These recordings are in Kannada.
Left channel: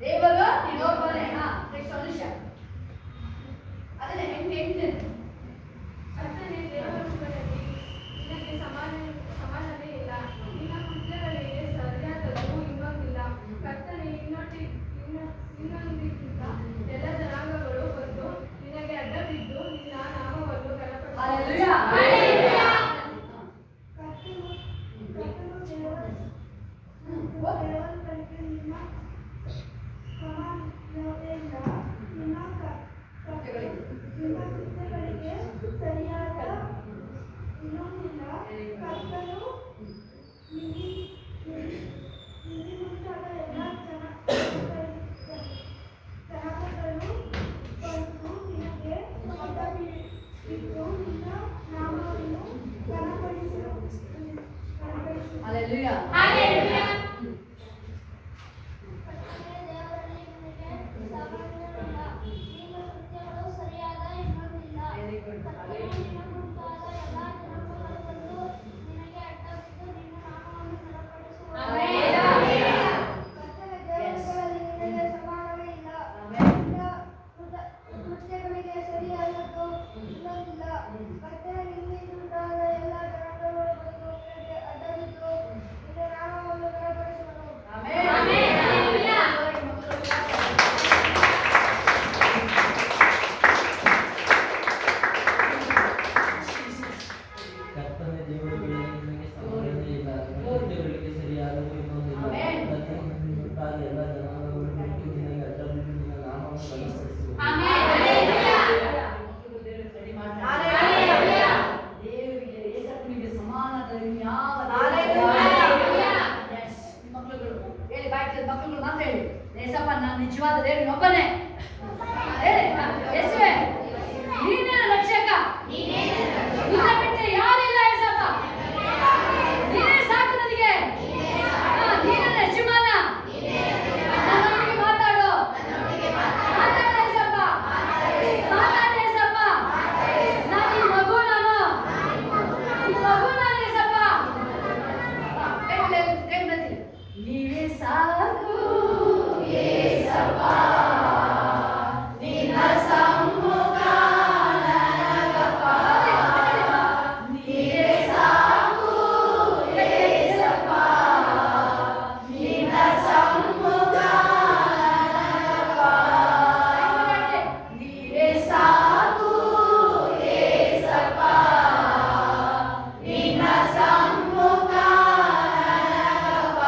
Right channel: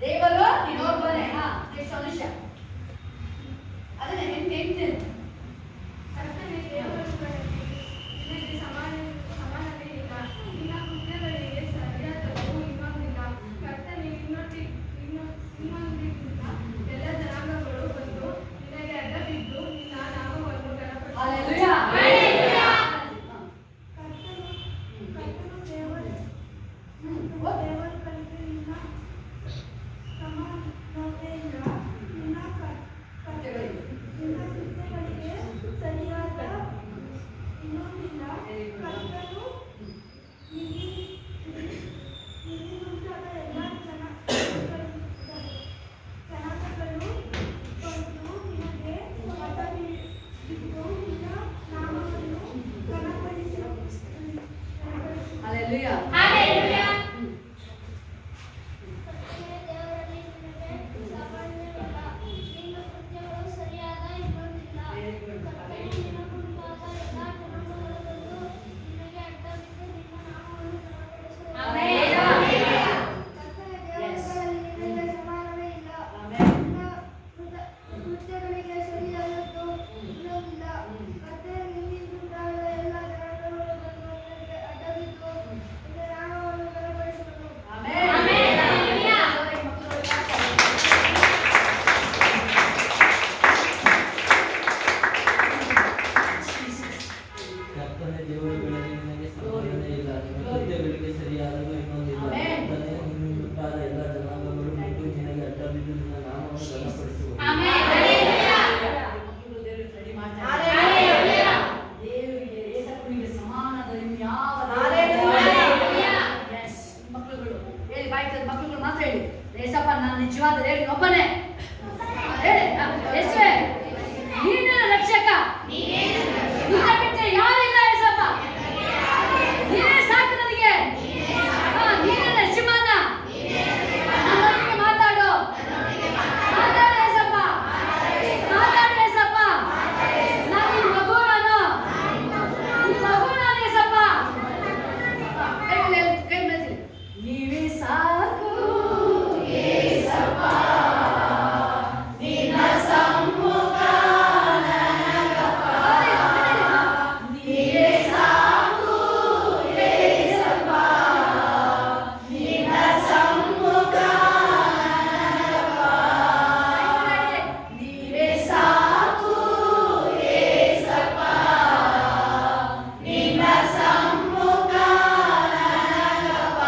ದೇವರು ನೀನೊಬ್ಬನೇ. ನೆಕ್ಸ್ಟ್ ಸೊಲ್ಯೂಷನ್ ಅದನ್ನ ಹೆಂಗೆ ಕರ್ತನೇ, ದೇವರುಗಳಲ್ಲಿ ನಿನಗೆ ಸಮಾನವೇ ಇಲ್ಲ. ನಿನ್ನ ಕೃತ್ಯಗಳಿಗೆ ಸರಿಯಾದದ್ದು ಇನ್ನೊಂದಿಲ್ಲ. ಕರ್ತನೇ, ನಿನ್ನೊಂದಿಗಿಂತ ಎಲ್ಲ ಜನಾಂಗಗಳು ಬಂದು ನಿನಗೆ ಅಡ್ಡಬಿದ್ದು ನಿನ್ನ ನಾಮವನ್ನು ಮಕ್ಕಳುಗಳು ಮಾತ್ರ ಹೇಳಿ, ಏಸಪ್ಪ ನಾನು ನಿಜವಾದ ದೇವರು ಒಬ್ಬನೇ. ಯೇಸುವೇ, ನೀನೇ ನನ್ನ ರಕ್ಷಕ, ನಿನ್ನ ಬಿಟ್ಟು ಯಾರಿಲ್ಲ ಏಸಪ್ಪ. ನೀನೇ ಸಾಕು ನನಗೆ, ನೀನೇ ನನ್ನ ಯಜಮಾನ. ನನ್ನೊಂದಿಗೆ ಮಾತಾಡು ಏಸಪ್ಪ, ಮಾತಾಡು ಏಸಪ್ಪ. ನಾನು ನಿನ್ನ ಮಗು, ನಾನು ಏಸಪ್ಪ. ನೀವೇ ಸಾಕು ಏಸಪ್ಪ, ನಿನ್ನ ಸಮ್ಮುಖ ನನಗಪ್ಪ. ನೀವೇ ಸಾಕು ಏಸಪ್ಪ, ನಿನ್ನ ಸಮ್ಮುಖ ನನಗಪ್ಪ. ನೀವೇ ಸಾಕು ಏಸಪ್ಪ, ನಿನ್ನ ಸಮ್ಮುಖ ನನಗಪ್ಪ.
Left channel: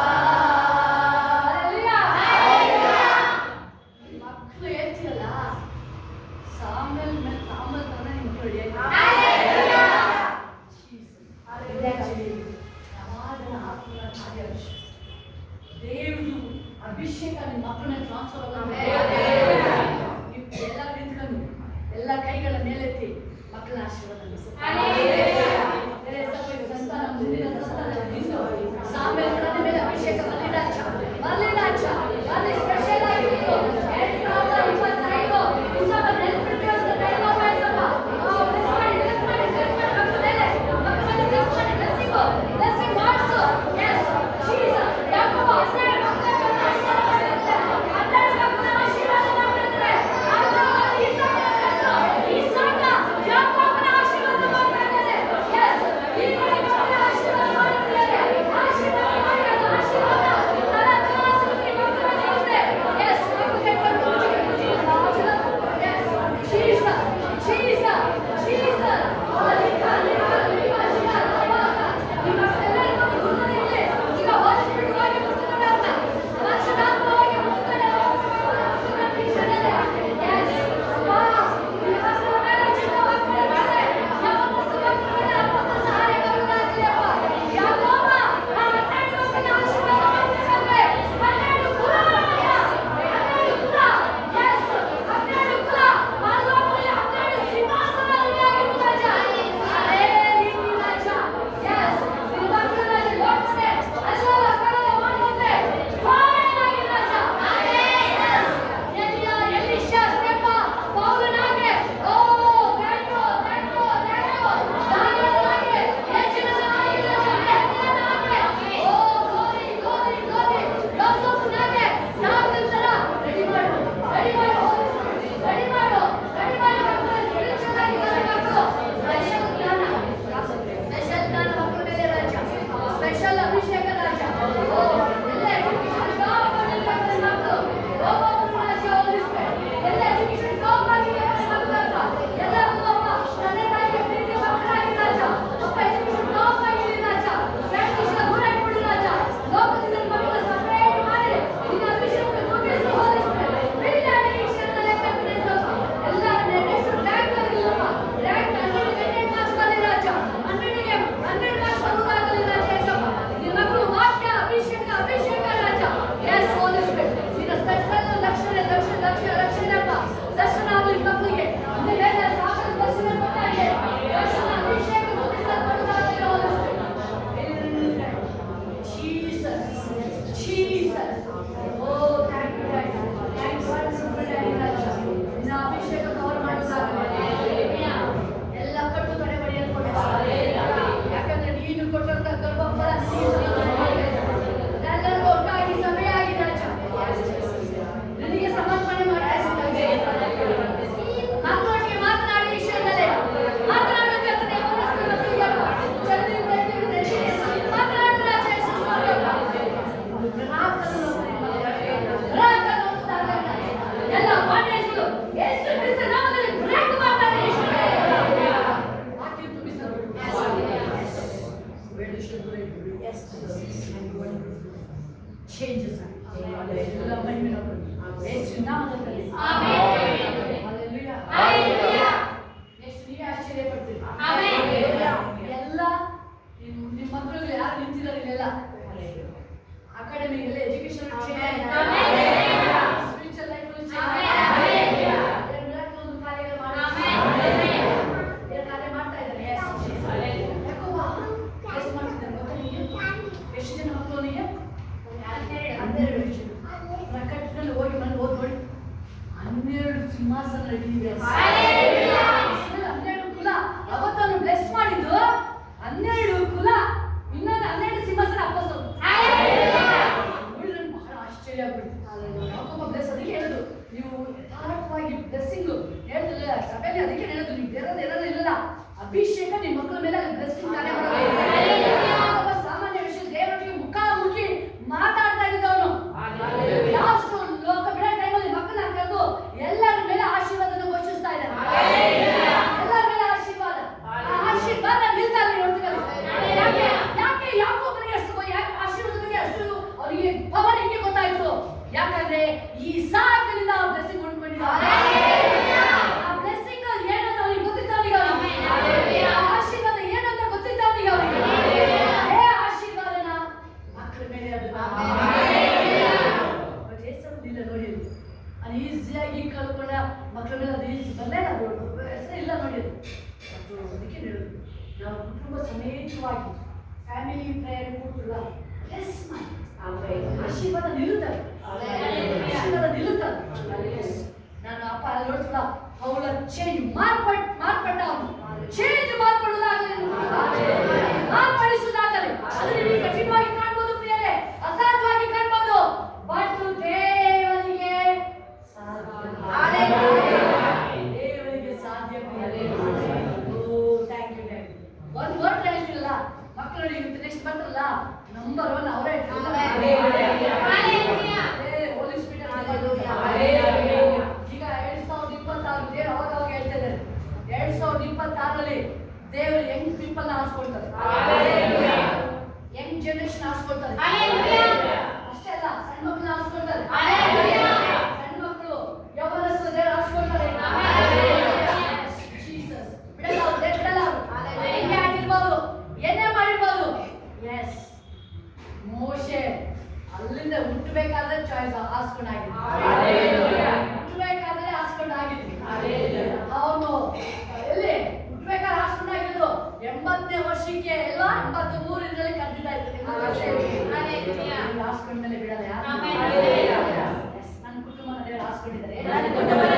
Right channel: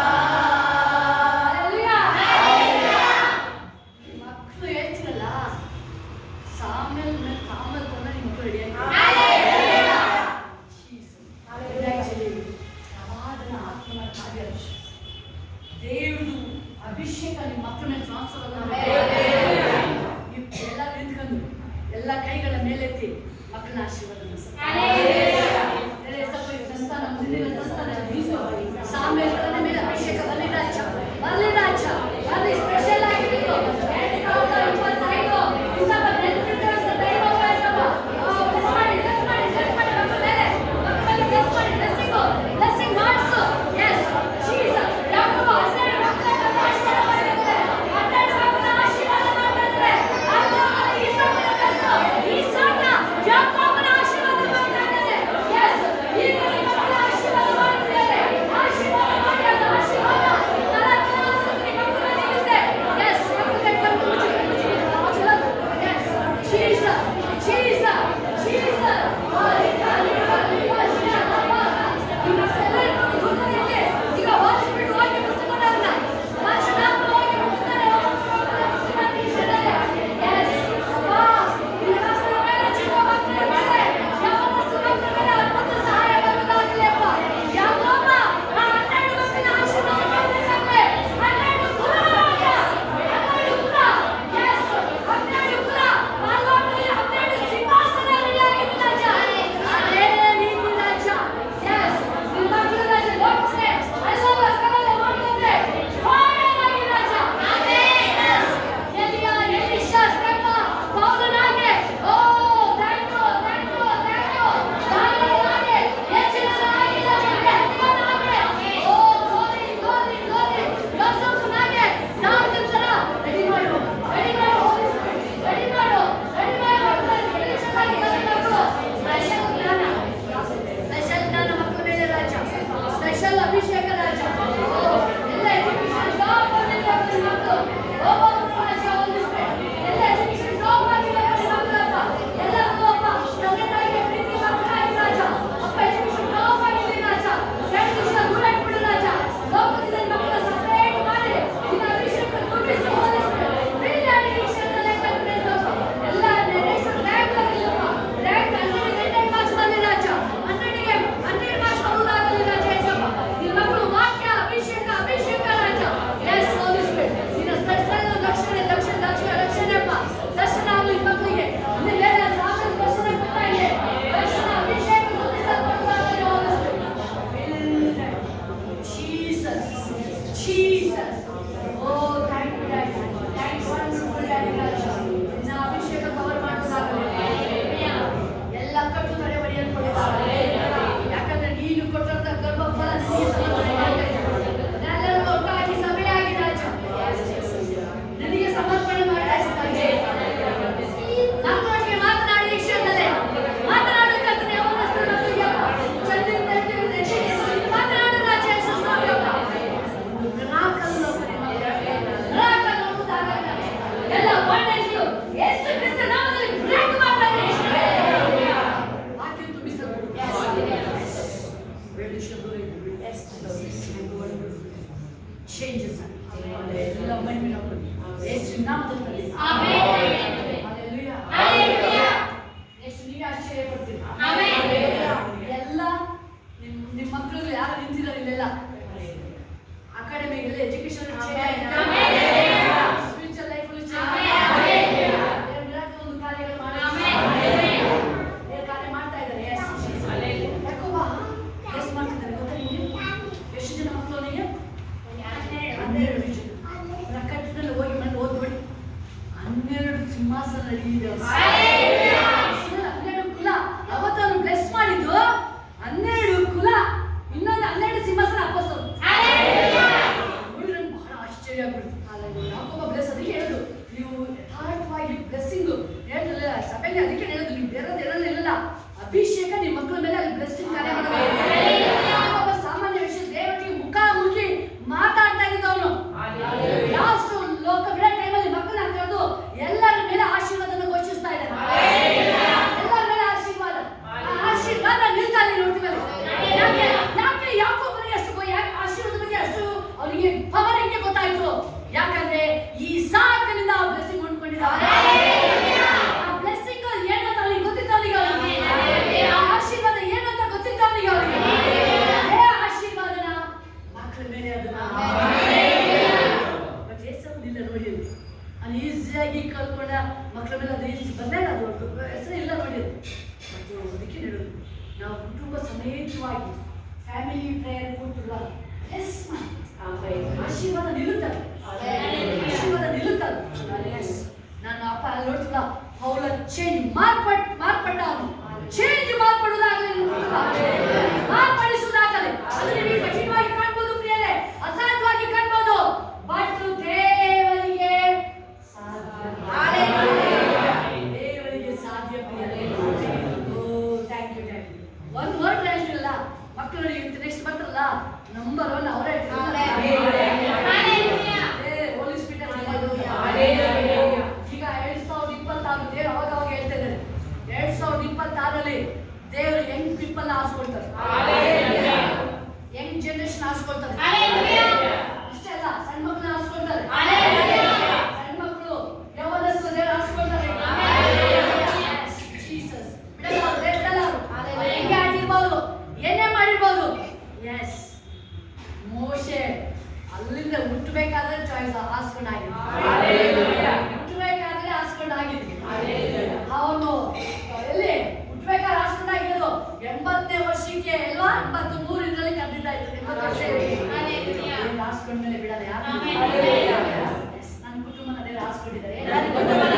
ಮಕ್ಕಳು ಹೇಳ್ತಿರಲ್ಲ, ಸಾಮೇಲ್ ತಗೊಂಡು ನಿಮ್ಮ ಮಕ್ಕಳು ಪ್ರವಾದನ ಆತ್ಮನ ಕಾರ್ಯ. ದೇವ್ರದು ಅಭಿಷೇಕ ನಿಮ್ಮ ಮಕ್ಕಳನ್ನ ಟ್ರಾನ್ಸ್ಫರ್ ನೀವು ಎಲ್ಲ ನಿಂತ್ಕೊಂಡು ಎಲ್ಲ ಕೈಗಳ ಮೇಲೆತ್ತಿ ಮಕ್ಕಳನ್ನ ಆಶೀರ್ವಾದ ಸಾಮೇಲ್ ತನ್ನ ಮೇಲೆ ಅಭಿಷೇಕ ಬರಲಿ ರಾಜ, ಬರಲಿ ರಾಜ, ಬರಲಿ. ಸ್ಪೆಷಲ್ ಆಗಿತ್ತು 2025 ಸ್ವಲ್ಪ ನೆನಪಿಟ್ಟುಕೊಳ್ಳುವ ದೈವ ವಯಸ್ಸಪ್ಪ. ಬ್ಲೆಸ್ ಮಾಡಿ ಮಕ್ಕಳ ಮೇಲೆ, ಮಕ್ಕಳಿಗೆ ಬ್ಲೆಸ್ ಮಾಡಿ, ಬ್ಲೆಸ್ಸಿಂಗ್ ಮಾಡಿಸು. ಎಸ್ ಜೀಸಸ್, ಯಾಕೋ ಹಸಿರು ಮಕ್ಕಳ ಆಶೀರ್ವಾದ ಮಾಡಿದ್ರೆ, ಅಡ್ಡಾಡ ಮಕ್ಕಳ ಆಶೀರ್ವಾದ ಮಾಡ್ತಾರೆ. ಈ ಸಾಕ ಯಾಕೋಬನ ಆಶೀರ್ವಾದ ಮಾಡ್ತಾರೆ. ಎಸ್ ಈ ಮಕ್ಕಳ ಆಶೀರ್ವಾದ ಮಾಡ್ತಾರೆ, ಆಶೀರ್ವಾದ ಮಹಿಮೆ ನಮ್ಮದು. ಯೇಸುವಿನ ನಾಮದಲ್ಲಿ ಎಷ್ಟು ನೀವೇ ಆಶ್ಚರ್ಯ ಪಡ್ತೀರಿ. ಎಲ್ಲ ನಿಮ್ಮ ಮಕ್ಕಳು ಯಾರು ನಿಂತಿದ್ದಾರೆ ಇಲ್ಲೆಲ್ಲ ಅಕಾಡೆಮಿಗಳಲ್ಲಿ ಎಜುಕೇಶನ್ ಸ್ಪಿರಿಚುವಲ್ ಲೈಫಲ್ಲಿ ಒಂದು ಕಾರ್ಯಗಳು ಕಾರ್ಯ ಮಾಡ್ತಾ ಇದ್ದಾರೆ. ಯಾಕೋಬ ಎಸ್ ಮಾಡ್ತಿದ್ದಾರೆ ಗೊತ್ತಾ ನಿಮಗೆ? ಎಷ್ಟು ಜನ ಮಕ್ಕಳು ಅವನಿಗೆ? 12 ಜನ. ಪ್ರಕಟಣೆಯಲ್ಲಿ ಹೋಗಿ ಬಂದು ಓದ್ಬೇಡಿ. 12 ಸಿಂಹಾಸನ ನಡೆಯಿದೆ. 12 ಕುಲ ಅವತ್ತನ್ನು ಬ್ಲೆಸ್ ಮಾಡಿದ್ದು 12 ಕುಲ, ಇನ್ನೊಂದು 12 ಸಿಂಹಾಸನ ಅಪ್ಪಸ್ತರು. ಬಹಳ ಆಶ್ಚರ್ಯ ಆಗ್ಬಿಡ್ತು. ಯಾಕೋಬ ಬ್ಲೆಸ್ ಅದಕ್ಕೆ ಹೇಳುದು, ನೀವು ಯಥಾರ್ಥವಾಗಿ ಬ್ಲೆಸ್ಸಿಂಗ್ ಹೇಳಿಲ್ಲ ಸಭೆಗೆ, ಅದಕ್ಕೆ ಹೇಳುದು ನೀವು ಬೇರೆದು ಇರಲಿಲ್ಲ. ಅಭಿಷೇಕ ನಿಮ್ಮ ಮಕ್ಕಳ ಮೇಲೆ ಅಲ್ಲಿ ಬ್ಲೆಸ್ಸಿಂಗ್ ಕಾರ್ಯ ಮಾಡಬೇಕು. ಸಾಮಾನ್ಯ ವಿಷಯ ದೇವರಿಗೆ ಮುಖಾಮುಖಿ ಮಾತಾಡ್ತಾ ಇದ್ದವನು. ಲಾಸ್ಟ್ ಲೋಕ ಬಿಡೋ ಟೈಮಲ್ಲಿ ಮಕ್ಕಳನ್ನ ಕರೆದು ಎಲ್ಲರ ಮೇಲೆ ಆಶೀರ್ವಾದನ ಘೋಷಿಸ್ತಾ ಇದ್ದಾರೆ. ಎಲ್ಲರ ಮೇಲೆ ಆಶೀರ್ವಾದ ನಿಲ್ತಾ ಇಲ್ಲ. ನೋಡ್ತೀವಲ್ಲ ಯಾಕೆ ಯಾಕೋಬನಿಗೆ ಅಷ್ಟು ಆಶೀರ್ವಾದ ಬಗ್ಗೆ ಅಷ್ಟು ಅವನಿಗೆ ಪವರ್ ಹೆಂಗೆ ಗೊತ್ತಾಯ್ತು? ಯಾಕಂದ್ರೆ ಈ ಸಾಕಿನಿಂದ ಆ ಬ್ಲೆಸ್ಸಿಂಗ್ ಹೊಂದ್ಕೊಂಡಿದ್ದಾರೆ. ಆ ಬ್ಲೆಸ್ಸಿಂಗ್ ಏನಂತ ಅವನಿಗೆ ಗೊತ್ತಿತ್ತು. ಅವನಿಗೆ ಆಶೀರ್ವಾದ ಏನಂತ ಗೊತ್ತಿತ್ತು. ಅವನಿಗೆ ಆಶೀರ್ವಾದನ ಮಕ್ಕಳ ಮೇಲೆ ಅದು ಇಲ್ಲ ನೋಡಿ. ಅದು ಈಸಿಯಾಗಿ ಕಲ್ಕೊಂಡ ಮಕ್ಕಳ ಮೇಲೆ ಅದು ಈಸಿ ಬಂದಾಗ ಅದು ಹೆಸರೇ ಇಲ್ಲ ನೋಡಿ. ಮತ್ತು ಅದಕ್ಕೆ ಹೇಳೋದು, ನಾವು ಕುಟುಂಬ ಸಮೇತವಾಗಿ ಫ್ಯಾಮಿಲಿ ಪ್ರೇಯರ್ ಕೊಟ್ಟಿಲ್ಲ ಎಸ್ ಮಾಡಿ ಆಶೀರ್ವಾದ ನಿಲ್ಲುತ್ತದೆ. ಆಶೀರ್ವಾದ ನಿಲ್ಲುತ್ತದೆ. ನನ್ನ ಅಪ್ಪ ನೋಡ್ತಿಲ್ಲ, ಅವಳ ಚೇಂಜ್ ಮಾರ್ಪಟ್ಟ ಅವನು ಚೇಂಜ್ ಮಾರ್ಪಡುವುದಾಗಲಿ, ಮಾರ್ಪಡಿಸುವುದಾಗಲಿ. ಅದನ್ನು ನೀವು ಕಠಿಣವಾಗಿ ಕಾಣ್ಬೋದು ಪ್ರಿಯರೇ, ಅಸಾಧ್ಯವಾಗಿ ಕಾಣ್ಬೋದು. ಬಟ್ ದೇವರಿಗೆ ದೇವರಿಗೆ ಸಾಧ್ಯ ಪ್ರಿಯರೇ. Thank you. ಒಂದು ವರ್ಡ್ ಹೇಳ್ತಿಲ್ಲ ಮಕ್ಕಳು. ನೆಕ್ಸ್ಟ್ ಬಂದ್ರಲ್ಲ ನಂಬರ್ 1 ಅವರೇ ಹೋಲಿ ಸ್ಪಿರಿಟ್. ಈಗ 2026 ದೇವರು ಅವಾಗ ಹೇಳ್ತಾ ಇದ್ದಾರೆ. 2026ರಲ್ಲಿ ದೇವರು ಯಂಗ್ ಪೀಪಲ್ ಆರಿಸ್ಕೊಳ್ತಾರೆ, ಯಂಗ್ ಜನರೇಷನ್ ಆರಿಸ್ಕೊಳ್ತಾರೆ. ಅಷ್ಟೇ ಅಲ್ಲ, ಸಣ್ಣ ಮಕ್ಕಳು ಆರಿಸ್ಕೊಳ್ತಾರೆ. ಸಣ್ಣ ಮಕ್ಕಳು ಯೌವನಸ್ಥರು ದೇವರು ಆರಿಸ್ಕೊಳ್ತಾರೆ. ಜೀಸಸ್ ಬಿಡಲ್ಲ ಅವರು, ದೇವರು ಬಿಡಲ್ಲ ಅವರು. ಹೆಂಗೆ ಆಗಿರ್ಬೋದು, ಏನೇ ಮಾಡಿರ್ಬೋದು. ಎಸ್, ಮೋಶೆ ಅಲ್ಲಿಂದ ಹುಟ್ಟಬೇಕಾದ್ರೆ ಚಾಯ್ಸ್ ಆಸ್ಕೊಂಡಾಗಿದ್ದು, ಹುಟ್ಟಬೇಕಾದ್ರೆ ಆಸ್ಕೊಂಡಾಗಿದ್ದು. ಅವನು ಎಲ್ಲಿ ಹುಟ್ಟಬೇಕಾದ್ರೆ ಆಸ್ಕೊಂಡಾಗಿದ್ದು 80ನೇ ವರ್ಷಕ್ಕೆ ಎಲ್ಲ 83 ಇದರಲ್ಲಿ ಕರೆದಿದ್ದಾಯ್ತು. 80 ವರ್ಷ ಆಸ್ಕೊಂಡ್ಮೇಲೆ ಬಿಡಲ್ಲ ಯಾರು. ನನ್ನ ಕುಟುಂಬನ ದೇವರು ಆಸ್ಕೊಂಡಿದ್ದಾರೆ, ನನ್ನ ಮಕ್ಕಳನ್ನ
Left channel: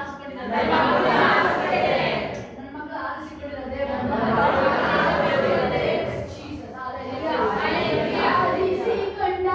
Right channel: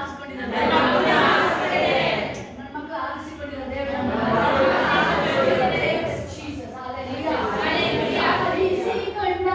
ಆಸ್ಕೊಂಡಿದ್ದಾರೆ, ನನ್ನ ಮಕ್ಕಳು ಆರಿಸಿಕೊಂಡಿದ್ದಾರೆ ದೇವರು. Jesus, hallelujah. ಆರಿಸಿಕೊಂಡ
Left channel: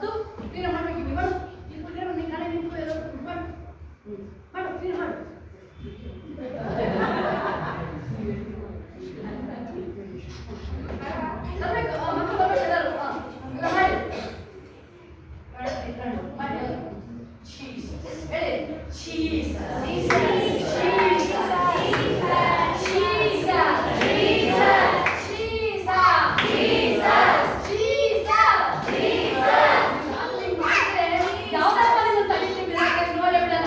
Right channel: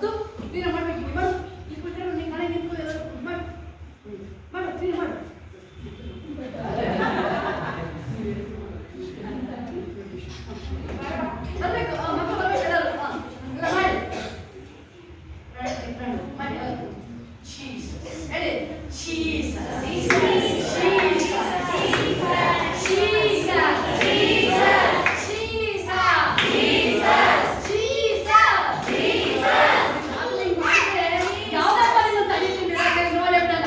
ಅದು ಕ್ಲೀನ್ ಮಾಡ್ಬೇಕು ನೀವು ಮಾಡು ಈ ಕುದ್ರೆ ನೀನು ನಾಳೆ ನಿಂತು ಎಲ್ಲ ಮಾಡು ಮಾಡು ಕ್ಲೀನ್ ಮಾಡು ಬರ್ಬೇಕು ಮಕ್ಕಳು ಬರ್ಬೇಕು ಎಲ್ಲರೂ ಎಲ್ಲ ಮಾಡಿ ಮಾಡಿ Jesus ಹೇಳಿ Jesus ಯಾವ್ದಪ್ಪ ನಿಮ್ಮ ತಲೆ ತಿಂದ್ರೆ ನೋಡೇ ಬಿಡಲ್ಲ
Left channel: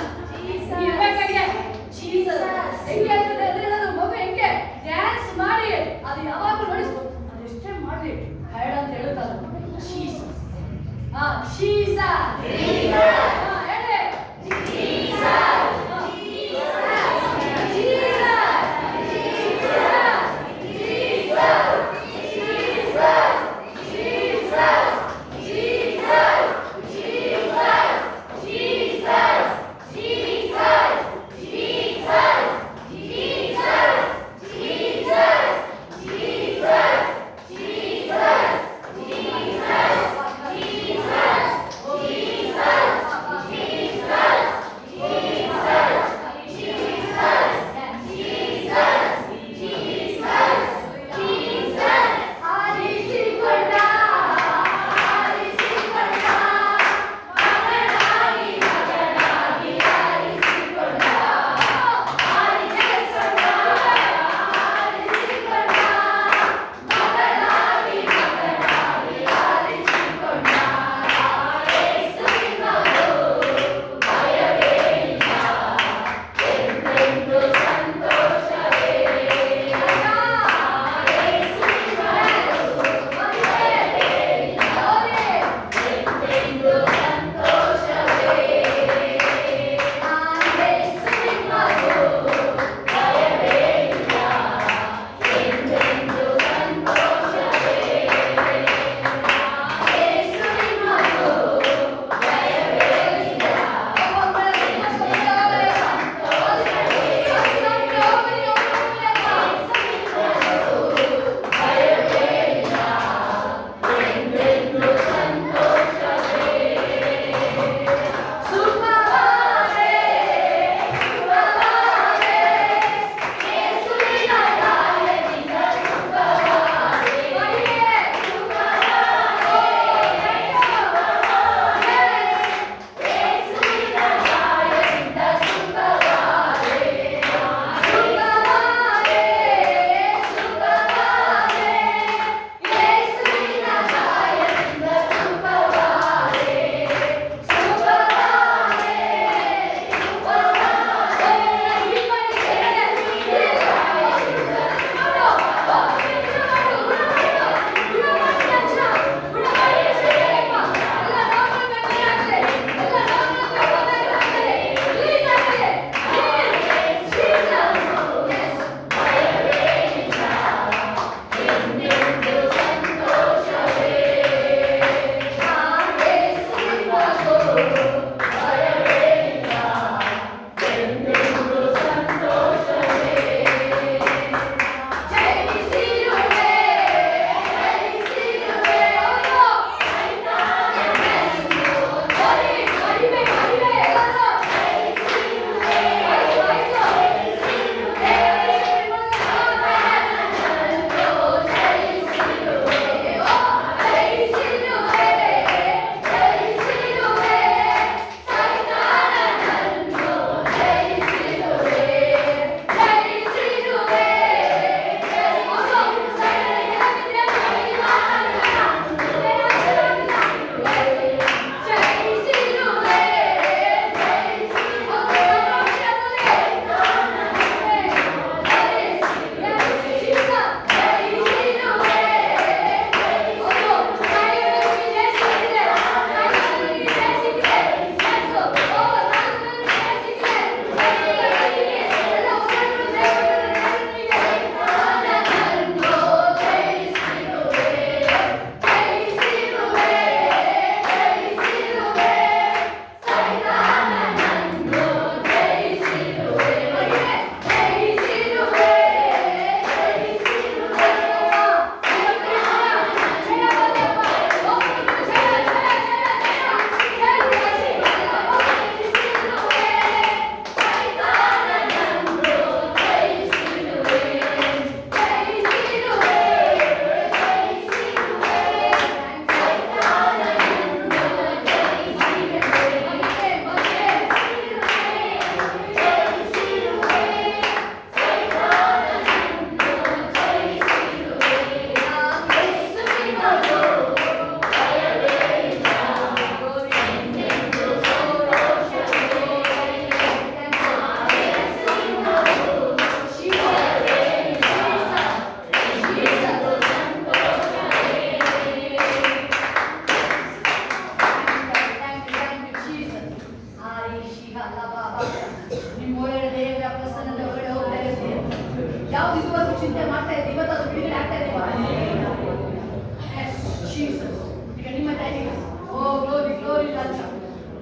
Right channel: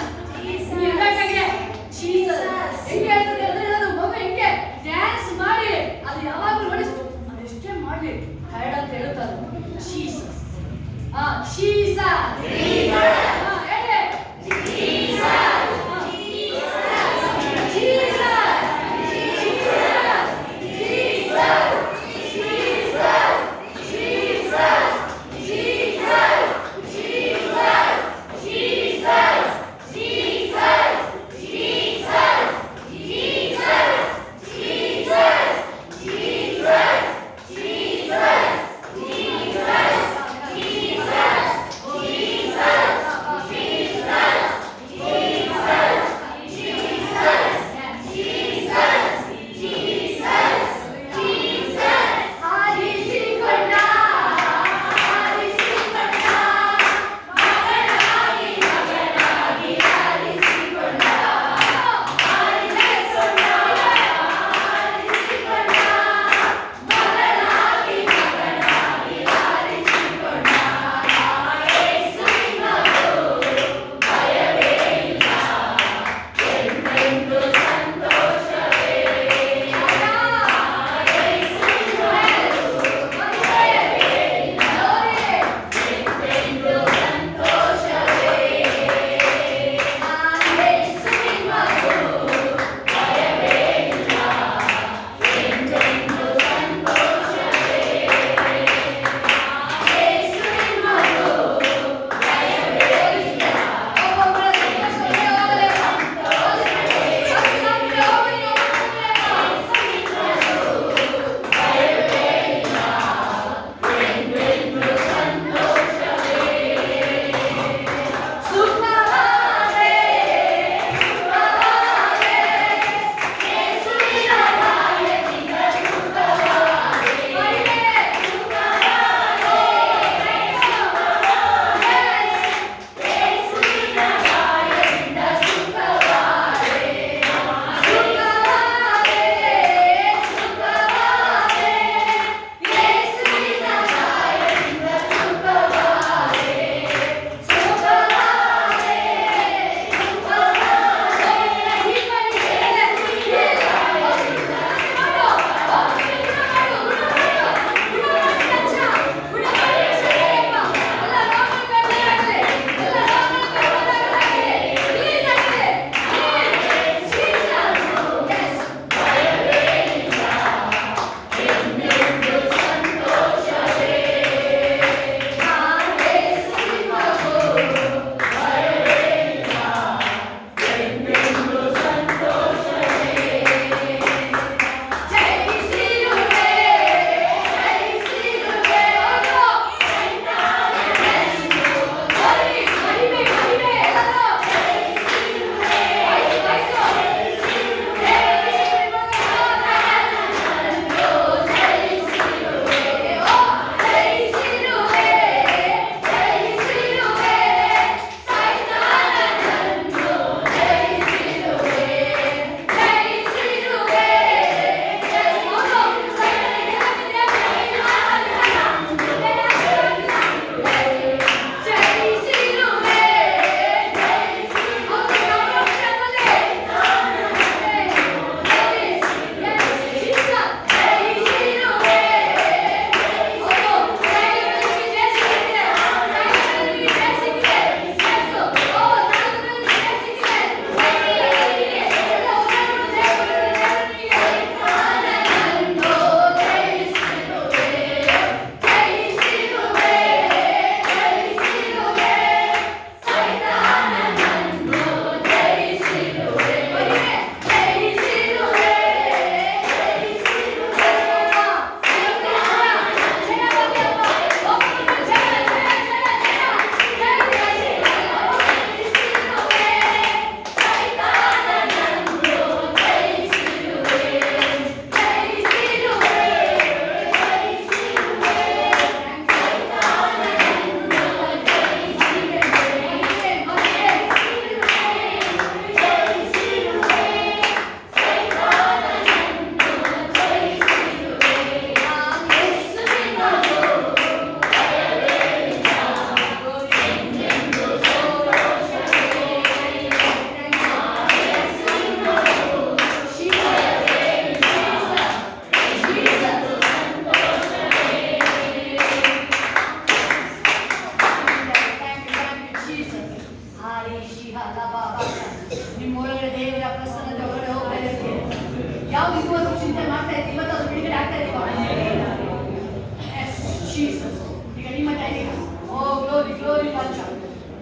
glory ರಾಜ.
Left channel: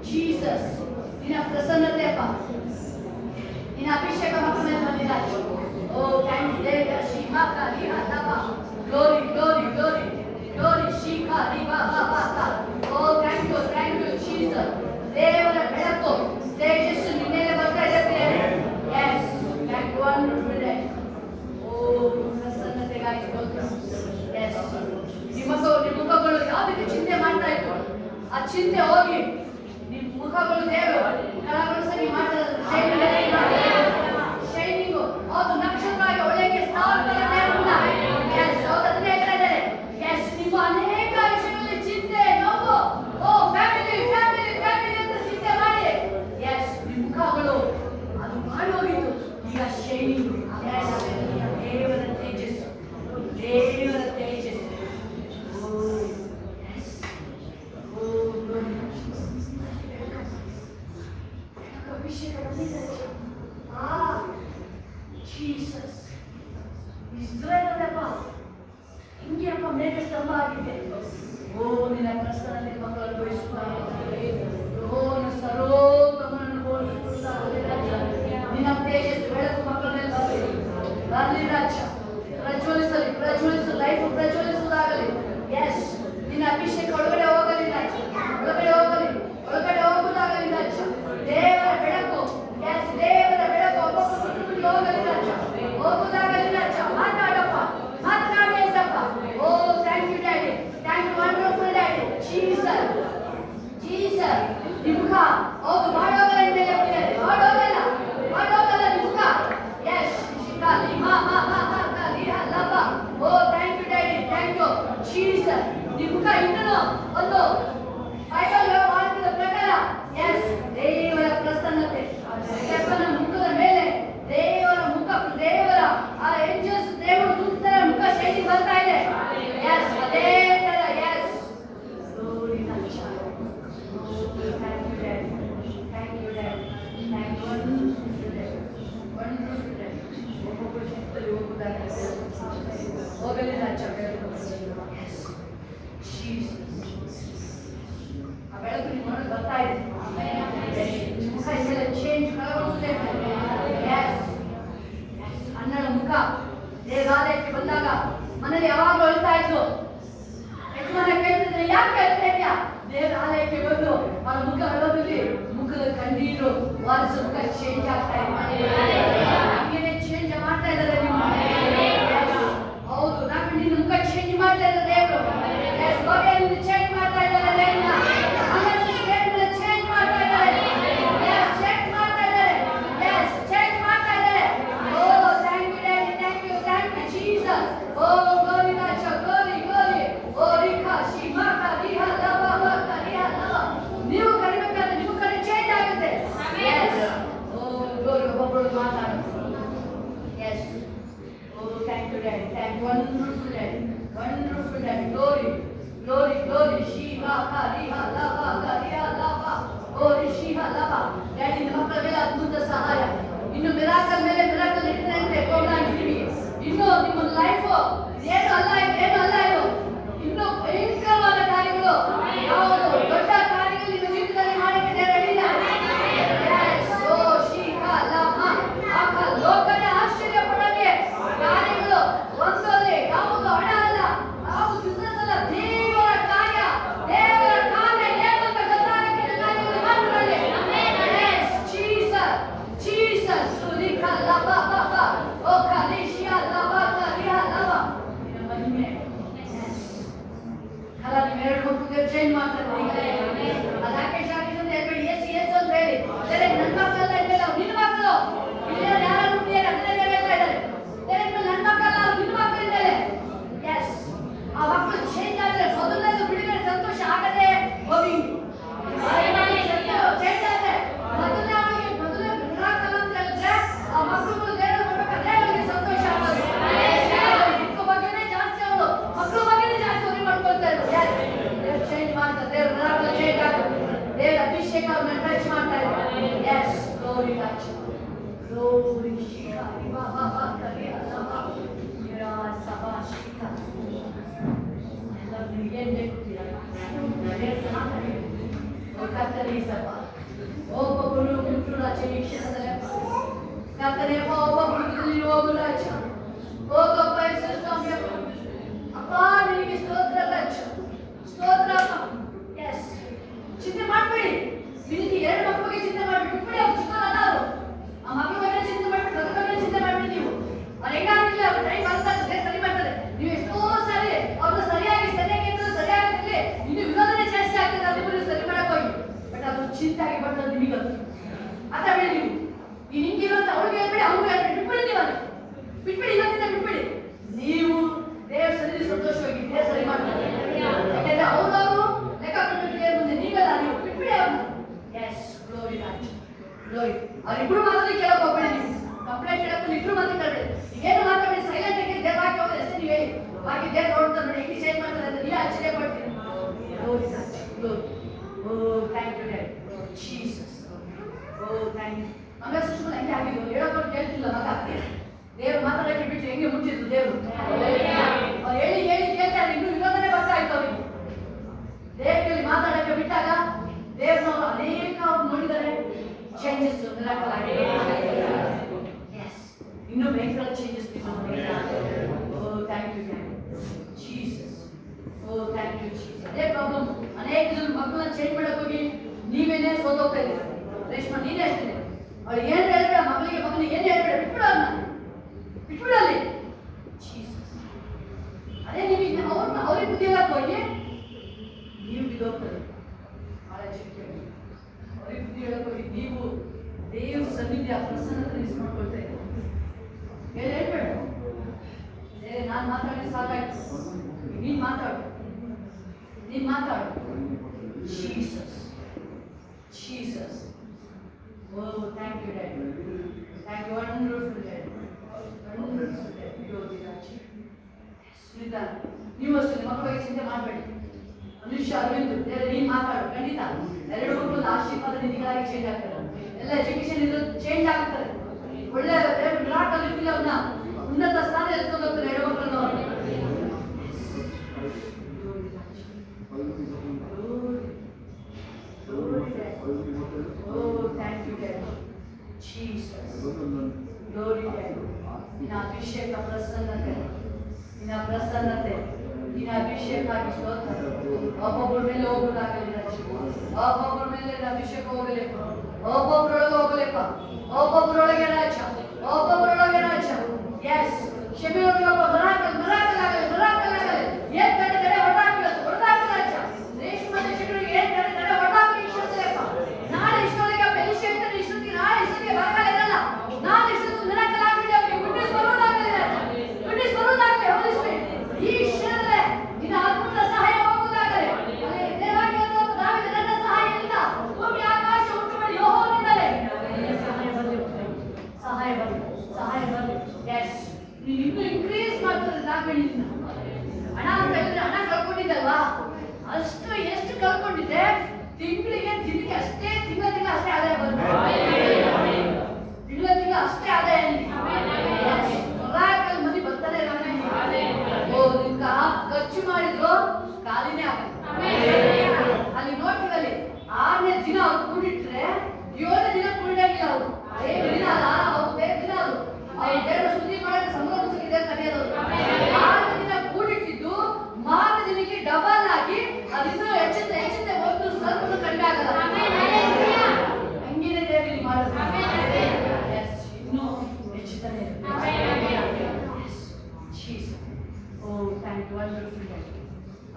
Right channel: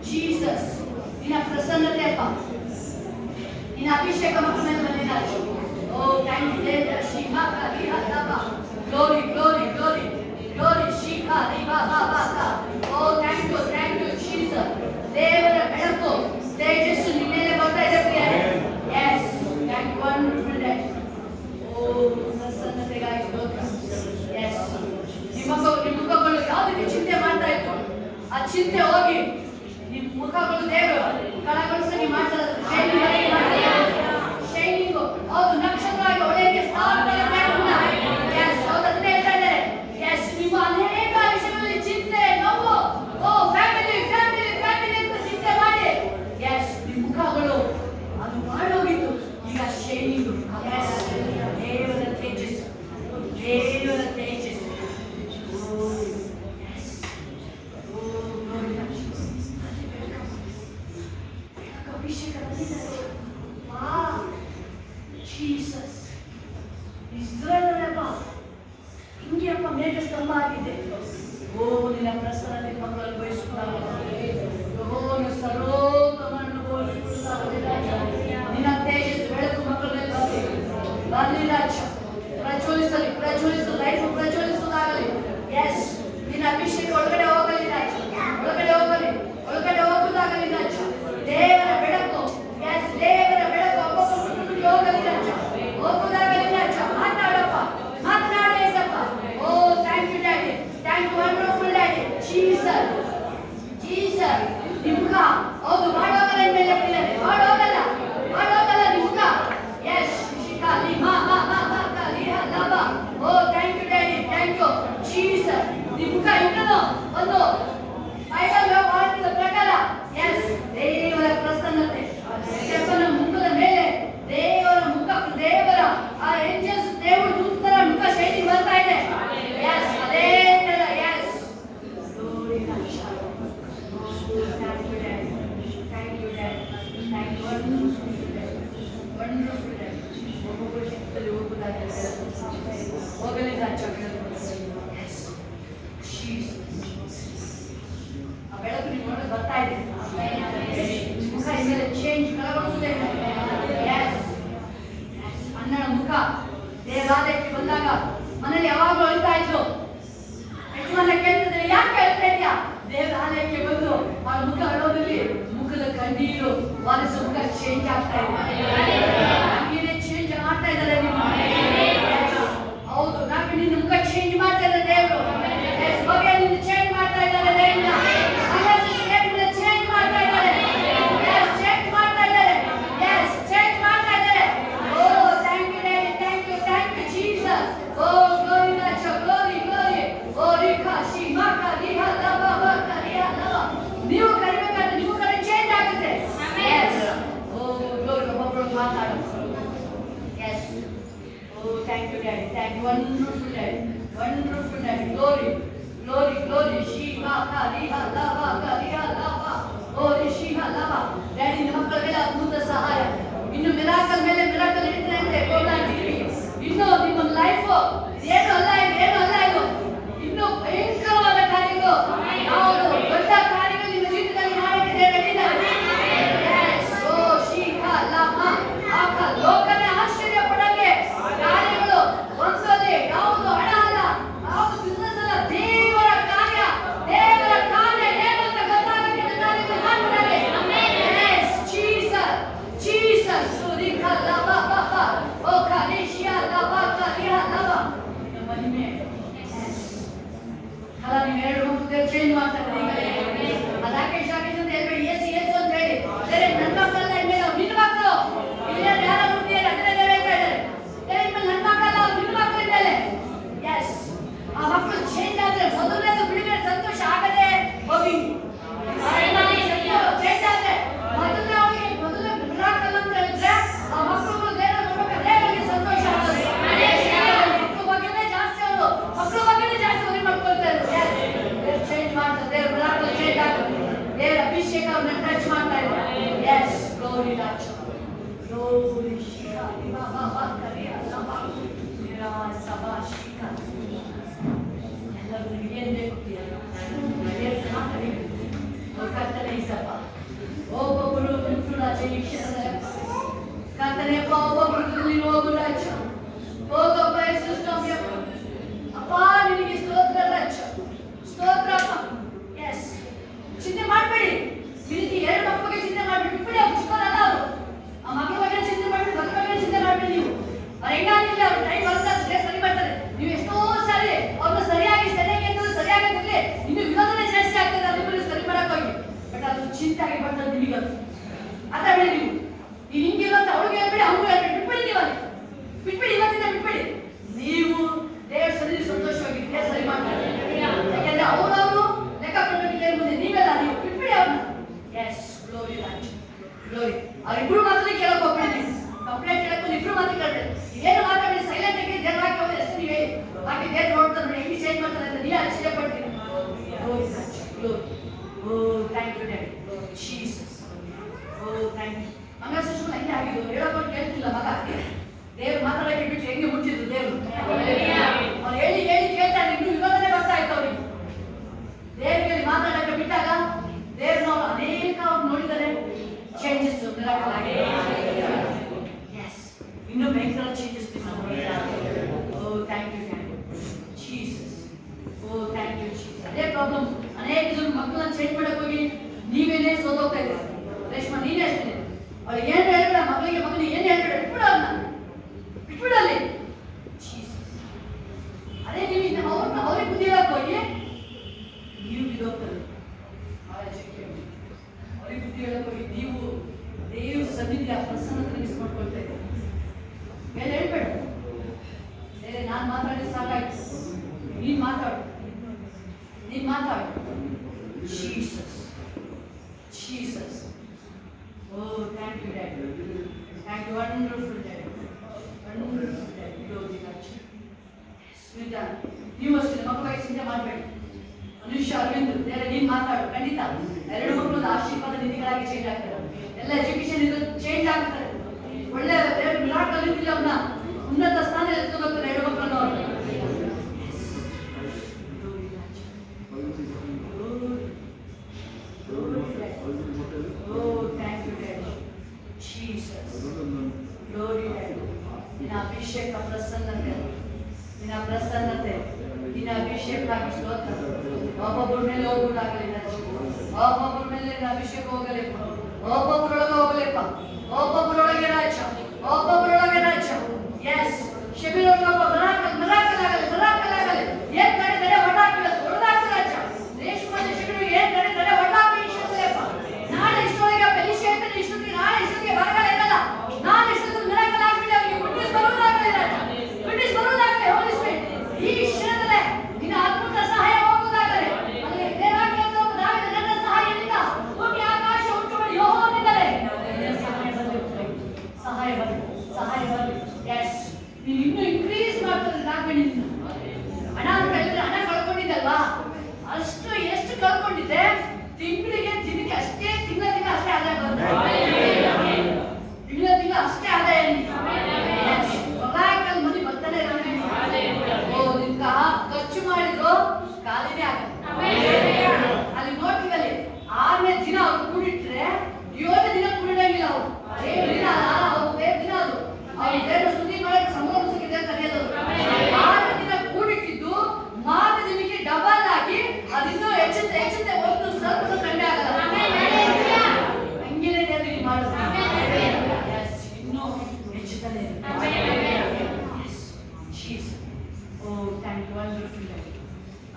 Jesus, ನಿನ್ನ ಪ್ರಸನ್ನತೆ ಅಪ್ಪ, ನಿನ್ನ ಅಭಿಷೇಕ ಮಕ್ಕಳ ಮೇಲೆ ಬಂದಿದೆ ರಾಜ. Oh, thank you, ದೇವ ಶಿವಾ ಕರಿ ಹದಬ. Glory, glory, glory, glory, ಶಿಖಾ ರಿಬಾ ಬಾ. Oh, thank you, Jesus. ದೇವರ ಬೆಳಕು ತೇಜಸ್ಸು ನಿನ್ನ ಮೇಲೆ ಬರ್ತಾ ಇದೆ ಪ್ರಿಯರೇ. Yes, thank you, wonderful day. Oh, ಪ್ರಸನ್ನತೆಗಾಗಿ ಸ್ತೋತ್ರ. Yes, ನಿಮ್ಮ ಮುಖಗಳು ಯಾವುದಕ್ಕೆ ಚಿಂತೆ ಮಾಡ್ತಾ ಇತ್ತು, ಆ ಚಿಂತೆ ಹೋಗಿ ನಿಮ್ಮ ಮುಖಗಳು ದೇವರು ಕಳಕಳಿಸಿ ಮಾಡ್ತಾ ಶೈನಿಂಗ್ ಹೌದು, ನಕ್ಷತ್ರವಾಗಿ ಒಳಗೆ ಸ್ಥಾನದಲ್ಲಿ ದೇವರು. Yes, ಹೌದು, ಅದನ್ನೇ ಹೇಳ್ತಾ ಇದ್ದಾರೆ. Yes, ನಿಮ್ಮ ಅನೇಕ ವಿಷಯಗಳಲ್ಲಿ ಚಿಂತೆ ನೋವು, ಫ್ಯಾಮಿಲಿ ಅಂತ ಚಿಂತೆ ಮಾಡಿ Yes, ನಿಮ್ಮ ಮುಖಗಳು ಅದು ಮಾಡೋಗಿತ್ತು, ಈಗ ಶೈನಿಂಗ್. Yes, ದೇವರ ತೇಜಸ್ಸು, ದೇವರ ತೇಜಸ್ಸು. ಅಭಿಷೇಕ ಬಂದಿದ್ದಾರೆ. Jesus, ಇಸ್ರಾಯೇಲರಪ್ಪ ಹಿಂಗೆ ಅಪ್ಪ ಮೇಲೆ ಸ್ತಂಭ ಆಗಿದೆ. ಓ ನಿನ್ನ ಪ್ರಸನ್ನತೆ ಮಕ್ಕಳು ಅನುಭವಿಸುತ್ತಾರೆ. ಓ ಸರ್ವೋತ್ತಮವನ್ನು ಅನುಭವಿಸುತ್ತಾರೆ. ನಿನ್ನ ತೇಜಸ್ಸು ಬೆಳಕು ಮಕ್ಕಳಲ್ಲಿ ಬರಲಿ ರಾಜ. ಪ್ರಜ್ವಲಿಸಲಿ ಲೈಫ್ ಪ್ರಜ್ವಲಿಸುವುದಾಗಲಿ. ಎಸ್, ನಿನ್ನ ಅಭಿಷೇಕ ಒಳಗಡೆ ಹೋಗಲಿ ರಾಜ, ಒಳಗಡೆ ಹೋಗುವುದಾಗಲಿ ರಾಜ. ದೇವರ ಬೆಳಕು, ಎಸ್, ದೇವರ ಬೆಳಕು ಒಬ್ಬೊಬ್ಬರು ಹೋಗಲಿ ರಾಜ, ಹೋಗುವುದಾಗಲಿ ರಾಜ. ಮಾತನಾಡು ಏಸಪ್ಪ. Oh thank you daddy, thank you wonderful daddy. Jesus ನಿಮ್ಗ ಹೌದು ಮಾಡೋಗಲ್ಲ ಮೇಲೆ ಮಾಡೋಗಲ್ಲ ನಿಮ್ಗ. ಎಸ್, ಶಿಕಾಲಿ ಮಾ ಲಬ. Oh thank you daddy, thank you Jesus. ನಿಮ್ಗ ಇನ್ನೂ ಒಂದು ಬೈಬಲ್ ವಾಕ್ಯದ ಪ್ರಕಾರ ಎಸ್, ದೇವರ ಪ್ರಸನ್ನತೆ ಸ್ಟೆಫನ ಮುಖದ ಮೇಲೆ ದೇವರ ಆ ಏಂಜಲ್ಸ್ ದೇವರ ದೂತರ ಮುಖ ಶೈಲಿ ಬರ್ತಾ ಇದೆ. ಎಸ್, ಅದೇ ತರ. ಎಸ್, ಹೋಗಲಿ ರಾಜ. ಆ ಬೆಳಕು ನೀವು ನೋಡೋದು ಬರ್ತಾ ಇದೆ. ಮುಖ ಇನ್ಮೇಲೆ ಚೇಂಜ್ ಕಳವಳಿಸಿದೆ. ಅಣ್ಣನ ಮುಖ ದೇವಾಲಯಕ್ಕೆ ಬಂದಾಗ ಮನೇಲಿ ಯಾವಾಗಲೂ ಅಳ್ತಾ ಇದ್ರು. ಯಜಮಾನ ಕೇಳ್ತಿದ್ರೆ ಯಾಕೆ ಅಳ್ತಾ ಇದೆಯಾ? ದೇವರ ಆಲಯಕ್ಕೆ ಬಂದು ಅವರ ಮುಖ ಅಳೋದ್ರಲ್ಲಿ ಮುಖದ ಕಣ್ಣೀರು ವಾರಿಸ ಮುಖ ಚೇಂಜ್ ಆಗ್ತಾ ಇದೆ. ಚೇಂಜ್ ಮಾಡ್ತಾ ಇದ್ದಾರೆ ನಿಮ್ಮ. ಹೌದು, ನಾವು ನಿನ್ನ ಮುಖ ಚೇಂಜ್ ಮಾಡ್ತಾ ಇದ್ದಾರೆ ದೇವರು. ನಿನ್ನ ಚೇಂಜ್ ಮಾಡ್ತಾ ಇದ್ದಾರೆ. ಚೇಂಜ್ ಮಾಡ್ತಾ ಇದ್ದಾರೆ. ಚೇಂಜ್ ಮಾಡ್ತಾ ಇದ್ದಾರೆ. ಎಸ್, ಚೇಂಜ್ ಮಾಡ್ತಾ ಇದ್ದಾರೆ. Oh thank you daddy, thank you Jesus. Oh glory ರಾಜ, ಗ್ಲೋರಿ. ಓ ರಿಕಾ ಶಿಮಾಕ ರಿಹಾ ಲಬ ರಿಹಾ ಲಬ. ನೀವು ಕರಿಬೇಕಾದ್ರೆ ನಿಮ್ಮ ಕಡೆ ಚೇಂಜ್ ಆಗುತ್ತೆ. Yes, oh glory. ಒಬ್ಬೊಬ್ಬರು ಮಾತಾಡು. Yes, oh thank you daddy, thank you wonderful daddy, glory. ಶಿಮಾಕ ರಿಹಾ ಲಬ. ಓ ರಿಶಿಹಾ ಲಬ. ಡ್ಯಾಡಿ, ನಿಮ್ಮ ಮಕ್ಕಳ ಮೇಲೆ ಅದ್ಭುತ ಸಹಾಯ. ಇನ್ನು ಮಿರಾಕಲ್ ಮೇಲೆ ಮಿರಾಕಲ್ ಇಡ್ತಾ ಇದೆ ಕೋಲಾಗಿರಿ. ಇನ್ನು ನಿಮ್ಮ ಲೈಫ್ ಏನು ಅಲ್ಲ ಇದು. ಇನ್ನು ಭಯಂಕರವಾದ ಕಾರ್ಯಗಳು, ಯಾವುದು ದೊಡ್ಡ ಕಾರ್ಯಗಳು ನಿಮ್ಮ ಜೀವಿತದಲ್ಲಿ ಮಾಡಕ್ಕೆ ದೇವರಿದ್ದಾರೆ. ಓ ಶಿಖಾ ಲಬ. ಲೋಕನೇ ಆಶ್ಚರ್ಯ ಪಡಕ್ಕೆ ಕಾರ್ಯಗಳು ಒಂದೊಂದೇ. ಯಾವುದು ಹಣ ಅಲ್ಲ, ಯಾವುದು ಬಿಸ್ನೆಸ್ ಅಲ್ಲ, ದೇವರ ಕಾರ್ಯ ಏನು ಅಂತ ಗೊತ್ತಾಗಕ್ಕೆ ಕಾರ್ಯಗಳು ಮಾಡ್ತಾರೆ. ಜೀಸಸ್ ರಿಕಾ ಲಬ. ಓ ಕಲಿಶಿಯಾ ಲಬ ರಿಹಾ ಲಬ. ನಿನ್ನ ಮಹಿಮೆ ಅಲ್ಲ, ನೀವು ಎರಡು ಮಕ್ಕಳು ಚೇಂಜ್ ಮಾಡ್ತಾರೆ. ಅದಾಕೆ ಶಾಖೆ ಅಂತ ಹೇಳ್ಬೇಡಿ. ಎಸ್ ಅಂತ ಹೇಳಿ. ಸರಿ, ನನ್ನ ಮಕ್ಕಳಲ್ಲ ಇನ್ಮೇಲೆ ನಿನ್ನ ಮಕ್ಕಳು. ಇಲ್ಲಿ ಯಾರು ಹುಟ್ಟಿದ್ದಾರೆ ಅದನ್ನೇ ಹೇಳ್ತಾ ಇದ್ದಾರೆ. ಇನ್ಮೇಲೆ ನನ್ನ ಮಕ್ಕಳಲ್ಲ, ನಿನ್ನ ಮಕ್ಕಳು ಇದ್ದಾರೆ. ಎಸ್, ಆ ಮಕ್ಕಳು ಚೇಂಜ್ ಆದ್ರೆ ಮೊದಲನೇದು ಬಿಡುಗಡೆ ಸಂತೋಷ ಆಗದೆ ಹೋಗಿ ಚೇಂಜ್ ಆದ್ರೆ ಮೊದಲನೇ ಮಿರಾಕಲ್ ಅಂತ ಹೇಳಿದ್ರೆ ಆ ಮಕ್ಕಳುಗಳು ದೇವರ ಬರ್ಬೇಕಾದ್ರೆ ಅವರಿಗೆ ಸಂತೋಷ ಆಗ್ತದೆ. ಮಕ್ಕಳ ಬಗ್ಗೆನೇ ಜಾಸ್ತಿ ಅವ್ರು ಮಾಡ್ಕೊಳ್ತಾರೆ. ಚೇಂಜ್ ಮಾಡ್ತಾರೆ. ದೇವರ ಮಿರಾಕಲ್ ಚೇಂಜ್ ಆಗುತ್ತೆ. ದೇವರ ಅಭಿಷೇಕ ಅವ್ರನ್ನ ಟಚ್ ಮಾಡ್ತಾ ಇದ್ದಾರೆ. ಎಸ್, ಗ್ಲೋರಿ ರಾಜ, ಗ್ಲೋರಿ ಶಿಖಾ ಬಾ ಕರಿಯಾ ಲಬ ನಿರಾ ಸಭಾ ಶಿಖಾ. ಎಲ್ಲರೂ ನಿಮ್ಗೆ ಏನ್ ಬೇಕು ಅಪ್ಪ ಒಬ್ಬೊಬ್ಬರಲ್ಲಿ ಹೋಗು ರಾಜ. ಹೋಗಪ್ಪ ಯೇಸು ಸ್ವಾಮಿ. ಅಪ್ಪ ನಿನಗೆ ಸ್ತೋತ್ರ ರಾಜ. ಸ್ತೋತ್ರ ಅಪ್ಪ. ಎಸ್, ಚಿಂತೆ ಮಾಡಬೇಡಿ. ಈ ರೀತಿ 2 ಮಕ್ಕಳ ಬಗ್ಗೆ ಚಿಂತೆ ಮಾಡ್ಬಿಟ್ಟು ಬಿಟ್ಬಿಡಿ. ಅವ್ರು ಚಿಕ್ಕವರಲ್ಲ ಅವರು. ಆ ಮಕ್ಕಳ ಬಗ್ಗೆ ಚಿಂತೆ ಮಾಡ್ಬಿಟ್ಟು ಮಕ್ಕಳ ಬಗ್ಗೆ ಚಿಂತೆ ಮಾಡ್ಬಿಡಿ ನೀವು. ಅವ್ರು ಹೆಂಗಾಗಿಲ್ಲ, ಅವ್ರು ಟೈಮ್ ಬರ್ತಾರೆ, ಸರಿ ಬರ್ತಾರೆ. ನೀವು ಎಷ್ಟೋ ಸಾರಿ ಅವ್ರನ್ನ ಸರಿಯಾಗಿ ಸರಿಯಾಗಿರ್ಲಿ ನಿಮಗೆ ವಿರೋಧನೆ ಜಾಸ್ತಿ ಆಗ್ತದೆ. ಅದನ್ನು ಸರಿ ಮಾಡಕ್ ಹೋಗಿ ಬಟ್ ಅದು ಚಿಂತೆ ಆಗಿ ಬರ್ತದೆ ನಿಮಗೆ. ಅರ್ಥ ಬೇಡಿ ನೀವು. ಈ ಹಿಂಗಿರುವಂತ ಅವ್ರಿಗೆ ಹೇಳ್ಬೇಡಿ, ಅವ್ರಿಗೆ ಹೇಳ್ಬೇಡಿ, ಬಿಟ್ಬಿಡಿ ನೀವು. ಅಲ್ಲಿ ಬಿಟ್ಬಿಡಿ, ಇವತ್ತಿಂದ ಬಿಟ್ಬಿಡಿ. ನೀವು ದೇವ್ರ ಸರಿ ಸಂತೋಷವಾಗಿ ದೇವ್ರ ಸರಿ ಮಾಡ್ತಾರೆ. ಯಾಕೆಂದ್ರೆ ಅವ್ರವರು ಲೆಕ್ಕ ಕೊಟ್ಟು ದೇವ್ರ ಮುಂದೆ ನೀವೆಲ್ಲ ನೀವು ಬಿಟ್ಬಿಡಿ ಅವ್ರನ್ನ. ಎಸ್, ಗ್ಲೋರಿ ರಾಜ್, ಗ್ಲೋರಿ. ಅವ್ರಿಬ್ರು ಮಾತಲ್ಲಿ ಕೇಳಕ್ ಹೋಗ್ಬೇಡಿ. ನೀವು ಕಂಪ್ಲೇಂಟ್ ಕೇಳಕ್ಕೆ ಇಬ್ರು ಮಾತು ಕೇಳಬೇಡಿ. ಏನು ಮಾತಾಡಿ ಸೈಲೆಂಟ್ ಆಗಿ ದೇವ್ರ ಹಾಕಿ ಹೋದ್ರೆ ಅಷ್ಟೇ ನೀವು ಹೇಳಿ. ಹಾಗೆ ದೇವ್ರು ನೋಡ್ತಾರೆ ನೋಡಿ ಹೆಂಗೆ ಚೇಂಜ್ ಮಾಡ್ತಾರೆ ಅಂತ ನೀವು ಆಶ್ಚರ್ಯ ಪಡ್ತೀರಿ. ಗ್ಲೋರಿ ರಾಜ್, glory. Oh thank you daddy. Jesus. Oh thank you. ಆಮೇಲೆ ಸುಮ್ಮನೆ ಹಂಗೆ ಆಗಿದ್ದು ಹೇಳೋದು ಕೇಳ್ತಿಲ್ಲ ಮಗ. ದೇವ್ರು ಮಾತಾಡಕ್ಕೆ ಬಿಟ್ಟು ಹೆಂಗೆ ಮುಟ್ಟಿದ್ರು ದೇವ್ರು. ಅವ್ರು ಹೇಳಿ ಹೇಳಿ ಕೇಳ್ತಾರೆ. ಇನ್ನೂ ವಿರೋಧನೆ ಬರ್ತಾ ಇತ್ತು ಅವ್ರಿಗೆ. ದೇವ್ರಲ್ಲಿ ಮಾತಾಡಕ್ಕೆ ಬಿಟ್ಟಾಗ ದೇವ್ರನ್ನ ಅನೇಕ ಅವ್ರು ನೋಡಿದರೆ ಚೇಂಜಸ್ ಮಿರಾಕಲ್ ಆಗಿದೆ. ಎಸ್, ಇನ್ನೂ ಭಯಂಕರ changes oh thank you daddy. Jesus. Oh thank you Jesus. ಅದೇ ಪ್ರಾಬ್ಲಮ್. ಅನೇಕ ಜನ ಮಕ್ಕಳನ್ನ ಚೇಂಜ್ ಮಾಡಕ್ಕೆ ಹೋಗಿ ನೀವೇನೇ ಸೋದೋಗ್ತಾ ಇದ್ದೀರಾ. ರೇಷ್ಮಾ ನೀನೇ ಅಷ್ಟೇ. ಅವ್ರಿಗೆ ಏನು ಹೇಳ್ಬೇಡ, ಮಗನಿಗೆ ಏನು ಹೇಳ್ಬೇಡ, ಬಿಟ್ಬಿಡ ಅವ್ರನ್ನ, ಬಿಟ್ಬಿಡಲ್ಲಿ. ಜೀಸಸ್. ಅದೇ ನೀವು ಅವ್ರಿಗೆ ಬುದ್ಧಿ ಹೇಳಕ್ ಹೋಗಿ ನೀವು ಬಿದ್ದೋಗ್ತಾರೆ. ಅವ್ರಿಗೆ ಬುದ್ಧಿ ಹೇಳಕ್ ಹೋಗಿ ನೀವು ದೇವ್ರ ಸನ್ನಿಧಿ ಆ ಪ್ರಸನ್ನತೆ ಮಿಸ್ ಮಾಡ್ಕೊಳ್ತಾ ಇದ್ದೀರಿ. ಏನು ಹೇಳ್ಬೇಡ. ನಾನು ಮಾತಾಡಿ ಸಾಕಾಯ್ತು, ನೀನು ಮಾತಾಡು. Jesus. Jesus. Oh thank you daddy. Thank you. Wonderful daddy. Wonderful daddy. Glory Raj. Smita, ನೀವು ಅಷ್ಟೇ ಮಕ್ಕಳ ಬಗ್ಗೆ ಚಿಂತೆ ಮಾಡಬೇಡಿ. ಅನುಷ್ಯ, ಅರವಿಂದ್, ಬೇರೆ ನೀನು ಮಾತಾಡು. ಖಂಡಿತ 2 ಮಕ್ಕಳು ಆಶೀರ್ವಾದ ನಿಧಿಗಳಾಗಿ ಚೇಂಜ್ ಆಗ್ತಾರೆ. ಎಲ್ಲ ಎಜುಕೇಶನ್ ಇದು ಚೇಂಜ್ ಆಗ್ತಾರೆ. ಒಳ್ಳೆ ವಿರಾಟ್ ಕಲಿತಿಲ್ಲ, ಅವ್ರನ್ನ ಉನ್ನತ ಸ್ಥಾನ ಎತ್ಕೊಂಡು ಹೋಗ್ತಾರೆ 2 ಮಕ್ಕಳನ್ನ ಅವರು. Oh, thank you, Daddy. Jesus. Glory, Daddy. ನಿನ್ನ ಅಭಿಷೇಕ ಪ್ರಸನ್ನತೆ, ನಿನ್ನ ಪ್ರಸನ್ನತೆ, ನಿನ್ನ ಅಭಿಷೇಕ ಆಗಿ ಸ್ತೋತ್ರ. ಒಬ್ಬೊಬ್ಬರ ಮೇಲೆ ಹೋಗುವುದಾಗಲಿ, ಒಬ್ಬೊಬ್ಬರ ಮೇಲೆ ನಿನ್ನ ಅಭಿಷೇಕ ಹೋಗಲಿಪ್ಪ. ಒಬ್ಬೊಬ್ಬರೊಳಗೆ ಹೋಗಲಿಪ್ಪ. ಒಬ್ಬೊಬ್ಬರೊಳಗೆ ರಾಜ, ಒಬ್ಬೊಬ್ಬರೊಳಗೆ ರಾಜ. ಎಸ್, ಶಿಬಿರೊಳಗೆ ಮಿರಾಕಲ್ ಆಗಲಿ. ಏನ್ ತಡೆ ಹೊರದಾಕಲಿ ರಾಜ. ರೇಷ್ಮೆ ಶಿಬಿರಿಗೆ ಏನ್ ತಡೆ ಹೊರದಾಕಲಿ. ನಾಳೆ ಇಷ್ಟೊಳಗೆ ಬೆಲಿಸಿ ಅಂತ ಇಷ್ಟೊತ್ತಿಗೆ ನಾಳೆ ಇಷ್ಟೊತ್ತಿಗೆ ಬರಗಾಲ ಇರಲ್ಲ. ನಾಳೆ ಇಷ್ಟೊತ್ತಿಗೆ ಮಿರಾಕಲ್ ಆಗ್ಬಿಟ್ಟು ಅವರಿಗೆ ಬಿಟ್ಟಿಸ್ ಬರುವುದಾಗಲಿ ರಾಜ. ಬಿಟ್ಟಿಸ್ ಬರುವುದಾಗಲಿ. ಹೋಲಿ ಸ್ಪಿರಿಟ್, ಈ ಕ್ಷಣದಲ್ಲೇ ನಿನ್ನ ಅದ್ಭುತ ಸಹಾಯ ಹೋಗುವುದಾಗಲಿ. ಅಲ್ಲಿ ದೇವರಾಗಿ ನನ್ನ ಸಹಾಯದಿಂದ ಭೂಮಿ ಆಕಾಶ ಉಂಟು ಮಾಡಿ ಯೆಹೋವನಿಂದಲೇ ಸಹಾಯ ಬರಲಿ. ಎಸ್, ನೀನು ಇನ್ನೂ ಇನ್ಕ್ರೀಸ್ ಮಾಡ್ತಾರೆ ನಾಗಬೇಡಿ. ಹಣ ಅಂತ ಹೇಳಿದ್ರೆ ಹಣ ಕಳ್ಕೊಂಡಿದ್ದಲ್ವಾ, ಅಷ್ಟು ಎಷ್ಟು ಕಳ್ಕೊಂಡಿದ್ದೆ. ತಿಂಗಳಿಗೆ ದಿನಕ್ಕೆ ಅಷ್ಟೇ, ತಿಂಗಳ ಅಷ್ಟೇ ಆದಾಯ ಬರುತ್ತೆ. ತಿಂಗಳ ಅಷ್ಟೇ ಆದಾಯ. ಮನಿ ಬರ್ತಾನೆ ಖರ್ಚು ಮಾಡಿದ್ರು ಖಾಲಿನೇ ಆಗಲ್ಲ. ಅಲ್ಲಿ ನೋಡ್ತೀವಲ್ಲಿ 6ನೇ ದಿನ ಅವ್ರು ಕೂಡಿಟ್ರೆ 7ನೇ ದಿನ ಕೂಡಿಡಂಗಿಲ್ಲ. ಅವರು ದೇವ್ರ ದಿನ ಅಲ್ಲ, ಅವ್ರು ದೇವ್ರ ದಿನ. ಅದು ಅವ್ರು ದೇವ್ರ ಸುದ್ದಿ ಮಾಡೋಕೆ ಸಂಭ್ರಮ ಸಿಗಿದೆ ಕರೆಯೋದು. 6ನೇ ದಿನ ಕೂಡಿಟ್ಟಿದ್ದು 4ನೇ ದಿನಕ್ಕೆ ಡಬಲ್ ಆಗಿ ಅದಿನ್ನೂ ಹೆಚ್ಚುತ್ತೆ ಒಂದು ಸ್ವಲ್ಪ ಕಡಿಮೆ ಆಗಲ್ಲ. ಹಂಗೇನೆ ದೇವ್ರು ಮಾಡೋದು. ಇನ್ನೂ ಹೆಚ್ಚುತ್ತಾನೆ. ಓ ಥ್ಯಾಂಕ್ ಯು. Wonderful daddy.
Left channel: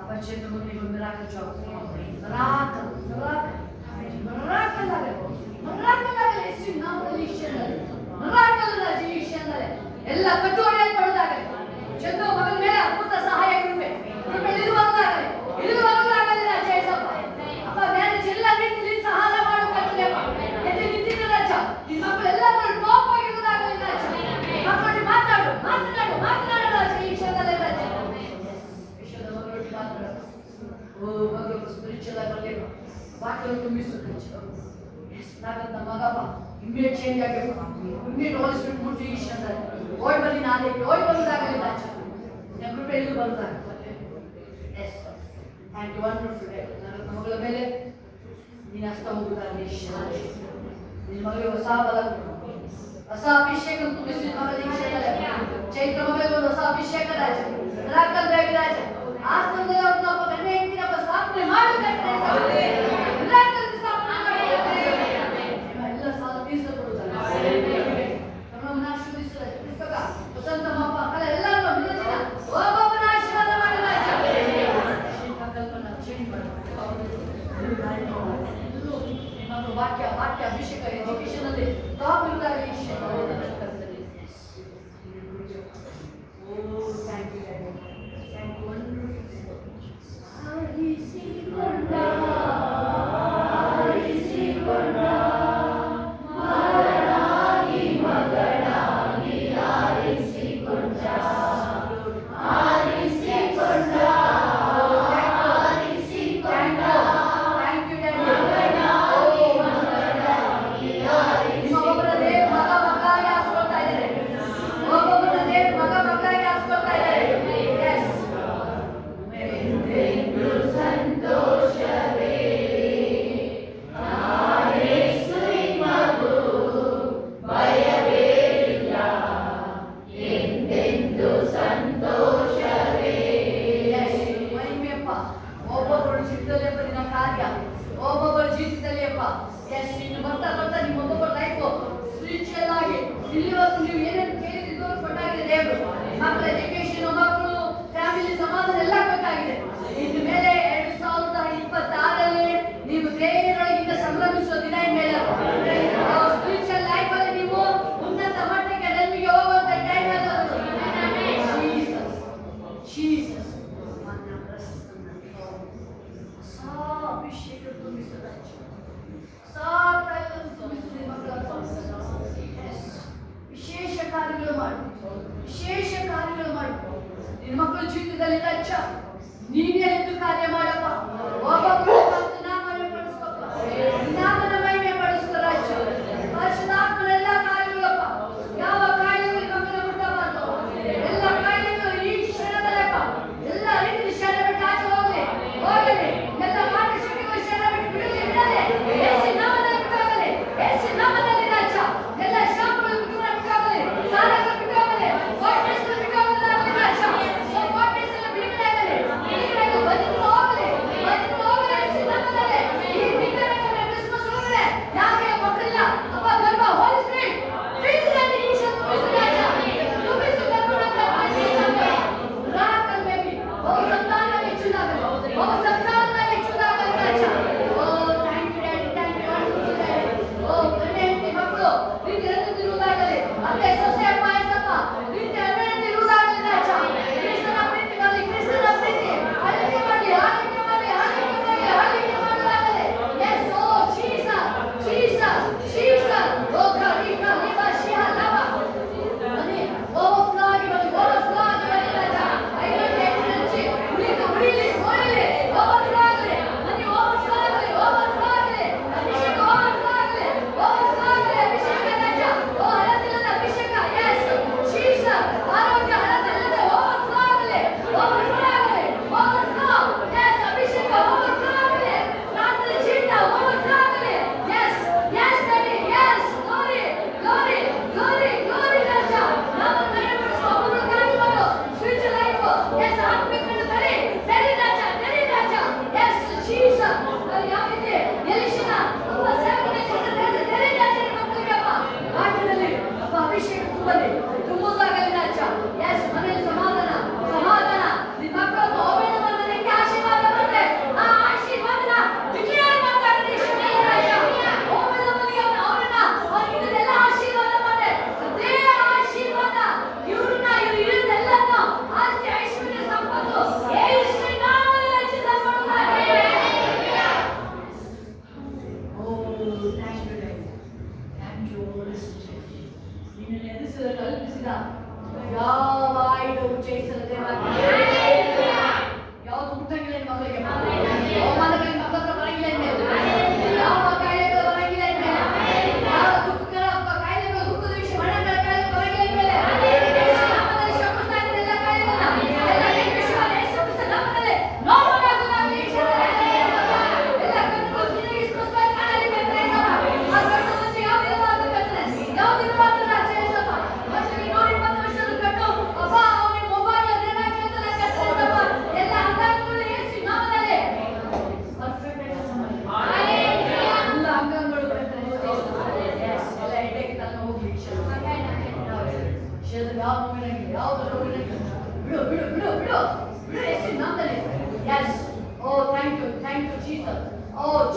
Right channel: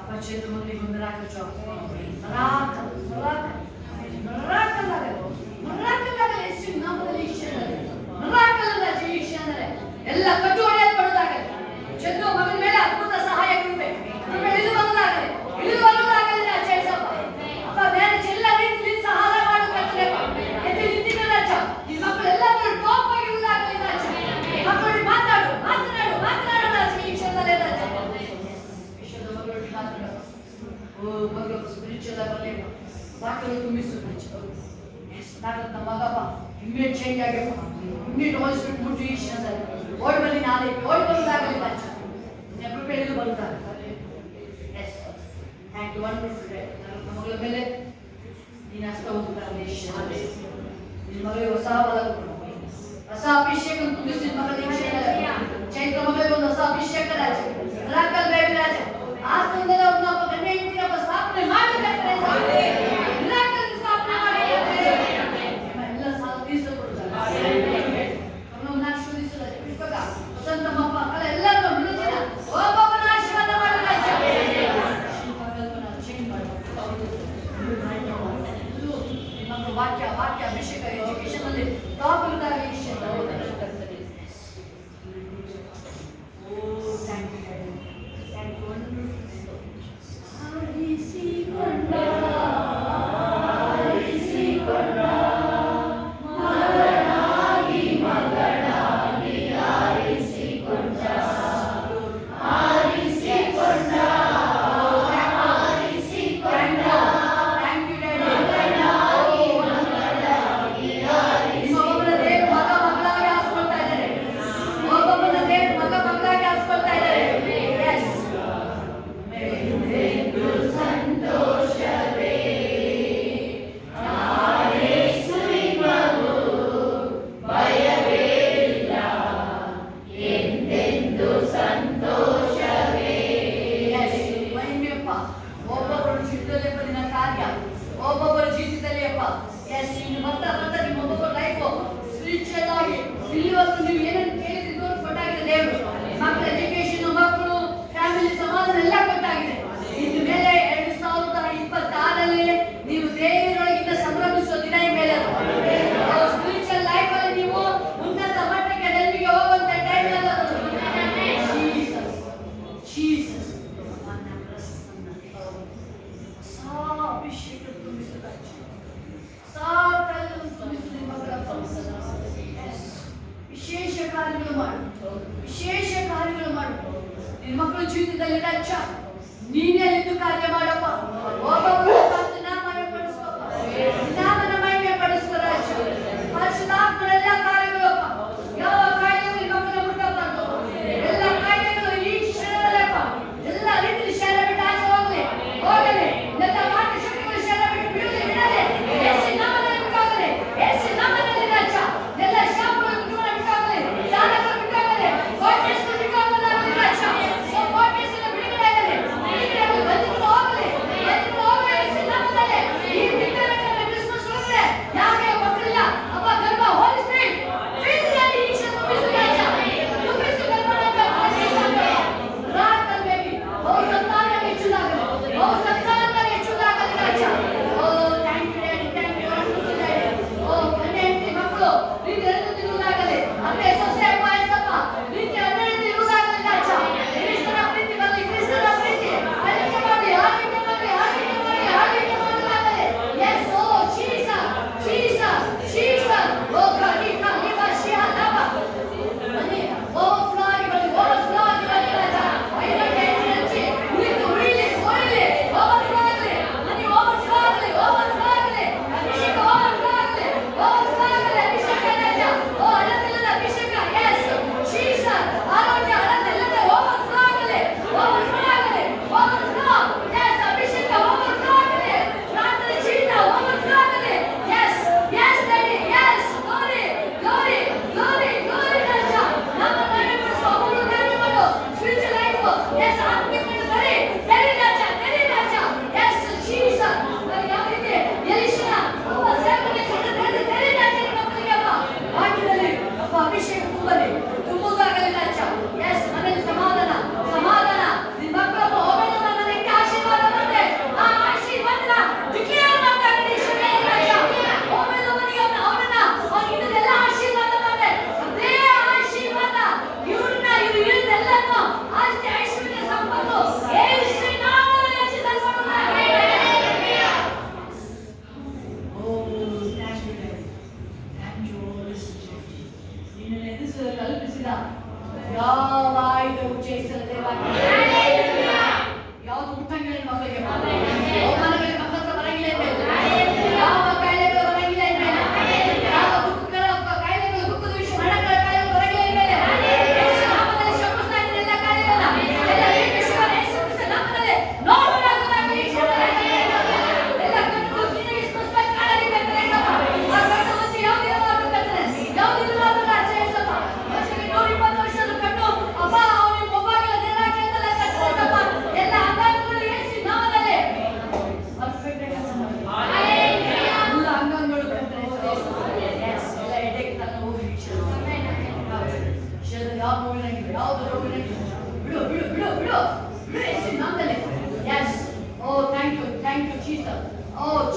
ಅಪ್ಪ ಚೇತು ಮಗನಿಗೆ ಒಂದು ಮಿರಾಕಲ್ ಜಾಬ್. ಮಿರಾಕಲ್ ಆಗಲಿ. ಯೇಸು ನಾಮದಲ್ಲಿ ಈ ಕ್ಷಣದಲ್ಲಿ ಮಿರಾಕಲ್ ರಾಜ. ಈ ಕ್ಷಣದಲ್ಲಿ ಎಲ್ಲ ಕಟ್ಟು ಹೊಡೆಯಲ್ಪಡುವುದಾಗಲಿ. ಚಂದು ಮಗನ ಮೇಲೆ ಅದ್ಭುತ ಸಹಾಯ ಕೃಪೆ ಇಳಿದು ಬರುವುದಾಗಲಿ ರಾಜ. ಅಪ್ಪ ಮ್ಯಾರೇಜ್ ಎಲ್ಲ ರೀತಿಯಲ್ಲಿ ಸಹಾಯ ಮಾಡಬೇಕಾಗ್ತದೆ. ಎದ್ದು ನಿಂತಿನ ರಾಜ. ನಿಮ್ಮ ಮಕ್ಕಳೆಲ್ಲರೂ ಟಾಪ್ ಆಗಿರುವುದಾಗಲಿ ರಾಜ. ಮಕ್ಕಳಿಗೆ ಮಾತಾಡು ರಾಜ. ಈ ಕ್ಷಣದಲ್ಲೇ ರಾಜ. ವಿಶ್ವದ ಮಗಳೊಟ್ಟಿಗೆ ಮಾತಾಡು. ಓ ಮಗಳು ಸ್ಪಿರಿಚುವಲ್ ಆಗಲಿ, ವಾಕ್ಯಗಳು ತುಂಬಿಸು. ಎಸ್, ನನ್ನ ಮಗಪ್ಪ ಇಮ್ಮಿಡಿಯೇಟ್ ಚೇಂಜ್ ಆಗಬೇಕು. ಇಮ್ಮಿಡಿಯೇಟ್ ಹೋಲಿಸ್ಬಿಟ್ಟು ಮುಟ್ಟು ಈ ಕ್ಷಣದಲ್ಲಿ ಓಡಿ ಬನ್ನಿ. ನಾಳೆ ಓಡಿ ಬರುವುದಾಗಲಿ ರಾಜ. ನಿನ್ನ ಕೃಪೆ ಇಳಿದು ಬರುತ್ತಾರೆ. Yes, thank you. Wonderful day. ನನ್ನ ಮಗಳ ಮೇಲೆ ನೀನು ಅಷ್ಟ ಹೋಗುತ್ತಾರೆ. ನಿನ್ನ ಮಗಳಿಗೆ ಹೊಸ ಬಲ ಕೊಡು, ಹೊಸ ಹೊಸ ಅಭಿಷೇಕ ತುಂಬಿಸಿ ಮಗಳಿಗೆ ಚೈತ್ರ ಮಗಳಿಗೆ ಒಂದು ಹೊಸ ಅಭಿಷೇಕ ರಾಜ ಮಿರಾಕಲ್ ಬೇಬಿ ರಾಜ ಆಸ್ತಂದೆಲ್ಲ ಅವ್ರನ್ನ ಒಬ್ಬ ಗಂಡ ಹೆಂಡತಿನ ಸ್ಥಾಪನೆ ಮಾಡಬೇಕಂದ್ರೆ ಮಿರಾಕಲ್ ಸ್ಥಾಪನೆ ಮಾಡಿ ಎಲ್ಲ ಸಾಧಿಸ ನಮ್ಮನ್ನ ಆಶೀರ್ವದಿಸು ಪುಸ್ತಕ ವಸಂತ ಮಪ್ಪ ಅಲ್ಲ ಎಲ್ಲರೂ ವಿನೋದಿನ ಒಬ್ಬೊಬ್ಬನ ಆಶೀರ್ವಾದ ಮಾಡು ರಾಜ ಕಲ್ಪನಾ ಚೇಂಜ್ ಮಾಡು ನಮ್ಮ ವಾಕ್ಯ ಅಭಿಷೇಕ ಎಜುಕೇಶನ್ ಅಲ್ಲಿ ಟಾಪ್ ಇರುತ್ತಾಗಿ ವಿಷಯ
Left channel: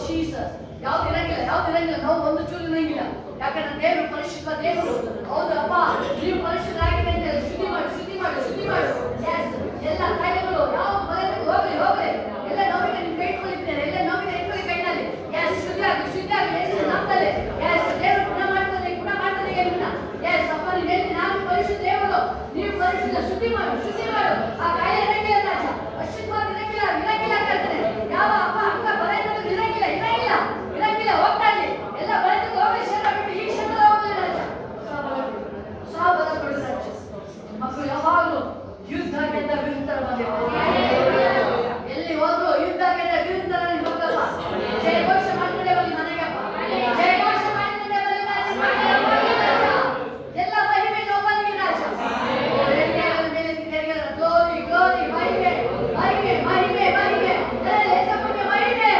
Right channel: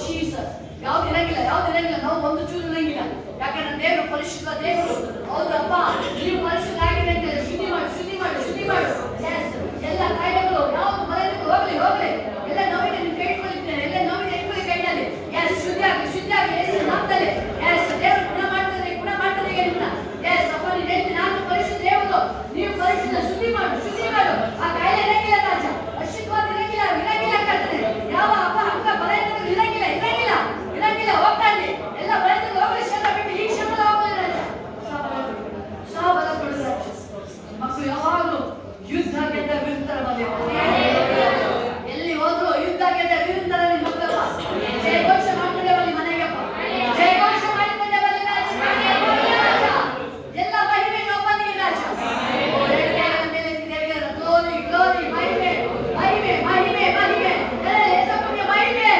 ಜೀಸಸ್. ಯಾವ್ದು ಇರಂಗಿಲ್ಲ, ನಾವು ಒಂದು ಚೂರು ಇರಂಗಿಲ್ಲ. ಯಾಕಂದ್ರೆ ದೇವರು ಪರಿಶುದ್ಧ ದೇವರು. ಹೌದಪ್ಪ, ನೀವು ಪರಿಶುದ್ಧರಾಗಿರಿ ಅಂತ ಶುದ್ಧಿ ಮಾಡು. Yes. ಎಲ್ಲ ಕಾಯಿಲೆಗಳು ಯಾವ್ದು ಮನೆಯಲ್ಲಿ ಹೋಗ್ಲಿ. ಎಲ್ಲ ನೋವಿಗೆ ನೀವು ಕೈ ಇಟ್ಕೊಂಡಿದ್ದೇನೆ, ಎಲ್ಲ ನೋವಿಗೆ ಇಟ್ಕೊಳ್ಳಿ ಕೈನಲ್ಲಿ. ಎಸ್, ಶುದ್ಧಿಯಾಗಿ ಯೇಸು ನಾಮದಲ್ಲಿ. ಎಸ್, ದೇವರು ಗುಣ ಮಾಡ್ತಾನೆ ಹೇಳ್ಬಿಡ. ಎಸ್ ಅಪ್ಪ, ನೀನು ಹೇಳ್ತೀನಿ ನಾನು ಪರಿಶುದ್ಧ ದೇವರು, ನೀವು ಪರಿಶುದ್ಧ. ಶುದ್ಧಿ ಮಾಡು. ಆ ಕಾಯಿಲೆ ಇರಂಗಿಲ್ಲ ರಾಜ, ಅಶುದ್ಧವಾದ ಇರಂಗಿಲ್ಲ ಕರ್ತನೆ. ಯಾವ ಅಪ್ಪ ಅಕ್ಕ ಬಲ ಇರಂಗಿಲ್ಲ ಹೋಗ್ತಾನೆ. ಎಲ್ಲ ಬರೆದು ಹೋಗಲಿ, ಕ್ಷಣ ಬಿಟ್ಟು ಈ ಕ್ಷಣದಲ್ಲಿ ಹೋಗಲಿ ರಾಜ. ಬಲ ಕೊಡು ರಾಜ. ಮಕ್ಕಳು ಯಾವಾಗಲೂ ಯುದ್ಧ ಗೆದ್ದ ವಿರುದ್ಧರಲ್ಲಿ ಎಲ್ಲಿ ಹೋದ್ರು ಯುದ್ಧ ಗೆದ್ದ ವಿರುದ್ಧರಲ್ಲಿ ಮಕ್ಕಳ ಜಯಘೋಷ ಮಾಡ್ಕೊಂಡೇ ಬರಲಿ ಮನೆಗಪ್ಪ. ಜಯಘೋಷ ಮಾಡಿಕೊಂಡೇ ಬರಲಿ ರಾಜ. ಎಲ್ಲ ಮಹಿಮೆ ಒಬ್ಬನಿಗೆ ರಾಜ. ಗ್ಲೋರಿ ಮಹಿಮೆ. ಯೇಸಪ್ಪನಿಗೆ ಮಹಿಮೆ.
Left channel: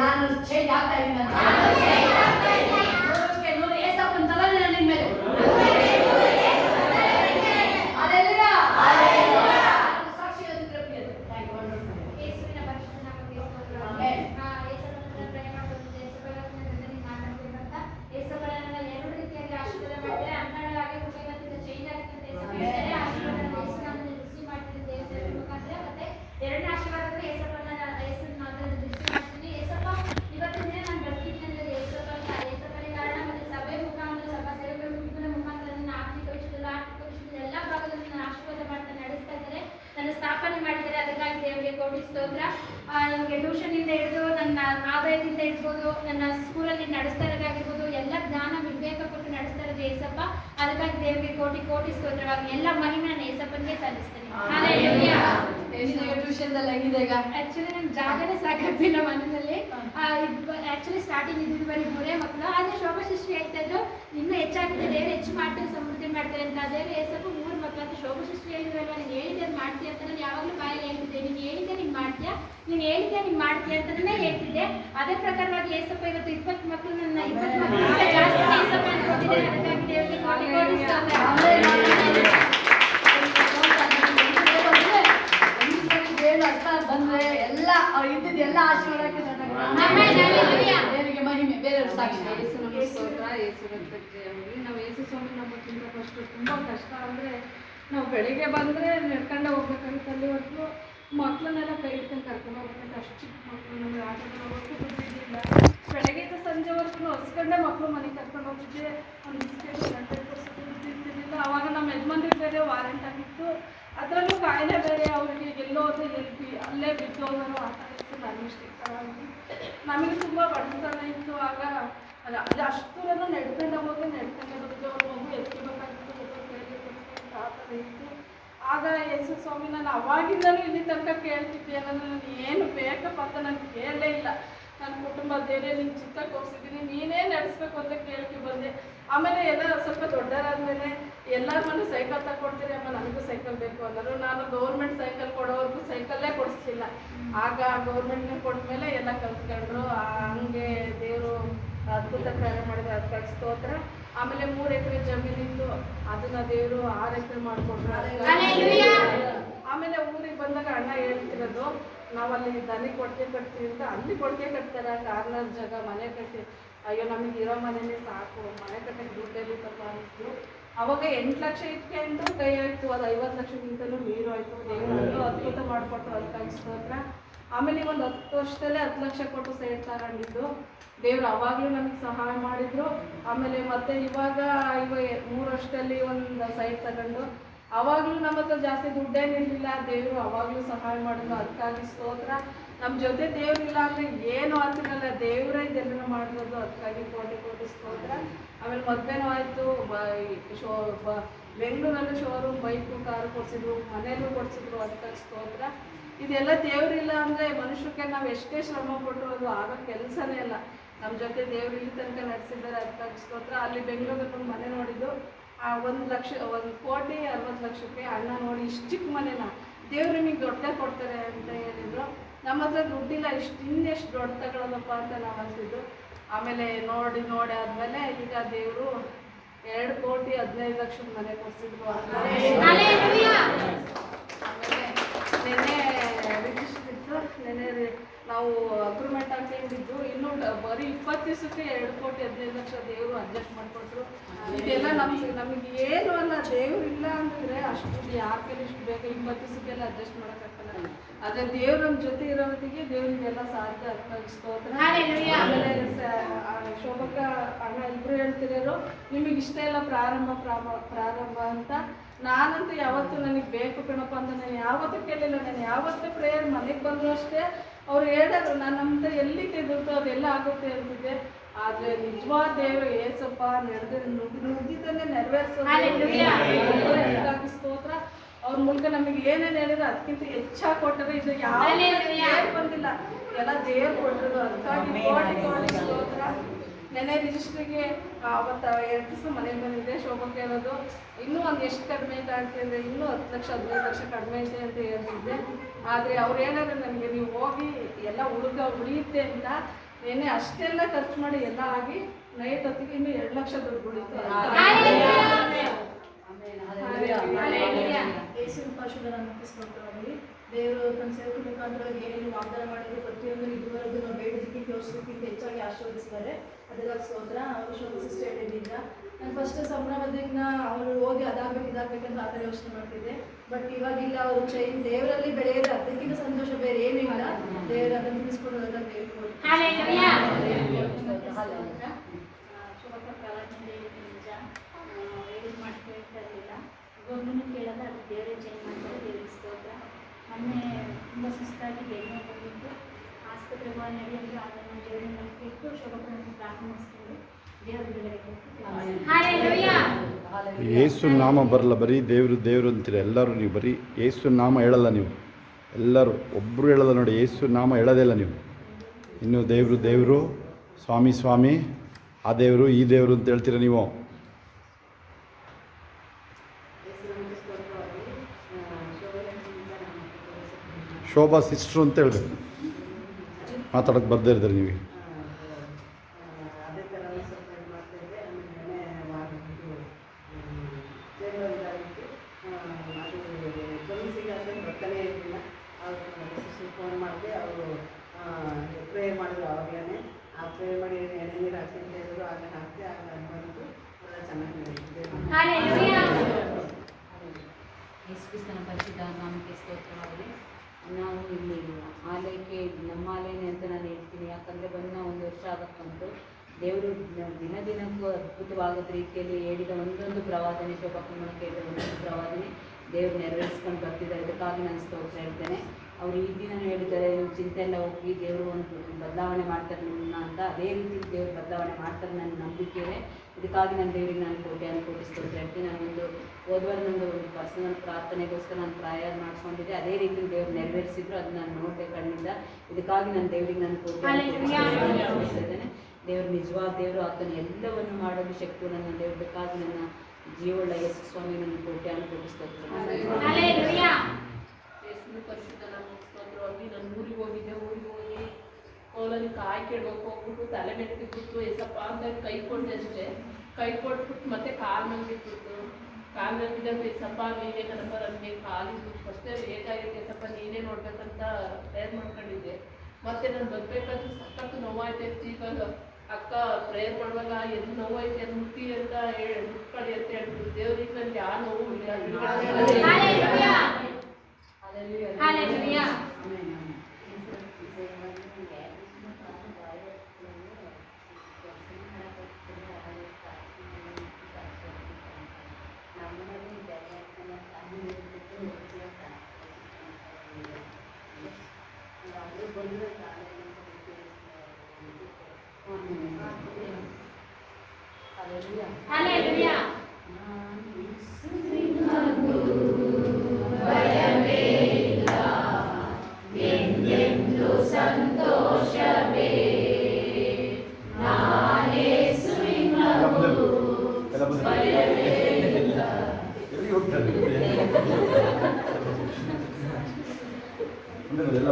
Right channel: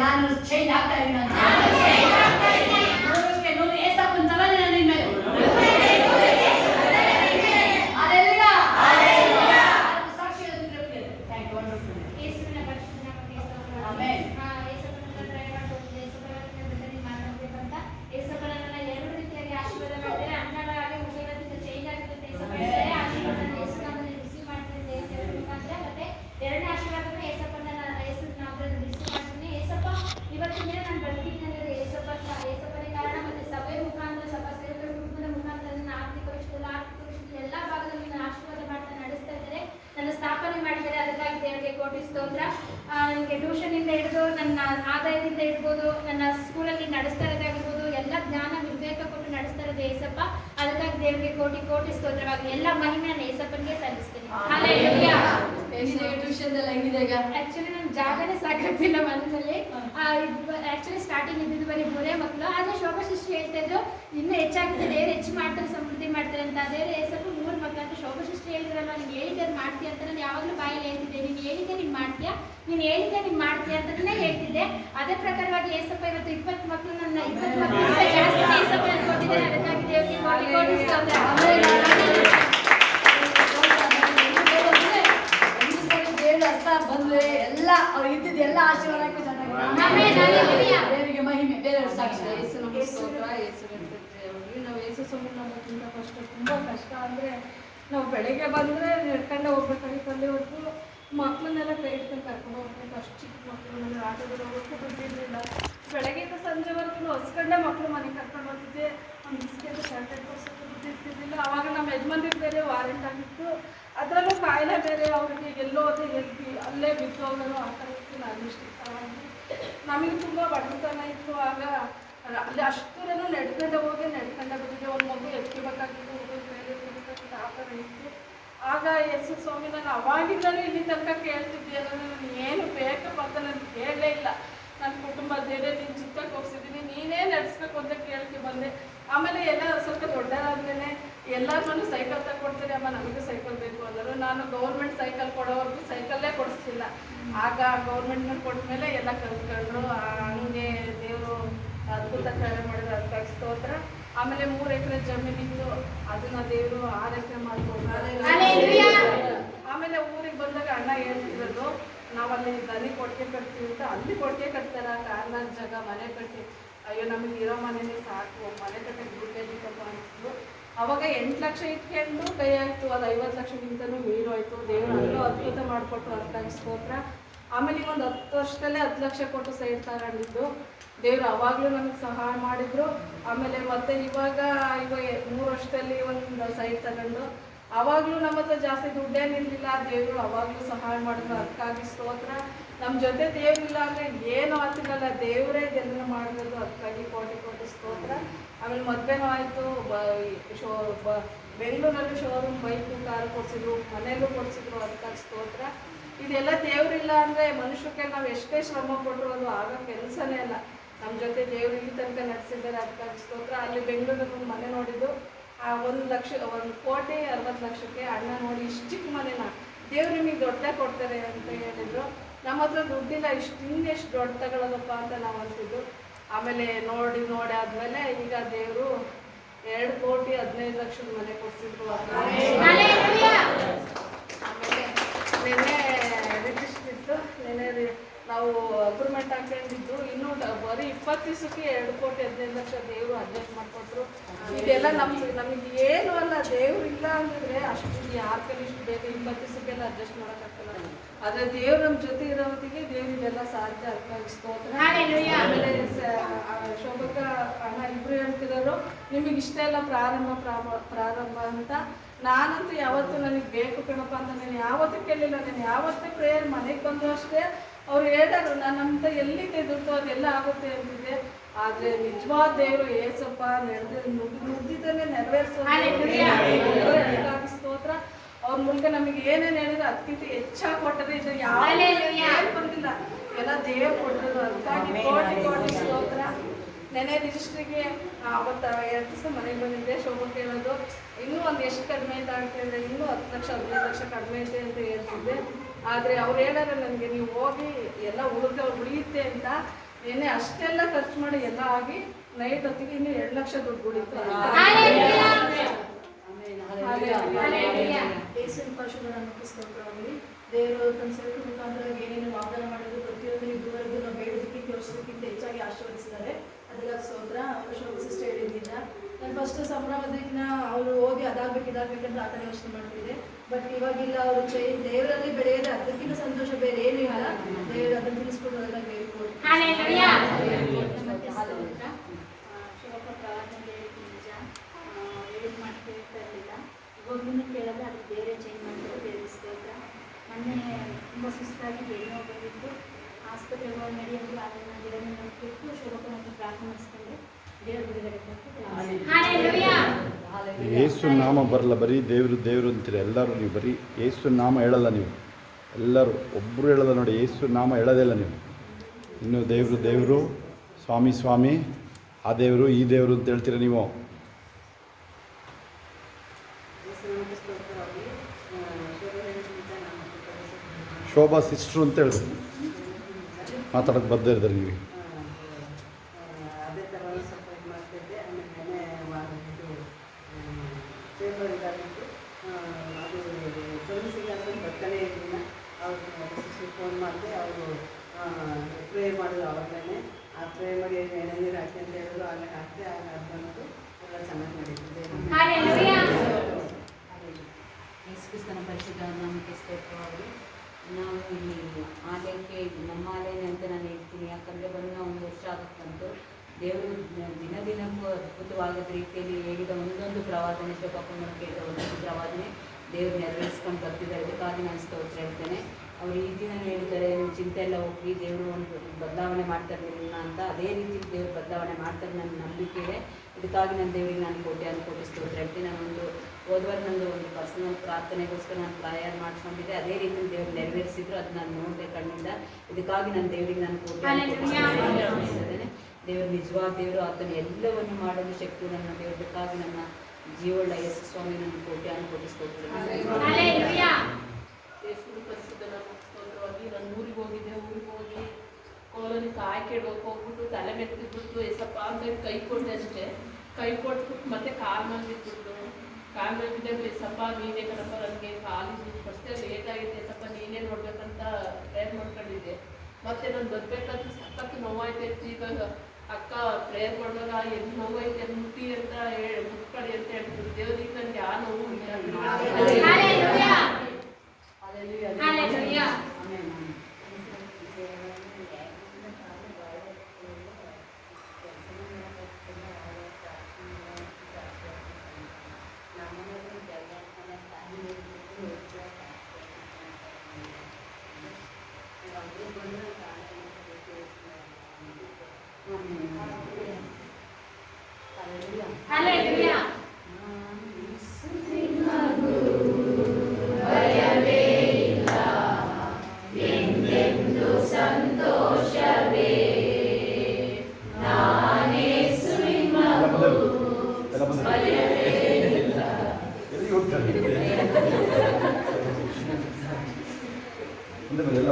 ನಾನು ಚೇಂಜ್ ಆಗ್ತಾ ಇದ್ದೀನಿ. ನೂರು ಏಸಪ್ಪನ ತಲನೆ ನನ್ನ ಮೇಲೆ. Hallelujah. ಸಾಕ್ಷಿ ಹೇಳ್ತಿದ್ರೆ ಥ್ಯಾಂಕ್ ಯು. ಯೇಸುವಿನ ಪರಿಶುದ್ಧ ನಾಮಕ್ಕೆ ಸ್ತೋತ್ರ. ಆಮೆನ್. ಯೇಸುವನ್ನು ಟ್ರೈ ಮಾಡ್ಬೋದು. ಯೇಸುವನ್ನು ಮಾತಾಡ್ಬೇಕಂತ ಯೇಸುವನ್ನ ಎರಡು ರೀತಿಯಾಗಿ ಆಶೀರ್ವಾದ ಮಾಡ್ತಾರೆ. ಅಂಕಣವಾಗಿ ಮುಖ್ಯವಾಗಿ ಚೇಂಜ್ ಆಗುತ್ತೆ. ಯೇಸುವನ್ನ ಆಶೀರ್ವಾದ ಯೇಸು ನಾಮದಲ್ಲಿ ರಿಸೀವ್ ಮಾಡ್ತಿದ್ದೆ ಯೇಸುವಿನ ಮುಖಾಂತರ. ಮತ್ತೆ ಎರಡನೇ ಆಶೀರ್ವಾದವನ್ನು ಯೇಸಪ್ಪನ ನಾಮದಲ್ಲಿ ರಿಸೀವ್ ಮಾಡ್ತೀನಿ. ಯೇಸಪ್ಪ ಇವತ್ತಿನ ದಿನ ನಾನು ಬರ್ತೀನಿ ಅಂದರೆ ಯೇಸಪ್ಪನೇ ಕಾರಣ. ಮತ್ತೆ ಸಭೆ ಮುಖಾಂತರ, ಸಭಾ ಸೇವಕರ ಮುಖಾಂತರ ನನ್ನ ಆರ್ಥಿಕ ವಿಷಯದಲ್ಲಿ ಎಲ್ಲ ಭಾಗದಲ್ಲಿ ನನ್ನ ಆಶೀರ್ವಾದ ಮಾಡ್ತಾ ನಡೆಸ್ತಾ ಇದ್ದಾರೆ. ನನ್ನ ಸ್ಥಾಪನೆ ಮಾಡಿದ್ದಾರೆ. ಅದಕ್ಕಾಗಿ ದೇವರಿಗೆ ಕೋಟಿ ಸ್ತೋತ್ರ. ನನಗೆ ಟ್ಯೂಷನಿಂದ ಹಿಡಿದು ನನ್ನ ಆದಾಯದಿಂದ ಇರ್ಬೋದು, ನನ್ನ ಸ್ಕೂಲಲ್ಲಿ ನಡೆಸ್ತಾ ಇರೋದಾಗಿರ್ಬೋದು, ಎಲ್ಲ ಜ್ಞಾನ ವಿವೇಕ ಕೊಟ್ಟು ನಡೆಸ್ತಾ ಇರೋದು ಏಸಪ್ಪ. ಅದಕ್ಕಾಗಿ ದೇವರಿಗೆ ಕೋಟಿ ಸ್ತೋತ್ರವಾಗಿ ಎಲ್ಲ ಮಹಿಮೆಯನ್ನು ಏಸಪ್ಪನಿಗೆ ಸಲ್ಲಿಸ್ತೀನಿ. ಆಕ್ಚುಲಿ ನನ್ ಜಾಗನೇ ಸಾಕಾಗ್ತಿಲ್ಲ ಮನೆಯಲ್ಲಿ. ಆಕ್ಚುಲಿ ಸ್ಟಾರ್ಟಿಂಗ್ ಇದ್ದಿದ್ದು ಬರೀ 3 ಮಕ್ಕಳು. ಆದ್ರೆ ಶೋಭಾ ಶಿಷ್ಯ ಹೇಳ್ತಾ ಇದ್ರು ಇನ್ನೂ ಹೆಚ್ಚಾಗ್ತದೆ, ದೇವ್ರು ಹೆಚ್ಚು ಮಾಡ್ತಾರೆ, ಸಮೃದ್ಧಿ ಮಾಡ್ತಾರೆ ಅಂತ. ದೇವ್ರು ಏಸಪ್ಪ 3 ಮಕ್ಕಳು ಅಂತ ಶೋಭಾ ಶಿಷ್ಯ ಹೇಳಿದ್ರಲ್ವ, ನೀನು ಹೇಳಿದ್ದೆ ಮಾಡ್ತೀಯ ಅಂತ. ನಾನು ಯಾವಾಗಲೂ ಬಾಯಲ್ಲಿ ಹೇಳ್ತಿದ್ದೆ, ನೀನು ಹೇಳಿದ್ದೆ ನೀನು ಮಾಡ್ತೀಯಾ ಅಂತಲೇ ಹೇಳ್ತಿದ್ದೆ. ಅದೇ ಪ್ರಕಾರವಾಗಿ ಏಸಪ್ಪ ಇವತ್ತು 20 ಮಕ್ಕಳು, ನನ್ನ 20 ಮಕ್ಕಳಿಂದ ಜಾಸ್ತಿ ಏಸಪ್ಪ ಅಂತ ಹೋಗಿದ್ದೇನೆ. ಅದಕ್ಕಾಗಿ ದೇವರಿಗೆ ಕೋಟಿ ಸ್ತೋತ್ರ. ಬಂದ್ರೆ ಎಲ್ಲ ಅವ್ರು ಇದ್ದಿದ್ದು ಎಲ್ಲ ಆಶೀರ್ವಾದಕ್ಕೆ ದೇವರಿಗೆ ಮಹಿಮೆ. ಬೇರೆಯವ್ರ ಸಾಕ್ಷಿ. ಯೇಸು ನಮ್ಮ ಸ್ತೋತ್ರ. ಯೇಸುವಿನ ಜಯವಾಗಲಿ. ನಾವು ಯೇಸು ಸ್ವಾಮಿ ನಂಬೋಕ್ಕಿಂತ ಫಸ್ಟ್ ತುಂಬ ಕಷ್ಟ. ಅಂದರೆ ನಾವು ಬೆಳಗ್ಗೆ ಬಂದರೆ ನಡ್ಕೊಂಡೆ ಹೋಗ್ಬೇಕಾಗಿತ್ತು. ಅಲ್ಲಿವರೆಗೂ ಮಕ್ಕಳನ್ನೆಲ್ಲ ಕೈ ಹಿಡ್ಕೊಂಡು ಕರ್ಕೊಂಡು ಹೋಗ್ಬೇಕು. ಅಷ್ಟು ಚಿಕ್ಕ ಮಕ್ಕಳು, ನಮಗೆ ಆಟೋದಲ್ಲಿ ಹೋಗೋಕ್ಕೂ ಬುದ್ಧಿರಲಿಲ್ಲ. ಬೆಳಗ್ಗೆಯಿಂದ ಸಂಜೆವರೆಗೂ ಹಸ್ಕೊಂಡೆ ಮಕ್ಕಳು ಮನೆಗೆ ಕರ್ಕೊಂಡು ಹೋಗಿದ್ದೆ. ಒಂದು ಬಿಸ್ಕೆಟ್ 2% ಬುದ್ಧಿ ಇರ್ತಿರ್ಲಿಲ್ಲ. ಆವಾಗ ನಮ್ಮ ಯಜಮಾನ್ರಿಗೆ ಬೇರೆ ವಾರೆಂಟ್ ಆಗಿತ್ತು. ಅದರಲ್ಲೂ ಕಾಯಿಲೆ ಬೇರೆ. ಅವ್ರಿಗೆ ಎಲ್ಲೋ ಅಲ್ಲೇ ಬಿದ್ದೋಗೋದು ಆ ಥರ ಇತ್ತು. ನಾನು ನಮಗೆ ತುಂಬ ಬಡತನ ಇತ್ತು. ಆಗ ಅಷ್ಟೂರನ್ನು ನಡ್ಕೊಂಡೆ ಬಂದಿದ್ದೆ. ಒಂದು ಮಗು ಎತ್ಕೋಬೇಕಾಗಿತ್ತು, ಹೋಗೋದು ಬೇರೆ ಬೇಕಾಗಿತ್ತು, ಆ ಥರ ಇತ್ತು. ಆಗ ಯೇಸು ಸ್ವಾಮಿ ನಾನು ಅವಾಗಿಂದಲೂ ಇಲ್ಲಿ ತನಕ ಕೇಳ್ತಿದ್ದೆ. ನಾನು ಏನು ಬೇಕಪ್ಪ ಅಂತ ನಾನು ಕೇಳಲೇ ಇಲ್ಲ. ನನ್ನ ಕುಟುಂಬ ದೇವರೇ ನಿನ್ನ ಚಿತ್ತಕ್ಕೆ ಹೋಗ್ಸಿದ್ದೀನಿ, ನೀನೇ ನಡೆಸ್ಬೇಕು ಅಂತ ಕೇಳ್ತಿ ಬಂದೆ. ಆಮೇಲೆ ಎಲ್ಲ ಸ್ವಲ್ಪ ದೊಡ್ಡರಾದ್ಮೇಲೆ ಎಲ್ಲರೂ ಸೈಕಲ್ ತಗೊಡ್ತೀನಿ. ಅಮ್ಮ ನಮಗೂ ಸೈಕಲ್ ಬೇಕು ಅಂದರು. ನಾನು ಗೌರ್ಮೆಂಟ್ ಸೈಕಲ್ ಕೊಡೋವರೆಗೂ ಸೈಕಲ್ಲೇ ಕೊಡಿಸ್ತಿಲ್ಲ. ಆಗ ಗೌರ್ಮೆಂಟ್ ಮೇಲೆ ಕೊಟ್ಮೇಲೆ ಎಲ್ಲ ಕಲ್ತ್ಕೊಂಡ್ರು. ಹಂಗೆ ದೇವರು ಅದ್ಭುತ ಕಾರ್ಯ ಮಾಡಿದ್ರು. ಅದಕ್ಕಾಗಿ ಸ್ತೋತ್ರ. ಆಮೇಲೆ 3 ಎಕರೆ ಜಮೀನಿತ್ತು, ಅದನ್ನ ದೇವರು 6 ಎಕರೆ ಮಾಡಿಕೊಟ್ರು. ಆಮೇಲೆ ಊರಿಗೆ ಬಂದಾಗ ಅಣ್ಣ ಹೇಳ್ತಿರೋದು, ನಾವಲ್ಲಿ ದನಿ ಕೊಟ್ಟಿಗೆ ಕಟ್ತೀವಿ ಅಂತ. ಅಲ್ಲಿ ಕೊಟ್ಟಿಗೆ ಕಟ್ತಾರ, ಕಾರ್ನರ್ ಜಾಗ ಮನೆ ಕಟ್ಟಿ. ಅಯ್ಯೋ ನಮಗೆ ಇರೋ ಮನೆಯೇ ಸಾಕು, ಮನೆ ಕಟ್ಟಕ್ಕೆ ದುಡ್ಡೇಬೇಕಪ್ಪ ಅನ್ನಿಸ್ತು. ಅವಾಗ 8 ಲಕ್ಷ ಇಟ್ಕೊಂಡು ಕೈ ಆಯಿತು. ಅದು 50 ಲಕ್ಷಕ್ಕಿಂತಲೂ ಮೀರು ಆಯಿತು. ದೇವರಲ್ಲೂ ಅದ್ಭುತ ಮಾಡಿಕೊಟ್ಟು. ಅದಕ್ಕಾಗಿ ಸ್ತೋತ್ರ. ಆಮೇಲೆ ಒಂದು 10 ವರ್ಷದಲ್ಲೇ 10 ಲಕ್ಷ ಕೊಟ್ಟು ಸೈಡ್ ತಗೊಂಡಿದ್ದು ದೇವರು ಅವಾಗಲೂ ನಮಗೆ ಸಹಾಯ ಮಾಡಿದರು. ಆಮೇಲೆ ಮತ್ತೆ ಇವಾಗ 3 ವರ್ಷದಲ್ಲಿ ಒಂದು ಸೈಡ್ ತಗೊಂಡು ಆವಾಗಲೂ ನಮ್ಮ ಹತ್ರ ಜಾಸ್ತಿ ದುಡ್ಡೇನಿರಲಿಲ್ಲ. ದೇವರು ಅವಾಗಲೂ ಸಹಾಯ ಮಾಡಿದ್ರು. ಅದಕ್ಕಾಗಿ ಸ್ತೋತ್ರ. ನಮ್ಮ ಜೊತೆ ದೇವರಿಲ್ಲ ಅಂದರೆ ಏನೂ ಆಗ್ತಿರಲ್ಲ. ದೇವರೇ ಇದೆಲ್ಲ ಮಾಡಿರೋದು, ಅದಕ್ಕಾಗಿ ಕೋಟಿ ಕೋಟಿ ಸ್ತೋತ್ರ. ಆಮೇಲೆ ಮದುವೆನೂ ಆಯಿತು, ಬೆಂಗಳೂರಲ್ಲಿ ಶೋರೂಮ್ ಬೈಕು ಕಾರು ಕೊಡಿಸಿದ್ರು, ಮನೆಯಲ್ಲೂ ಕೊಡಿಸಿದ್ರು, ಅದಕ್ಕಾಗಿ ಸ್ತೋತ್ರ. ಇದೆಲ್ಲ ದೇವರಿಲ್ಲ ಅಂದರೆ ಮನುಷ್ಯಕ್ಕೆ ನಾವು ಎಷ್ಟೇ ಶ್ರಮ ಪಟ್ಟರು ಅದು ಆಗೋ ಕೆಲಸನೇ ಇಲ್ಲ. ನಮ್ಮ ಜೊತೆ ದೇವರು ಇಲ್ಲಿ ತನಕ ನಡೆಸಿದ್ದಾರೆ, ಅದಕ್ಕಾಗಿ ಸ್ತೋತ್ರ. ಅಲ್ಲಿ ಬೆಂಗಳೂರಲ್ಲಿ ಒಂದು ಮನೆ ನೋಡಿದ್ದು 1,60,60,000ಕ್ಕೆ. ಅಣ್ಣ ನೋಡಿ ಇಷ್ಟು ಚಿಕ್ಕ ಮನೆನ ದೇವ್ರು ನಿಮಗೆ ದೊಡ್ಡದೇ ಕೊಡ್ತಾರೆ ಅಂತ ಹೇಳಿದ್ರು. ನಮ್ಮ ಹತ್ರ ದುಡ್ಡಿಲ್ಲ, ಇನ್ನೆಷ್ಟು ದೊಡ್ಡ ತಗೊಳ್ಳೋದಪ್ಪ ಅಂತ ನಾವು ಅಂತಿದ್ದು. ಆಮೇಲೆ ನೋಡಿ ಆದಮೇಲೆ ಈಗ ದೇವರು 2,15,00,000 ಮನೆ ಕೊಡಿಸಿದ್ರು. ಆಮೇಲೆ ನೆನೆ ರಿಜಿಸ್ಟ್ರ್ ಇತ್ತು, ನೆನೆ ನಾವು ಅಗ್ರಿಮೆಂಟ್ ಹಾಕೊಂಡಿದ್ದು. ಇನ್ನೂ ಬರೀ 20 ದಿವಸಕ್ಕೆ 2,15,00,000 ದೇವರು ಅಡ್ಜಸ್ಟ್ ಮಾಡಿಕೊಟ್ರು. ಇದೆಲ್ಲ ನಮಗೆ ಏನು ಅಲ್ಲ, ದೇವ್ರು ಇಲ್ಲ ಅಂತಂದರೆ ಅಷ್ಟು ಯಾರ ಕೈಲಿ ಇಷ್ಟು ಬೇಕು, 20 ದಿವಸಕ್ಕೆಲ್ಲ ಅಡ್ಜಸ್ಟ್ ಮಾಡೋಕ್ಕಾಗಲ್ಲ. ಆದರೆ ದೇವ್ರು ನಮ್ಮ ಜೊತೆ ಇರೋವತ್ತಿಗೆ ದೇವರಿಗೆಲ್ಲ ಸಾಧ್ಯ, ಅದಕ್ಕಾಗಿ ಸ್ತೋತ್ರ. ಆಮೇಲೆ ಶೋಭಕ್ಕ ಅಣ್ಣ ಇಬ್ಬರು ಹೇಳ್ತಿರೋರು, ನಿಮಗೆ ಇಷ್ಟ ಇಲ್ಲ ಪ್ರಾರಂಭ ಅಂತ. ನಾನಂತೂ ಯಾವತ್ತೂ ನನಗೆ ಬೇಕು ಕಣಪ್ಪ ಅಂತ ನಾನು ಯಾವತ್ತೂ ಕೇಳಿಲ್ಲ. ನಾನು ಯಾವತ್ತೂ ಪ್ರೇಯರ್ ಮನೆಗೆ ಬಂದರೂ ಅಷ್ಟೇ ಅವ್ರು ಹೇಳೋರು, ನನ್ನಂತ ಎಲ್ಲಿ ತೆಗೆದು ಅದೆಲ್ಲ ಆಗುತ್ತೆ ಅಂತಿದ್ದೆ. ಆದರೆ ನಿಜವಾದ ದೇವರು ಏಸಪ್ಪ ನುಡಿದನ್ನೇ ನೆರವೇರಿಸೋದು, ಅದಕ್ಕಾಗಿ ಸ್ತೋತ್ರ. ಅವ್ರ ಮೂಲಕ ನಮಗೆ ಏನೇನು ಹೇಳಿದ್ರು ಅದಕ್ಕಿಂತ ಹೆಚ್ಚಾಗಿ ಕೊಟ್ಟರೆ ಇದು ಯಾವ ಬಂದಿಲ್ಲ, ಎಲ್ಲ ದೇವ್ರು ಕೊಟ್ಟರು. ಅದಕ್ಕಾಗಿ ಕೋಟಿ ಕೋಟಿ ಸ್ತೋತ್ರ. ನೆನೆ ರಿಜಿಸ್ಟ್ರಿಗೆ ಅವತ್ತು 2 ದಿವಸ ಮನೆಗೆ ಬಂದಿದ್ದೆ. ಶೋಭಕ್ಕೆ ಹೇಳೋದು ಇನ್ನೂ ಒಂದು ಎಷ್ಟು ಕಡಿಮೆ ಐತೆ ಅಂತಿದ್ರೆ, ಇನ್ನೂ 10 ಲಕ್ಷ 15 ಲಕ್ಷ ಕಡಿಮೆ ಐತೆ ಅಂತ ಹೇಳ್ತಿದ್ದೆ. ಆದರೆ ಅವ್ರು ಹೇಳೋರು ನನಗೆ, ನೀವು ಹೋಗಿ ಎಲ್ಲ ಉಳಿಯುತ್ತೆ ಅಂತ. ನೆನೆ ಅಷ್ಟೆಲ್ಲ ಖರ್ಚು ಮಾಡಿ ಎಲ್ಲ ಆಗಿ ನೈಟ್ ಹೊತ್ತಿಗೆ ಇನ್ನೂ 2 ಲಕ್ಷ ದುಡ್ಡು ಉಳಿತು. ದೇವರು ತನ್ನ ಸೇವಕರ ಮುಖಾಂತರ ಏನೇನು ವಾಗ್ದಾನ ಮಾಡಿದ್ರು ಪ್ರತಿಯೊಂದು ಇದುವರೆಗೂ ನಾವು ಬೇಡೋದಕ್ಕಿಂತ ಯೋಚಿಸೋದಕ್ಕಿಂತ ಹೆಚ್ಚಾಗಿ ಆಶೀರ್ವದಿಸಿದ್ದಾರೆ. ಅದಕ್ಕಾಗಿ ಸ್ತೋತ್ರ. ಅವರು ಶೋಭಾ ಸಿಸ್ಟರ್ ಹೇಳಿದ್ದಿಲ್ಲ, ನಾನು ಫಸ್ಟ್ ಸಂಭ್ರಮದಿಂದ ಅವರು ಓದಿ ಅದಾಗಬೇಕಂತ ಆ ಥರ ಯೋಚನೆ ಮಾಡ್ತಿದ್ದೆ. ಬಟ್ ಇವಾಗಿಲ್ಲ, ಅವರು ದೇವರಲ್ಲಿ ಬೆಳೆಯೋದು ಅದಕ್ಕಿಂತ ಸಂತೋಷ ಬೇರೆ ಏನೂ ಇಲ್ಲ. ದೇವರು ಅದನ್ನು ತಿಳಿಸ್ಕೊಡೋದು, ಅದಕ್ಕಾಗಿ ಹೇಳ್ಬೋದು. ಶೋಭಾ ಪ್ರವಾದನೆ ಹೇಳಿದ್ದು ನಿಜ, ಹೇಳಿದ್ ಮಾಡಿ ಕೇಳ್ತಾ ಇರಲಿಲ್ಲ. ಇವಾಗಲೂ ಕೇಳೋದು, ಅದು ದೇವರೇ ಚೇಂಜ್ ಮಾಡ್ತಾರೆ. ದೇವರಿಗೆ ಸ್ತೋತ್ರ. ಮೊನ್ನೆ ತುಂಬ ಸುಸ್ತಾಗಿ ಏನೋ ಬಂದಿತ್ತು, ಆಸ್ಪತ್ರೆಗೆ ಹೋಗಿ ನಡೆಯೋದು. ಅದನ್ನು ದೇವರನ್ನ ಕೊಟ್ಟು ಶೋಭಕ್ಕನ್ನು ಪ್ರಾರ್ಥನಿಸ್ಕೊಂಡು ದೇವರ ಬಿಡುಗಡೆ ಕೊಟ್ಟು ಯೇಸು ನಾಮ ಬರಲ್ಲ, ಬರೀ ದೇವರು ಅಂತೀರಿ ಎಲ್ಲರೂ. ನೀವು ಬರೀ ಯೇಸು ನಾಮ ಹೇಳಲ್ಲ, ನೀವು ಎಲ್ಲರೂ ಒಬ್ಬರು ಹೇಳಲ್ಲ ನೋಡಿ. ಯೇಸು ನಾಮ ಹೇಳೋದೇ ಇಲ್ಲ ನೀವು. ಇನ್ನು ದೇವರು ಸ್ವಾಮಿ ಆ ದೇವರು ಈ ದೇವರು ಅಂತ ಹೇಳ್ತೀರ ನೀವು. ಶೋಭಾ ಸಿಸ್ಟ್ರು ಅಂತ ಹೇಳಿ ಮಾತಾಡೋಕ್ಕೆ ಬರ್ದೇ ಇದ್ದಾರೆ ನಿಮಗೆ. ಅದೇ ಥರ ಸ್ವಲ್ಪ ಇದು ಮಾಡ್ತಿದ್ದೆ. ಆಮೇಲೆ ಚೇಂಬರ್ ಇದಾಗಿತ್ತು, ಅದು ಕಮಿಸಿಗೆ ಅಂತ ಬರ್ತಾನೆ ಇರಲಿಲ್ಲ. ಅವ್ರು ಸಿಸ್ಟರ್ ಫೋನ್ ಮಾಡಿದೆ, ಅವರು ಪ್ರೇಯರ್ ಮಾಡಿದ್ರು. ಅವಾಗಲೇ ಆ ಪ್ರೇಯರ್ ಮಾಡಿ ಎಣ್ಣೆ ನೀರು ಹಾಕಿ ಅಂತ ಹೇಳಿದ್ರು. ಆಗ ಹಾಕಿ ಆಗ ಅದು ಬಂತು, ಎಲ್ಲ ಚೆನ್ನಾಗಿ ನಡೀತಿದೆ. ಯೇಸುಕ್ರಿಸ್ತನ ಪರಿಶುದ್ಧ ನಾಮಕ್ಕೆ ಸ್ತೋತ್ರವಾಗಲಿ. ನಾವು ಇಲ್ಲಿ ಆಲಯಕ್ಕೆ ನಮ್ಮ ಆಲಯನೇ ಅಂತ ನಾನು ಹೇಳ್ತೀನಿ. ಯಾಕಂದರೆ ಬಂದು ನಾವು 1 ವರ್ಷ ಆಗಕ್ಕಂತು ದೇವರು ದಿನಕ್ಕೂ ಅದ್ಭುತವಾದ ರೀತಿಯಲ್ಲಿ ಹೇಳಿದ ಒಂದೊಂದು ಪ್ರವಾದನೆ, ಶೋಭಕ್ಕ ಮೂಲಕ ಹೇಳಿದ ಒಂದೊಂದು ಪ್ರವಾದನೆ ದೇವರು ನೆರವೇರಿಸ್ಕೊಂಡು ಬರ್ತಿದ್ದಾರೆ. ಇದಕ್ಕಾಗಿ ನಾನು ಸ್ತೋತ್ರ ಹೇಳ್ತೇನೆ. ಅವರು ಈ ದಿನವೂ ಹೇಳಿದ್ದಾರೆ, ನೀವು ಚಿಂತೆ ಎಲ್ಲ ಹೋಗಿ ದೇವರು ಒಂದು ಬದಲಾವಣೆ ಮಾಡ್ತಾರೆ ನಿಮ್ಮನ್ನ ಅಂತ. ಅದೇ ರೀತಿ ದೇವರು ಬದಲಾವಣೆ ಮಾಡ್ತಾರೆ ನನ್ನ ನಂಬಿಕೆ ಇದೆ. ಇದಕ್ಕಾಗಿ ನಾನು ದೇವರಿಗೆ ನಾನು ಕೋಟಿ ಸ್ತೋತ್ರ ಹೇಳ್ತೀನಿ. ನಾನೊಂದು ಹೋದವಾರ ನಂದು ಒಂದು ಪರ್ಸನಲ್ ಪ್ರಾರ್ಥನೆಗೋಸ್ಕರ ನಾನು ಪ್ರಾಯರ್ ಮಾಡ್ಕೊಂಡಿದ್ದೆ. ಅದೇ ರೀತಿ ದೇವರು ನೆರವೇರಿಸಿದ್ರು, ಅದು ನಾನು ನೋಡಿದೆ ಕಣ್ಣಿಂದ. ಇದಕ್ಕಾಗಿ ನಾನು ದೇವರಿಗೆ ನಾನು ಕೋಟಿ ದೇವರು ನಿಜವಾದ ದೇವರು, ಆತನು ಎಲ್ಲವನ್ನು ಮಾಡಲು ಶಕ್ತಿ ನನ್ನ ದೇವರಕ್ಕಾಗಿ ನನ್ನ ಜೀವಳ ಯೇಸು ಸ್ವಾಮಿ ನನ್ನ ಕೋಟಿ ಸ್ತೋತ್ರ. ಯೇಸುವಿನ ಪರಿಶುದ್ಧ ನಾಮಕ್ಕೆ ಸ್ತೋತ್ರವಾಗಿ. ನಾನು ಊರಿಗೆ ಹೋಗಿ ಕೋಲಲ್ಲಿ ಕಾಯಿ ಕೆಡೋಕೆ ಹೋಗ್ಬಿಟ್ಟು ತಲೆ ಮೆತ್ತಿಬಿಟ್ಟು ಏಸಪ್ಪ ಅಂತ ಕೈ ಕೊಟ್ಟೆ ಅಷ್ಟೇ. ಕೈ ಕೊಟ್ಬಿಟ್ಟು ಮತ್ತೆ ಕಾಲು ಮೇಲೆ ಬಿದ್ದಿತ್ತು. ಕಾಲು ಮೇಲೆ ಬಿದ್ದಾಗ ಏಸಪ್ಪ ನೀನೇ ಕಣಪ್ಪ, ನನಗೆ ಕಾಲಿದ್ದು ಫಸ್ಟೇ ಲೇಟ್ ಆಗೈತೆ ಏಸಪ್ಪ, ನೀನೇ ನೋಡ್ಬೇಕಂತ ಪ್ರೇಯರ್ ಮಾಡ್ಕೊಂಡಿದ್ದೆ. ಮತ್ತೆ ನಾನು ಬರ್ಬೇಕಾದ್ರೆ ಸಖತ್ತು ನೋವಾಯ್ತಾಯಿತ್ತು. ಇವಾಗ ಅಕ್ಕ ಪ್ರೇಯರ್ ಮಾಡುವಾಗ ಎಲ್ಲಿ ನೋವೈತೆ ಅದು ಮುಟ್ಟಿ ಅಂತ ಮುಟ್ಕೊಳ್ಳಿ ಅಂತ ಹೇಳ್ತಿದ್ರು. ದೇವ್ರಿಗೆ ನನಗೆ ಆ ನೋವು ಇಲ್ಲ. ಬಂದು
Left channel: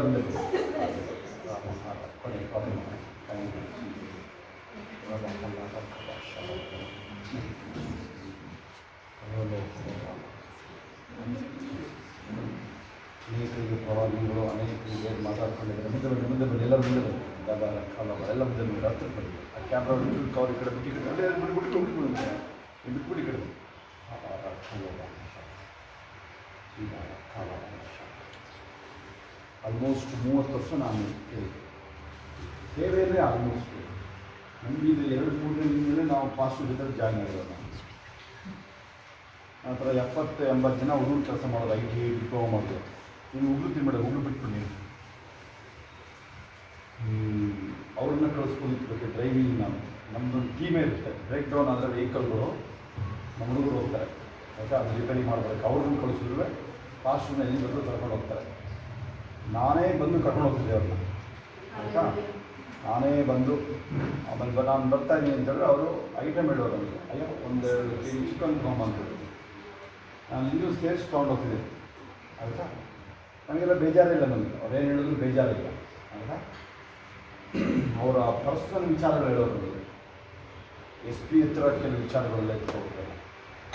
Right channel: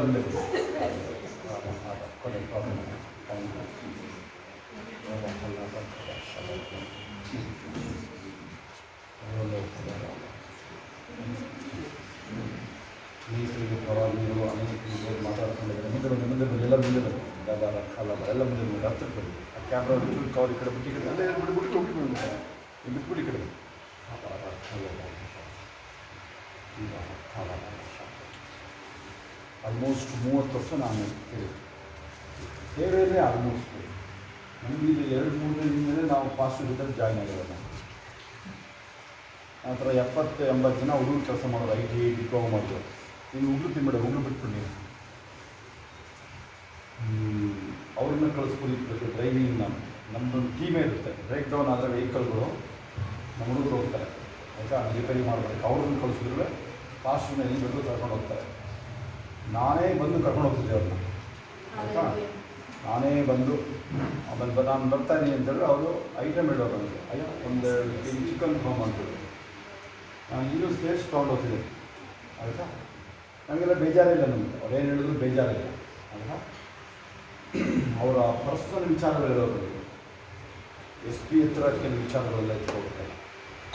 ಮುಂದೆ ಕೊನೆ ನೀರಿಗೆ ಪ್ರವಾದಿಗಳು ಅನೇಕರಿಗೆ ಮಾತಾಡ್ಕೊಂಡಿದ್ದಾರೆ. ಮುಂದೆ ಬನ್ನಿ, ಮುಂದೆ ಬನ್ನಿ, ಎಲ್ಲರೂ ಮುಂದೆ ಬನ್ನಿ. ಡಬಾರ ಕಾಲಬ ಎಲ್ಲ ಮುಂದೆ ಬನ್ನಿ, ಹತ್ತಿರ ಬನ್ನಿ. ಆ ಕ್ಯಾಮ್ರಾ ಚೂರು ಕವರ್ ಈ ಕಡೆ ಬಿಟ್ಟು ಈ ಕಡೆ ಅದೇ ಬಿಟ್ಬಿಟ್ಟು ಬಿಟ್ಬಿಟ್ಟು ಈ ಕಡೆ ಡಬಾರ ಕಾಲಬ ಕಾಲಬ ಆಲ್ಮೋಸ್ಟ್ 30 ವರ್ಷ ನಾನು ಕೇಳಿದ್ದೆ. ಸೇವೆಯಲ್ಲೇ ಆಲ್ಮೋಸ್ಟ್ ನಮಗೆ ಇದು 2-3 ದಿನದ ನಾವು ಪಾಸ್ಟರ್ ಜೊತೆ ಜಾಯ್ನ್ ಆಗಿರೋದು. ನಂತರ 70-80 ಜನ ಹುಡುಗರು ಕೆಲಸ ಮಾಡೋದು, IT ಡಿಪ್ಲೊಮಾ ಮಾಡೋದು. ನೀನು ಹುಡುಗರು ತಿನ್ಬೇಡ, ಹುಡುಗರು ಬಿಟ್ಬಿಡಿ ನೀನು. ಅವ್ರನ್ನ ಕಳಿಸ್ಕೊಂಡಿದ್ದಕ್ಕೆ ಡ್ರೈವಿಂಗ್ ನಮ್ಮದೊಂದು ಟೀಮೇ ಇರುತ್ತೆ. ಬ್ರೇಕ್ ಡೌನ್ ಆದರೆ ವೆಹಿಕಲ್ಗಳು ನಮ್ಮ ಹುಡುಗರು ಹೋಗ್ತಾರೆ, ಆಯಿತಾ, ರಿಪೇರಿ ಮಾಡಬೇಕು. ಅವ್ರನ್ನ ಕಳಿಸಿದ್ರೆ ಪಾಸ್ಟರ್ನ ಎಲ್ಲಿ ಬೇಕು ಕರ್ಕೊಂಡು ಹೋಗ್ತಾರೆ. ನಾನೇ ಬಂದು ಕರ್ಕೊಂಡು ಹೋಗ್ತಿದ್ದೆ ಅವ್ರನ್ನ, ಆಯಿತಾ. ನಾನೇ ಬಂದು ಆಮೇಲೆ ನಾನು ಬರ್ತಾನೆ ಅಂತೇಳಿದ್ರೆ ಅವರು ಐಟಮ್ ಹೇಳೋರು ನನಗೆ, ಅಯ್ಯೋ 1-2 kg ಚಿಕನ್ ತೊಗೊಂಬಂತೇಳಿ ನಾನು ಇಲ್ಲೂ ಸೇರಿಸಿ ತೊಗೊಂಡು ಹೋಗ್ತಿದ್ದೆ, ಆಯಿತಾ. ನನಗೆಲ್ಲ ಬೇಜಾರಿಲ್ಲ, ನಮಗೆ ಅವ್ರೇನು ಹೇಳಿದ್ರು ಬೇಜಾರಿಲ್ಲ, ಆಯಿತಾ. ಅವರ ಪರ್ಸನಲ್ ವಿಚಾರಗಳು ಹೇಳೋರು ನನಗೆ. SP ಹತ್ರ ಕೆಲವು ವಿಚಾರಗಳೆಲ್ಲ ಎತ್ಕೊಳ್ತಾರೆ.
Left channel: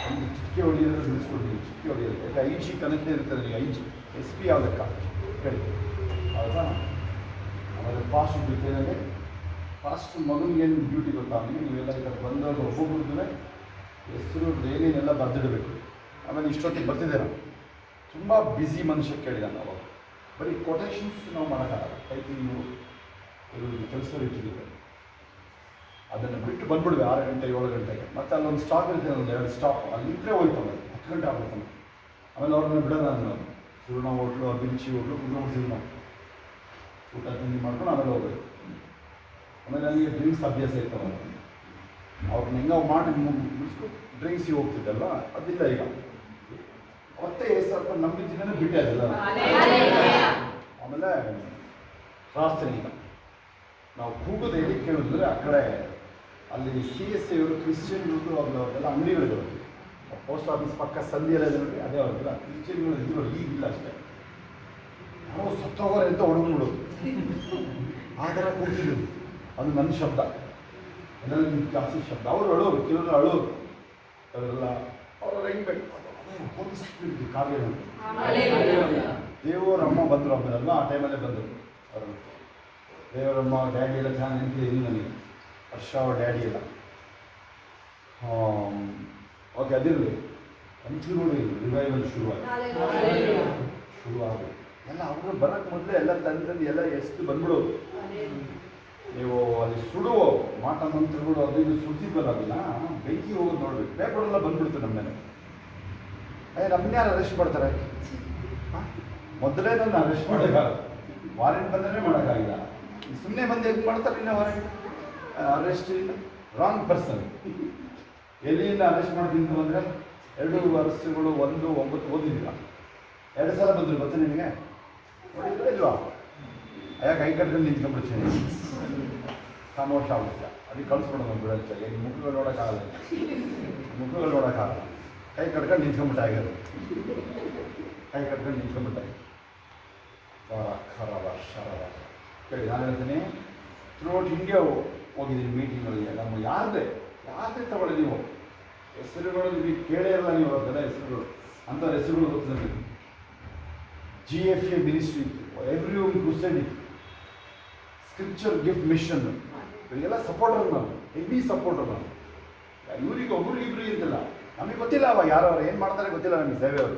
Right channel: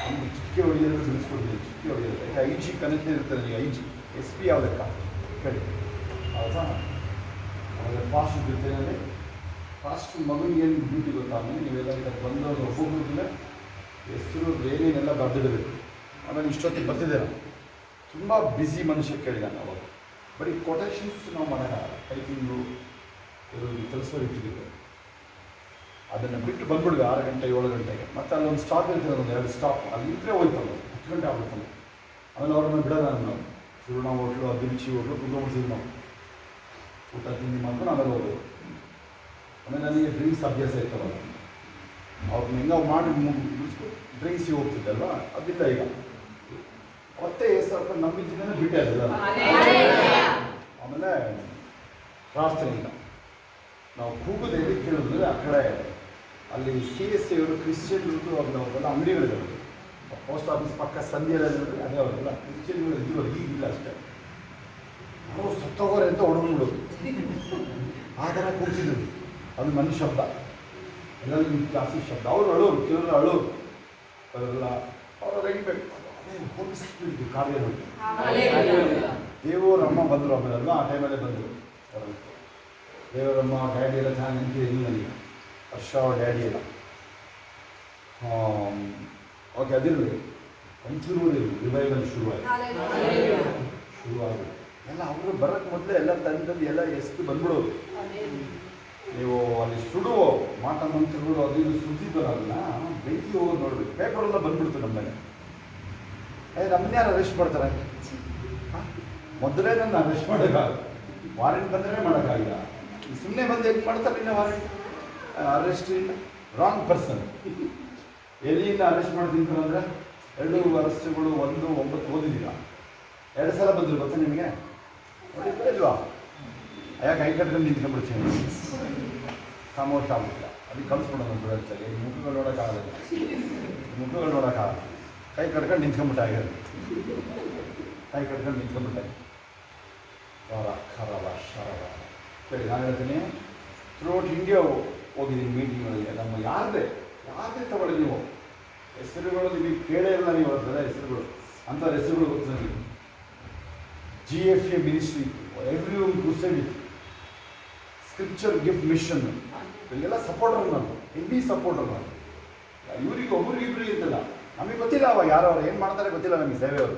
ಒಂದು ಚಿಕ್ಕಿ ಹೊಡೆಯೋದು ಬಿಡಿಸ್ಕೊಡ್ತೀನಿ, ಚಿಕ್ಕಿ ಹೊಡೆಯೋದು. ಯಾಕೆ IG ಕನೆಕ್ಟ್ ಇರುತ್ತೆ ನನಗೆ. IG SP ಯಾವ ಲೆಕ್ಕ ಹೇಳಿ, ಹೌದಾ. ಆಮೇಲೆ ಪಾಸ್ಟರ್ ಜೊತೆನೇ ಪಾಸ್ಟರ್ ಮಗನಿಗೆ ಏನು ಡ್ಯೂಟಿ ಗೊತ್ತಾ, ಅವನಿಗೆ ನೀವೆಲ್ಲ ಈಗ ಬಂದವರು ಒಬ್ಬೊಬ್ಬರದ್ದು ಹೆಸರು ಏನೇನೆಲ್ಲ ಬರೆದಿಡಬೇಕು. ಆಮೇಲೆ ಇಷ್ಟೊತ್ತಿಗೆ ಬರ್ತಿದ್ದೇನೆ, ತುಂಬ ಬ್ಯುಸಿ ಮನುಷ್ಯ ಕೇಳಿದಾನೆ. ಅವಾಗ ಬರೀ ಕೊಟೇಶನ್ಸ್ ನಾವು ಮಾಡೋಕ್ಕಾಗಲ್ಲ, ಟೈಪಿಂಗು ಕೆಲಸಗಳು ಇಟ್ಟಿದ್ದೀವಿ. ಅದನ್ನು ಬಿಟ್ಟು ಬಂದ್ಬಿಡ್ವಿ 6 ಗಂಟೆ 7 ಗಂಟೆಗೆ. ಮತ್ತು ಅಲ್ಲೊಂದು ಸ್ಟಾಪ್ ಇರ್ತದೆ, ಒಂದು 2 ಸ್ಟಾಪ್, ಅಲ್ಲಿ ನಿಂತರೆ ಹೋಯ್ತಲ್ಲ 10 ಗಂಟೆ ಆಗ್ಬಿಡ್ತಾನೆ. ಆಮೇಲೆ ಅವ್ರನ್ನ ಬಿಡೋಣ ನಾನು ಸುರುಣ ಹೋಟ್ಲು, ಬಿಂಚಿ ಹೋಟ್ಲು ಕುತ್ಕೊಂಡ್ಬಿಡ್ತೀವಿ ನಾವು, ಊಟ ತಿಂಡಿ ಮಾಡ್ಕೊಂಡು ಆಮೇಲೆ ಹೋಗೋದು. ಆಮೇಲೆ ನನಗೆ ಡ್ರಿಂಕ್ಸ್ ಅಭ್ಯಾಸ ಇರ್ತವಲ್ಲ, ಅವ್ರನ್ನ ಹೆಂಗೆ ಮಾಡಿ ಮುಗಿಸ್ಕೊಂಡು ಡ್ರಿಂಕ್ಸಿಗೆ ಹೋಗ್ತಿದ್ದಲ್ವ, ಅದಿಲ್ಲ ಈಗ. ಅವತ್ತೇ ಸ್ವಲ್ಪ ನಂಬಿದ್ದನೇ ಬಿಟ್ಟೆ ಅದೆಲ್ಲ. ಆಮೇಲೆ ಪ್ರಾರ್ಥನೆಯಿಂದ ನಾವು ಕೂಗೋದು ಹೇಳಿ ಕೇಳಿದ್ರೆ ಆ ಕಡೆ ಅಲ್ಲಿ CSA ಅವರು ಕ್ರಿಶ್ಚಿಯನ್ರದ್ದು ಅವ್ರದ್ದೆಲ್ಲ ಅಂಗಡಿಗಳಿದ್ರು. ಪೋಸ್ಟ್ ಆಫೀಸ್ ಪಕ್ಕ ಸಂಧಿಯೆಲ್ಲ ನೋಡಿ, ಅದೇ ಅವ್ರದ್ದೆಲ್ಲ ಕ್ರಿಶ್ಚಿಯನ್ಗಳು ಇದ್ರು, ಈಗಿಲ್ಲ ಅಷ್ಟೇ. ಯಾರೋ ಸತ್ತೋಗೋರೆ ಅಂತ ಹೊಡೋದು ಆ ಥರ ಕೂಗ್ತಿದ್ರು. ಅದು ನನ್ನ ಶಬ್ದ, ಎಲ್ಲರಿಗೂ ಜಾಸ್ತಿ ಶಬ್ದ. ಅವರು ಅಳೋರು, ಕೆಲವರು ಅಳೋರು, ಅದೆಲ್ಲ ಅವ್ರು ಹೆಂಗಬೇಕು. ಅದೇ ಹೋಲಿಸ್ತಿದ್ದು ಕಾರ್ಯ. ದೇವರಮ್ಮ ಬಂದರು, ಆಮೇಲೆಲ್ಲ ಆ ಟೈಮಲ್ಲೇ ಬಂದರು. ದೇವರಮ್ಮ ಡ್ಯಾಡಿ ಎಲ್ಲ ಚೆನ್ನಾಗಿ ನೆನಪಿದೆ ಇನ್ನು ನನಗೆ. ವರ್ಷ ಅವ್ರ ಡ್ಯಾಡಿ ಎಲ್ಲ ಓಕೆ. ಅದಿರಲಿ, ಅಂತಿರುವುದು ರಿವೈವಲ್ ಶುರುವಾಗಿದೆ. ಎಲ್ಲ ಅವರು ಬರೋಕ್ಕೆ ಮೊದಲೇ ಎಲ್ಲ ತಂಡದಲ್ಲಿ ಎಲ್ಲ ಎಷ್ಟು ಬಂದ್ಬಿಡೋದು. ನೀವು ಅಲ್ಲಿ ಸುಡುವ ಮಾತಾಡ್ತಿರ್ಬಿಡು, ಅದು ಇದು ಸುದ್ದಿದ್ವಲ್ಲ, ಅದನ್ನ ಬೆಂಕಿ ಹೋಗೋದು ನೋಡ್ಬೇಕು. ಪೇಪರೆಲ್ಲ ಬಂದ್ಬಿಡ್ತು ನಮ್ಮ ಮೇಲೆ. ನಮ್ಮನ್ನ ಯಾರು ಅರೆಸ್ಟ್ ಮಾಡ್ತಾರೆ? ಮೊದಲೇ ನನ್ನ ಅರೆಸ್ಟ್ ಮಾಡೋಕ್ಕಾಗಲ್ಲ, ವಾರೆಂಟ್ ಬಂದರೆ ಮಾಡೋಕ್ಕಾಗಿಲ್ಲ. ಸುಮ್ಮನೆ ಬಂದು ಹೆಂಗೆ ಮಾಡ್ತಾರೆ ಇನ್ನು ವಾರೆಂಟ್? ಅರೆಸ್ಟ್ ಇಲ್ಲ, ರಾಂಗ್ ಪರ್ಸನ್. ಎಲ್ಲಿಂದ ಅರೆಸ್ಟ್ ಮಾಡ್ತೀನಿ ಅಂದರೆ 2 ಅರೆಸ್ಟ್ಗಳು, 1-9 ಓದಿದ್ದೀರ. 2 ಸಲ ಬಂದರು ಗೊತ್ತಾ ನಿಮಗೆ? ನೋಡಿದ್ರೆ ಇಲ್ವಾ? ಯಾಕೆ ಕೈ ಕಟ್ಕೊಂಡು ನಿಂತ್ಕೊಂಡ್ಬಿಡ್ತೀನಿ, ಸಾಮೋಷ ಆಗ್ಬಿಡ್ತೀಯ. ಅದಕ್ಕೆ ಕಳಿಸ್ಬಿಡೋದು ಬಿಡೋಕ್ಕೆ. ಈಗ ಮುಖಗಳು ನೋಡೋಕ್ಕಾಗಲ್ಲ, ಮುಖಗಳು ನೋಡೋಕ್ಕಾಗಲ್ಲ. ಕೈ ಕಟ್ಕೊಂಡು ನಿಂತ್ಕೊಂಡ್ಬಿಟ್ಟ ಆಗಿರೋದು, ಕೈ ಕಟ್ಕೊಂಡು ನಿಂತ್ಕೊಂಡ್ಬಿಟ್ಟೆ. ವಾರ ಖರಾಬ ಶರವ ಸರಿ. ನಾನು ಹೇಳ್ತೀನಿ, ಥ್ರೂಔಟ್ ಇಂಡಿಯಾ ಹೋಗಿದ್ದೀನಿ ಮೀಟಿಂಗ್ಗಳಿಗೆ. ನಮ್ಮ ಯಾರದೇ ತಗೊಳ್ಳಿ ನೀವು ಹೆಸರುಗಳು, ನಿಮಗೆ ಕೇಳೇ ಇಲ್ಲ ನೀವು ಅವ್ರದ್ದೆಲ್ಲ ಹೆಸರುಗಳು. ಅಂಥವ್ರ ಹೆಸರುಗಳು ಗೊತ್ತಿಲ್ಲ ನೀವು. GFA ministry, every one crusade, scripture gift mission, ಇವರಿಗೆಲ್ಲ ಸಪೋರ್ಟರ್ ನಾನು, ಹೆವಿ ಸಪೋರ್ಟರ್ ನಾನು. ಇವರಿಗೆ ಒಬ್ರಿಗಿಬ್ರಿಗೆ ಇದ್ದಿಲ್ಲ, ನಮಗೆ ಗೊತ್ತಿಲ್ಲ ಅವಾಗ ಯಾರವ್ರು ಏನು ಮಾಡ್ತಾರೆ ಗೊತ್ತಿಲ್ಲ ನಮಗೆ. ಸೇವೆಯವರು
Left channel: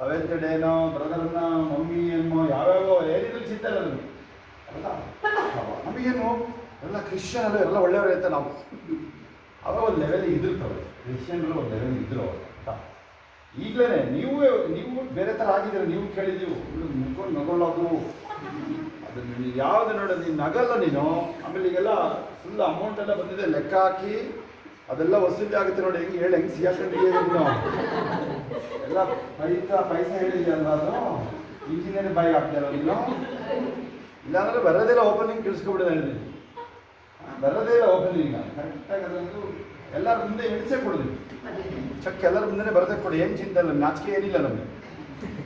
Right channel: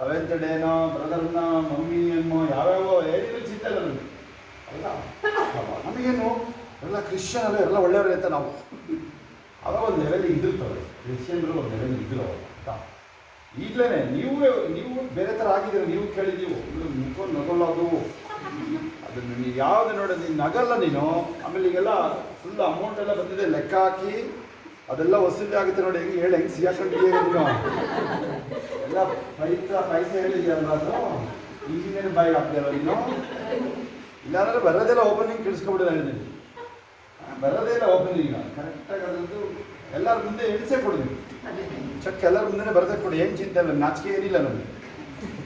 7th ಡೇನೋ ಬ್ರದರ್ನ ಮಮ್ಮಿ ಏನೋ ಯಾವ್ಯಾವ ಏನಿದ್ರು ಚಿಂತೆ ಇಲ್ಲ ನಮಗೆ. ಅಲ್ಲ ನಮಗೇನು ಎಲ್ಲ ಕ್ರಿಶ್ಚಿಯನ್ ಅಲ್ಲ, ಎಲ್ಲ ಒಳ್ಳೆಯವರು ಇರ್ತಾರೆ ನಾವು. ಅವಾಗ ಒಂದು ಲೆವೆಲಿಗೆ ಇದ್ದಿರ್ತವೆ ಕ್ರಿಶ್ಚಿಯನ್ರು, ಒಂದು ಲೆವೆಲಿಗೆ ಇದ್ದರು ಅವಾಗ. ಈಗಲೇ ನೀವು ಬೇರೆ ಥರ ಆಗಿದ್ದೀರ. ನೀವು ಕೇಳಿದ್ದೀವಿ ಮುಖ ನಗೊಳ್ಳೋದು, ಅದನ್ನು ನೀವು ಯಾವುದು ನೋಡೋದು, ನೀನು ನಗಲ್ಲ ನೀನು. ಆಮೇಲೆ ಈಗೆಲ್ಲ ಫುಲ್ ಅಮೌಂಟ್ ಎಲ್ಲ ಬಂದಿದೆ, ಲೆಕ್ಕ ಹಾಕಿ ಅದೆಲ್ಲ ವಸೂಲಿ ಆಗುತ್ತೆ ನೋಡಿ. ಹೆಂಗೆ ಸಿಗಾಕೊಂಡಿದ್ದೀವಿ ನೀನು, ಎಲ್ಲ ಪೈಸೆ ಹೇಳಿದ್ಯಲ್ಲ, ಅದು ಇಂಜಿನಿಯರ್ ಬಾಯಿಗೆ ಹಾಕ್ತೀಯಲ್ಲ ನೀನು. ಇಲ್ಲಾಂದರೆ ಬರೋದೆಲ್ಲ ಓಪನಿಂಗ್ ಕೇಳಿಸ್ಕೊಬಿಡೋದು ಹೇಳಿದ್ದೀನಿ. ಬರೋದೇ ಇಲ್ಲ ಓಪನಿಂಗ್. ಕರೆಕ್ಟಾಗಿ ಅದಂತೂ ಎಲ್ಲರ ಮುಂದೆ ಎಣಿಸೇ ಕೊಡೋದು, ಚೆಕ್ ಎಲ್ಲರ ಮುಂದೆ ಬರದೇ ಕೊಡಿ. ಏನು ಚಿಂತೆ ಇಲ್ಲ, ನಾಚಿಕೆ ಏನಿಲ್ಲ ನಮಗೆ.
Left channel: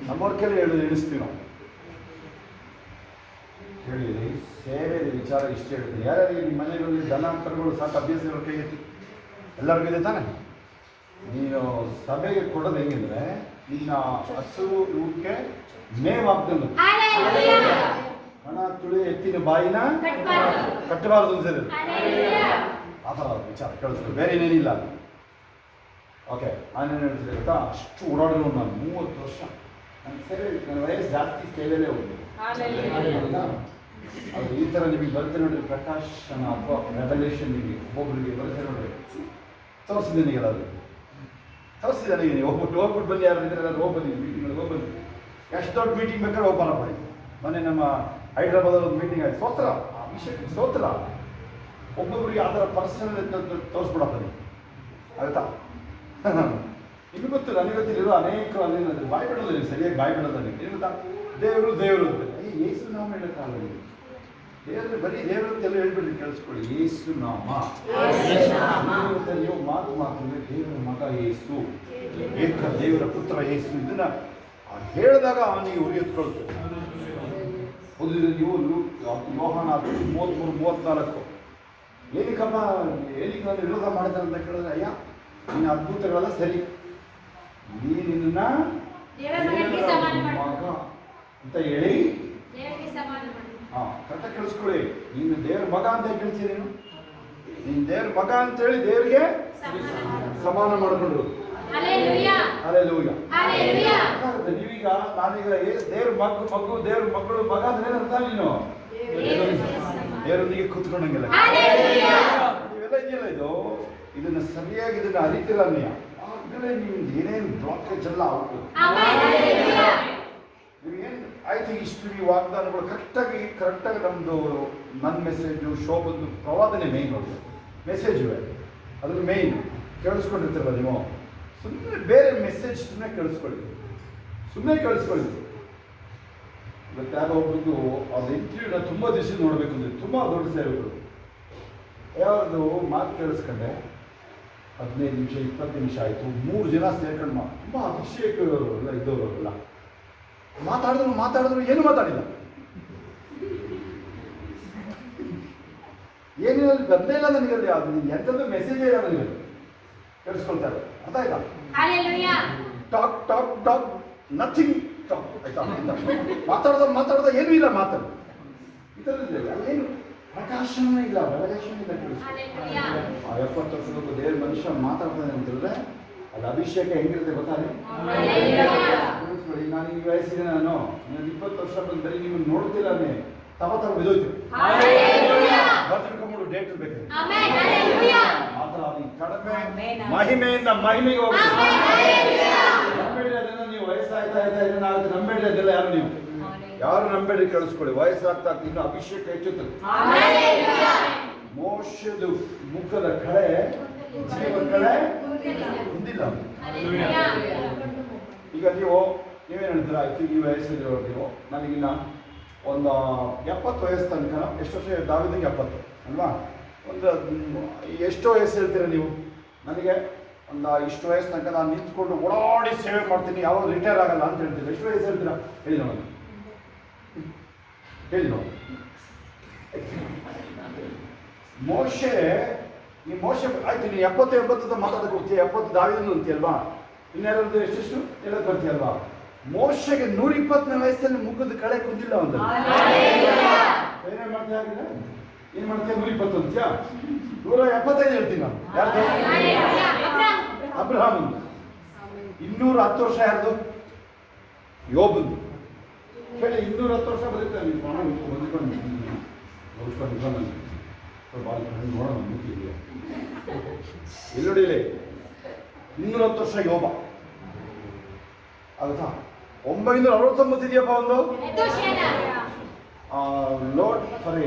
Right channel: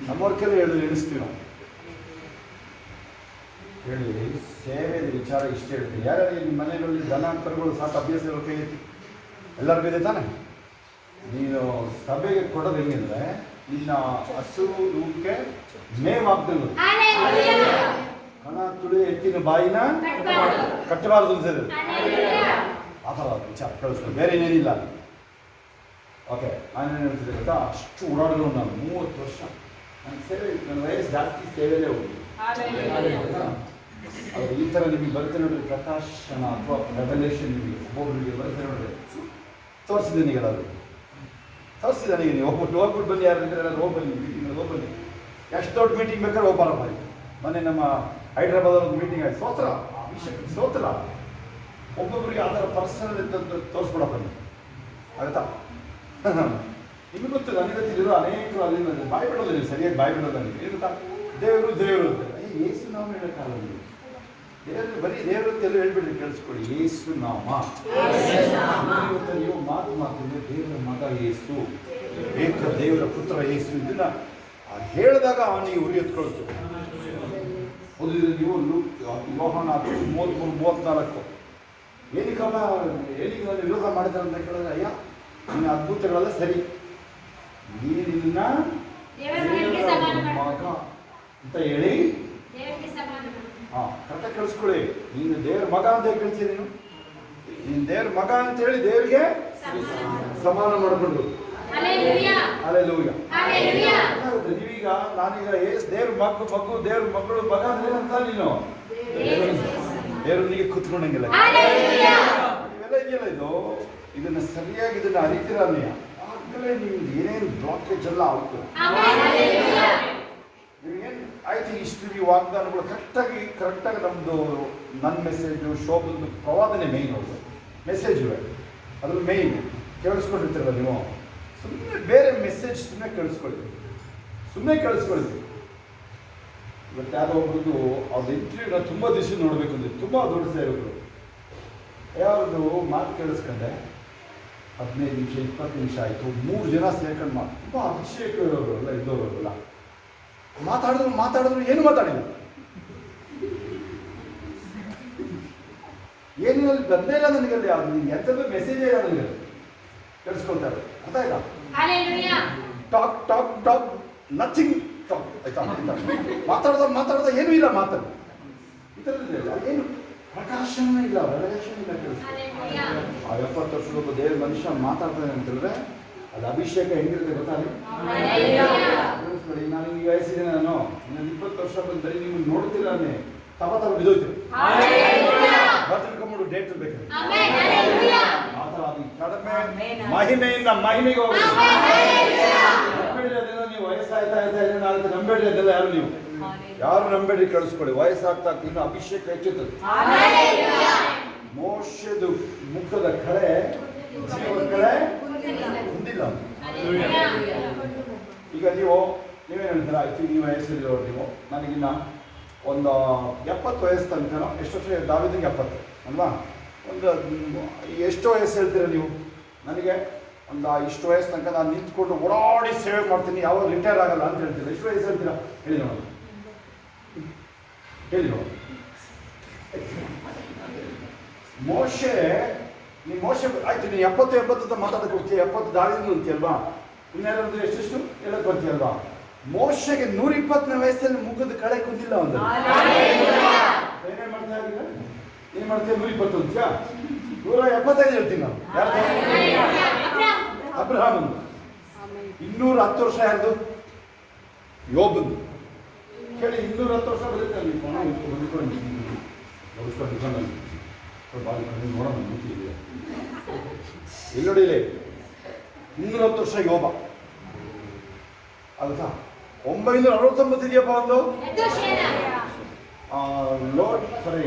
ನಮ್ಮವ್ರ ಕೆಲ ಎಣಿಸ್ತೀವಿ ನಾವು. ಹೇಳಿ, ಸೇವೆ ವಿಚಾರ ಇಷ್ಟ ಹೇಳ್ತೀನಿ. ಯಾರ್ಯಾರು ನಿಮ್ಮ ಮನೆಗಳಲ್ಲಿ ದನ ಕರುಗಳು ಸಾಕು ಅಭ್ಯಾಸ ಇರೋ ಕೈ ಎತ್ತಿ. ಎಲ್ಲರಿಗೂ ಇದೆ ತಾನೆ? ನೀನು ಸಭೆಗೆ ಕೊಡೋದು ಹೆಂಗಿದ್ರೆ ನಿನ್ನ ಹಸು ಇವಕ್ಕೆ ಮೇವಾಗ್ದನು ಕಣ ತುಳಿ ಎತ್ತಿನ ಬಾಯಿನ ಕಟ್ಟಬಾರ್ದು ಅನ್ಸಿದೆ. ಆ ಥರ ವಿಚಾರ ಕೇಳಿಸ್ಕೊಂಡು ಬೇರೆ ಏನೇನಿಲ್ಲ. ಓಕೆ, ನಾನೇನು ಹೇಳ್ತಿದ್ದೆ ಗೊತ್ತಾ, ಅಷ್ಟು ಓಡಾಡೋದು ನಾನು 30 ವರ್ಷ. ನನ್ನ ಸೇವೆ, ನನ್ನ ವಯಸ್ಸು ಜಾಸ್ತಿ ಸೇವೆಯಲ್ಲೇ ಹೋಗಿ. ಅದು ಈ ಥರ ನಿಮಗೆ ಬರುತ್ತೆ ನೋಡ್ರಿ, ಪ್ರಕಾಶನ ಅಥವಾ ರೆವಲ್ಯೂಷನ್ ನಿಮಗೆ ಒಬ್ಬೊಬ್ಬರಿಗೆ ಬರುತ್ತೆ ನೋಡ್ರಿ. ತೋರಿಸಿದ್ದೀನಿ ಎಲ್ಲರೂ, ತೋರಿಸಿದ್ದಾನೆ. ನೀವು ಹೋಗ್ಬಿಟ್ಟು ಬನ್ನಿ, ಯಾರು ಇದ್ರೆ ಎಲ್ಲರೂ ಹೋಗಿ ಬನ್ನಿ, ಮೀಟಿಂಗ್ ಹೋಗಿ ಬನ್ನಿ. ಎಷ್ಟು ದೊಡ್ಡ ಮೀಟಿಂಗ್ ಬೇಕಾದ್ರೆ ಹೋಗ್ಬಾರ ಬನ್ನಿ. ಮೊನ್ನೆ ನಮ್ಮ ಹೈದ್ರಾಬಾದ್ ಒಂದು ಮೀಟಿಂಗ್ ಆಯ್ತು. ಸ್ತೋತ್ರ, ಆ ವಿಷಯಕ್ಕೆ ಸ್ತೋತ್ರ. ಒಬ್ಬೊಬ್ಬರಿಗೆ ಆ ಥರ ಪರ್ಸನಲ್ ಇದ್ದಂತ ತೋರಿಸ್ಬಿಡ ಬನ್ನಿ, ಆಗುತ್ತಾ? ನಿಮಗೆ ಗೊತ್ತಿಲ್ಲ, ನನಗೆ ಗೊತ್ತಿರೋ ಅನೇಕರು ಅಲ್ಲಿಂದ ಬಾಯಿ ಬಿಡೋದಿಲ್ಲ, ಸರಿಯಾಗಿ ಬಾಯಿ ಬಿಡೋದಿಲ್ಲ. ಏನು ಗೊತ್ತಾ, ದೇವರು ದೇವರು ಅಂತ. ಯೇಸು ನಾಮ ಹೇಳೋಕ್ಕಾಗಲ್ಲ. ದೇವರು ಬರೀ ದೇವರು ಅಂತೆಲ್ಲ ಹೇಳ್ಬಿಡ್ರಿ, ಕೇಳಿಸ್ಕೊಳ್ಳಿ. ಯೇಸು ನಾಮ. ಇವತ್ತು ನೀವು ಮಾತಿದ್ರೆ ದೇವರ ಮಗ ಯೇಸು, ಏಕ ದೇವರ ಪುತ್ರ ಯೇಸು, ಇದನ್ನ ಹೇಳಿದಾಗ ಅವನಿಗೆ ಉರಿ ಎತ್ಕೊಳ್ತೇವೆ. ನೀವು ಯೋಹಾನ 33-34 ಏನಕ್ಕಮ್ಮ ಏನಕ್ಕೆ ನಾನು ವಿರೋಧ ಮಾಡಿದ್ದಾರೆ ಅಂತ ಕೇಳಿದ್ರೆ, ಅಯ್ಯ ನಿನ್ನ ಅದ್ಭುತಗಳೆಲ್ಲ ಸರಿ, ನೀನಿನ್ನ ಮಗ ಅಂತ ಹೇಳಿ ಕರೆಕ್ಟಾಗಿ ಕೇಳಿಸ್ಕೊಳ್ಳಿ. ನೀನು ದೇವ್ರ ಮಗ ಅಂತ ಕೇಳ್ತೀನಿ. ನೀನು ದೇವ್ರ ಮಗ ಅಂತ ಹೇಳಿ ದೇವ್ರಿಗೆ ಸಮಾನ ಮಾಡಿಕೊಂಡು ಅಲ್ಲೆಲ್ಲೂಯ್ಯ. ನೀವೀಗ ನಾನೀಗ ದೇವ್ರ ಮಗು ದೇವ್ರ ಮಕ್ಕಳು ಮಗ ಅಂದ್ರೆ ಏನಂತ ನೀನು ದೇವ್ರೊಂದಿಗೆ ಕೂತ್ಕೊಂಡಂಗಿಲ್ಲ. ನೀವೆಲ್ಲ ಇದೆಯಲ್ಲ, ಇದನ್ನ ಸರಿಯಾಗಿ ಇದನ್ನ ಅರಿತೀರ ನೀ, ಆಗಲೇ ನಿಮ್ಗೆ ಏನೇನು ಬ್ಲಾಕೇಜ್ ಎಲ್ಲ ಆಗ್ತದೆ. ನಿಮಗೇನು ಆಯ್ತು, ಇಷ್ಟು ಈ ವಾಗ್ದಾನಗಳು ಕರೆಕ್ಟಾಗಿ ನನ್ನ ಮೆಸೇಜು, ಶೋಭದ್ದು ಪ್ರವಾದನೆ ಮೇಯ್ನ್. ಅವ್ರದ್ದು ಮೆಸೇಜ್ ಇವೆ, ಅದ್ರಲ್ಲಿ ಮೇಯ್ನ್ ಕೇಳಿಸ್ಕೊಂಡಿರ್ತೀರಲ್ಲ ನೀವು. ಸುಮ್ಮನೆ ಬೇರೆ ಮೆಸೇಜ್ ಸುಮ್ಮನೆ ಕೇಳಿಸ್ಕೊಳ್ಳಿ. ಇವತ್ತು ಯಾರೋ ಒಬ್ರದ್ದು ಅವ್ರ ಇಂಟರ್ವ್ಯೂನ ತುಂಬ ದಿವಸ ನೋಡಬೇಕು ಅಂದರೆ, ತುಂಬ ದೊಡ್ಡ ಸೇವೆಗಳು. ಯಾವ್ದು ಮಾತು ಕೇಳಿಸ್ಕೊಂಡೆ 15 ನಿಮಿಷ 20 ನಿಮಿಷ ಆಯಿತು. 3 ಜನ ಸೇರ್ಕೊಂಡು ತುಂಬ ಅಭಿಷೇಕರು ಎಲ್ಲ ಇದ್ದವರಲ್ಲ. ಮಾತಾಡಿದ್ರು ಏನು ಮಾತಾಡಿಲ್ಲ. ಏನಿಲ್ಲ, ಬಂದೇ ಇಲ್ಲ ನನಗಲ್ಲಿ. ಅದು ಎಂಥದ್ದು ಮೆಸೇಜೇ ಇಲ್ಲ ನನಗೆ. ಕೇಳಿಸ್ಕೊಳ್ತಾರೆ, ಅರ್ಥ ಆಯ್ತಾ? ಟಾಕ್ ನಥಿಂಗ್ ಟಾಕ್, ಆಯ್ತಾ? ಮಾತಾಡ್ದ ಏನೂ ಇಲ್ಲ. ಮಾತಾಡ ಇದರಲ್ಲಿ ಏನು ಪ್ರಕಾಶನ ಇಲ್ಲ, ರೆವಲ್ಯೂಷನ್ ಇಲ್ಲ. ಕೇಳಿಸ್ಕೊಳ್ಳಿ, ಆ 70 ವರ್ಷದ ದೇವ್ರ ಮನುಷ್ಯ ಮಾತಾಡ್ತಾನೆ ಅಂತ ಹೇಳಿದ್ರೆ ಅಲ್ಲಿ ಅಭಿಷೇಕ ಹೆಂಗಿರುತ್ತೆ ಗೊತ್ತಾಗಲಿ. ಕೇಳಿಸ್ಕೊಳ್ಳಿ, ನಾನು ಈ ವಯಸ್ಸಿಗೆ ನಾನು 20 ವರ್ಷ ಬಂದರೆ ನಿಮ್ಮನ್ನು ನೋಡ್ತಿರಾನೆ ತವ ಬಿದ್ದೋಯ್ತೀವಿ. ಬರ್ತಿರ್ಕೊಂಡ್ಬಿಡು ಡೇಟ್ ಬೇಕಾದ್ರೆ ಆ ಥರ. ಅದು ಕಡಿಮೆ ಮಹಿಮೆಯಿಂದ ಮಹಿಮೆಗೆ ಹೋಗ್ಬೇಕು. ನಂಬೇಡ್ರಿ ಅದೇನೋ ನೀವು ವಯಸ್ಸಾಯ್ತಾ ಏನಾಗುತ್ತೆ, ನಂಬೇಡ್ರಿ ಅದೆಲ್ಲ. ಯಾರು ನಂಬೇಡ್ರಿ, ಕೇಳಿಸ್ಕೊಳ್ಳಿ. ವಯಸ್ಸಾಗ್ತಾ ಇನ್ನು ಅಭಿಷೇಕ ಹೆಚ್ಚುತ್ತದೆ. ಮೋಶದ ಮುಖದ ಕಳೆ ಜೀವ ಕಳೆ ಹೊಂದಿಲ್ಲ. ಈಗ ನೀವೇನು ಹೇಳ್ತೀರ, ಆಯ್ತು ಈ ವಯಸ್ಸಿರೋರು ನೀವು, ನನಗಿನ್ನ ಒಂದು 70 ವಯಸ್ಸು ತನಕ. ಎಷ್ಟು ವರ್ಷ ದಾವಿದಂಗೆ 70 ಅಲ್ವಾ? ಒಂದು ಎಷ್ಟು ವಯಸ್ಸು ಹೇಳ್ತೀರ ನೀವು? ನನಗೆ ಒಂದು ಇಷ್ಟು ವಯಸ್ಸು ತನಕ ನಾನು ನಿಂತ್ಕೊಂಡು ಓಡಾಡಿ ಸೇವೆ ಮಾಡ್ತೀನಿ, ಯಾವಾಗ ರಿಟೈರ್ ಆಗಲ್ಲ ಅಂತ ಹೇಳ್ತೀರ. ಎಷ್ಟು ವಯಸ್ಸು ಹೇಳ್ತೀರಾ ಹೇಳಿ ನೋಡೋಣ, ಹೇಳಿ ನೋಡೋಣ. ಮೋಶೆ ಆಯ್ತು, ನೀನು 70 ಮಾತಾಡೋಕೆ ಹೋಗ್ತೀಯ, 70 ದಾವಿದನು ಅಂತೀಯಲ್ವಾ? ಇನ್ಯಾರದ್ದು ಎಷ್ಟೆಷ್ಟು ಹೇಳಕ್ ಬರ್ತೀಯಲ್ವಾ? ಮೋಶೆಗೆ 120ನೇ ವಯಸ್ಸಲ್ಲಿ ಮುಖದ ಕಳೆ ಕುಂದಿಲ್ಲ. ಒಂದು ಏನೇ ಮಾಡ್ತಾ ಆಗಿಲ್ಲ, ಏನ್ ಮಾಡ್ತೀಯ? 120 ಅಂತೀಯಾ? 175 ಹೇಳ್ತೀನಿ ನಾನು. ಯಾರ್ದು? ಅಬ್ರಹಾಮ್. 210 ವರ್ಷ ಯಾರ್ದು? ಯೋಬಂದು. ಕೇಳಿ, 210 ವರ್ಷ ಬದುಕ್ತಾರೆ. ನೋಡೋಣ ಮೂತಿ ಇದೆಯಾ ಇಲ್ಲಿ ನೋಡಿ, ಇಲ್ಲಿ 210 ವರ್ಷ ಯೋಬ ಆಗುತ್ತಾ? 969 ಇದೆಯಪ್ಪ ಒಂದು ಲೋಡ್. ಸರಿ,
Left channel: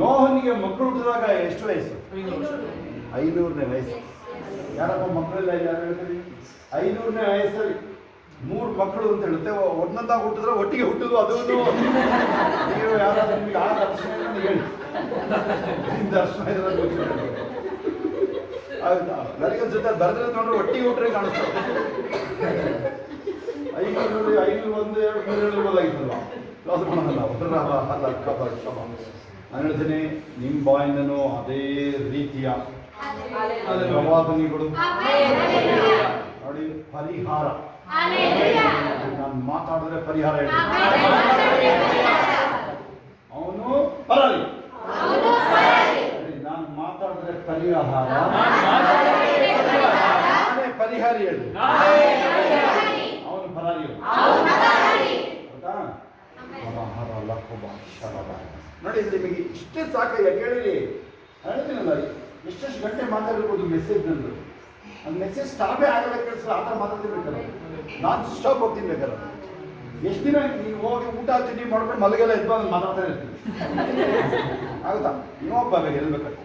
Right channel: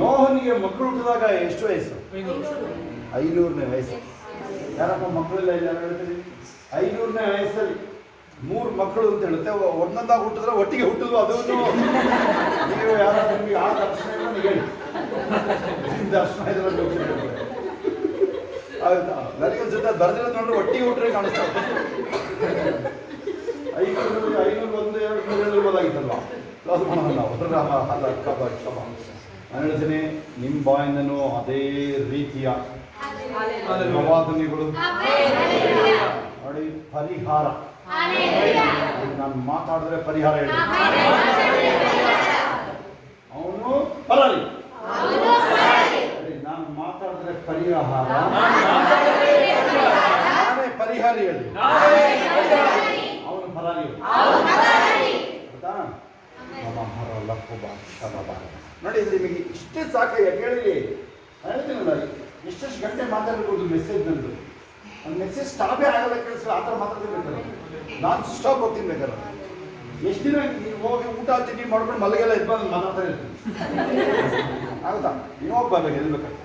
ನೋಹನಿಗೆ ಮಕ್ಕಳು ಹುಟ್ಟಿದಾಗ ಎಷ್ಟು ವಯಸ್ಸು? 500ನೇ ವಯಸ್ಸು. ಯಾರಪ್ಪ ಮಕ್ಕಳೆಲ್ಲ ಇಲ್ಲ ಹೇಳ್ತೀರಿ? 500ನೇ ವಯಸ್ಸಲ್ಲಿ 3 ಮಕ್ಕಳು ಅಂತ ಹೇಳುತ್ತೆ. ಒಂದೊಂದಾಗ ಹುಟ್ಟಿದ್ರೆ ಒಟ್ಟಿಗೆ ಹುಟ್ಟಿದ್ರು. ಅದು ನೀವು ಯಾರಾದ್ರೂ ನಿಮಗೆ ಆ ದರ್ಶನ ಇಲ್ಲ, ನೀವು ಹೇಳಿ ದರ್ಶನ ಇದ್ರೆ ಗೊತ್ತಿಲ್ಲ. ಆಯ್ತಾ? ನನಗೊಂದು ಜೊತೆ ಬರ್ದ್ರೆ ನೋಡ್ರೆ ಒಟ್ಟಿಗೆ ಹುಟ್ರೆ ಕಾಣಿಸ್ತಾರೆ. 500 1 2 3 7 ಆಗಿತ್ತಲ್ವಾ? ಅದು ಮಾಡೋಣ ನಾನು ಹೇಳ್ತೀನಿ, ನಿಮ್ಮ ಬಾಯಿಂದನೂ ಅದೇ ರೀತಿಯ ಪ್ರವಾದನೆಗಳು ನೋಡಿ, ಪರಿಹಾರ. ನಾನು ಮಾತಾಡಿದ್ರೆ ಪರಿಹಾರ ಹೇಳಿ. ಅವನು ಪರಾರಿ. ನಾನು ಮಾತಾಡಿದ್ರೆ ಪರಿಹಾರ, ನಾನೇ ಪರಿಹಾರಿ ಹೇಳಿ. ಅವನು ಪರಾರಿ ನೋಡಿ. ಇದು ನಿಮಗೆ ಇಷ್ಟೇ ಸಾಕಯ್ಯ, ಕೇಳಿ. ಹೇಳ್ತೀನಲ್ಲ, ಎಷ್ಟೆಷ್ಟು ಗಂಟೆ ಮಾತಾಡಿರ್ಬೋದು ಮೆಸೇಜ್ ನಂದು. ಒಂದು ಮೆಸೇಜ್ ಸ್ಟಾಪೇ ಆಗಲ್ಲ, ಕೇಳಿಸ್ರೆ ಆ ಥರ ಮಾತಾಡ್ತಿರ್ಬೇಕಲ್ಲ. ನಾನು ಸ್ಟಾಪ್ ಹೋಗ್ತೀನಿ ಬೇಕಾದ್ರೆ. ಎಷ್ಟು ದಿನ ನೀವು ಹೋಗಿ ಊಟ ತಿಂಡಿ ಮಾಡ್ಕೊಂಡು ಮಲಗೆಲ್ಲ ಇದು ಬಂದು ಮಾತಾಡ್ತಾ ಇರ್ತೀನಿ. ಆಗುತ್ತಾ? ನೀವು ಹೋಗಿ ಬರ್ಬೇಕು, ಎಲ್ಲಿ ಬೇಕಾದ್ರೆ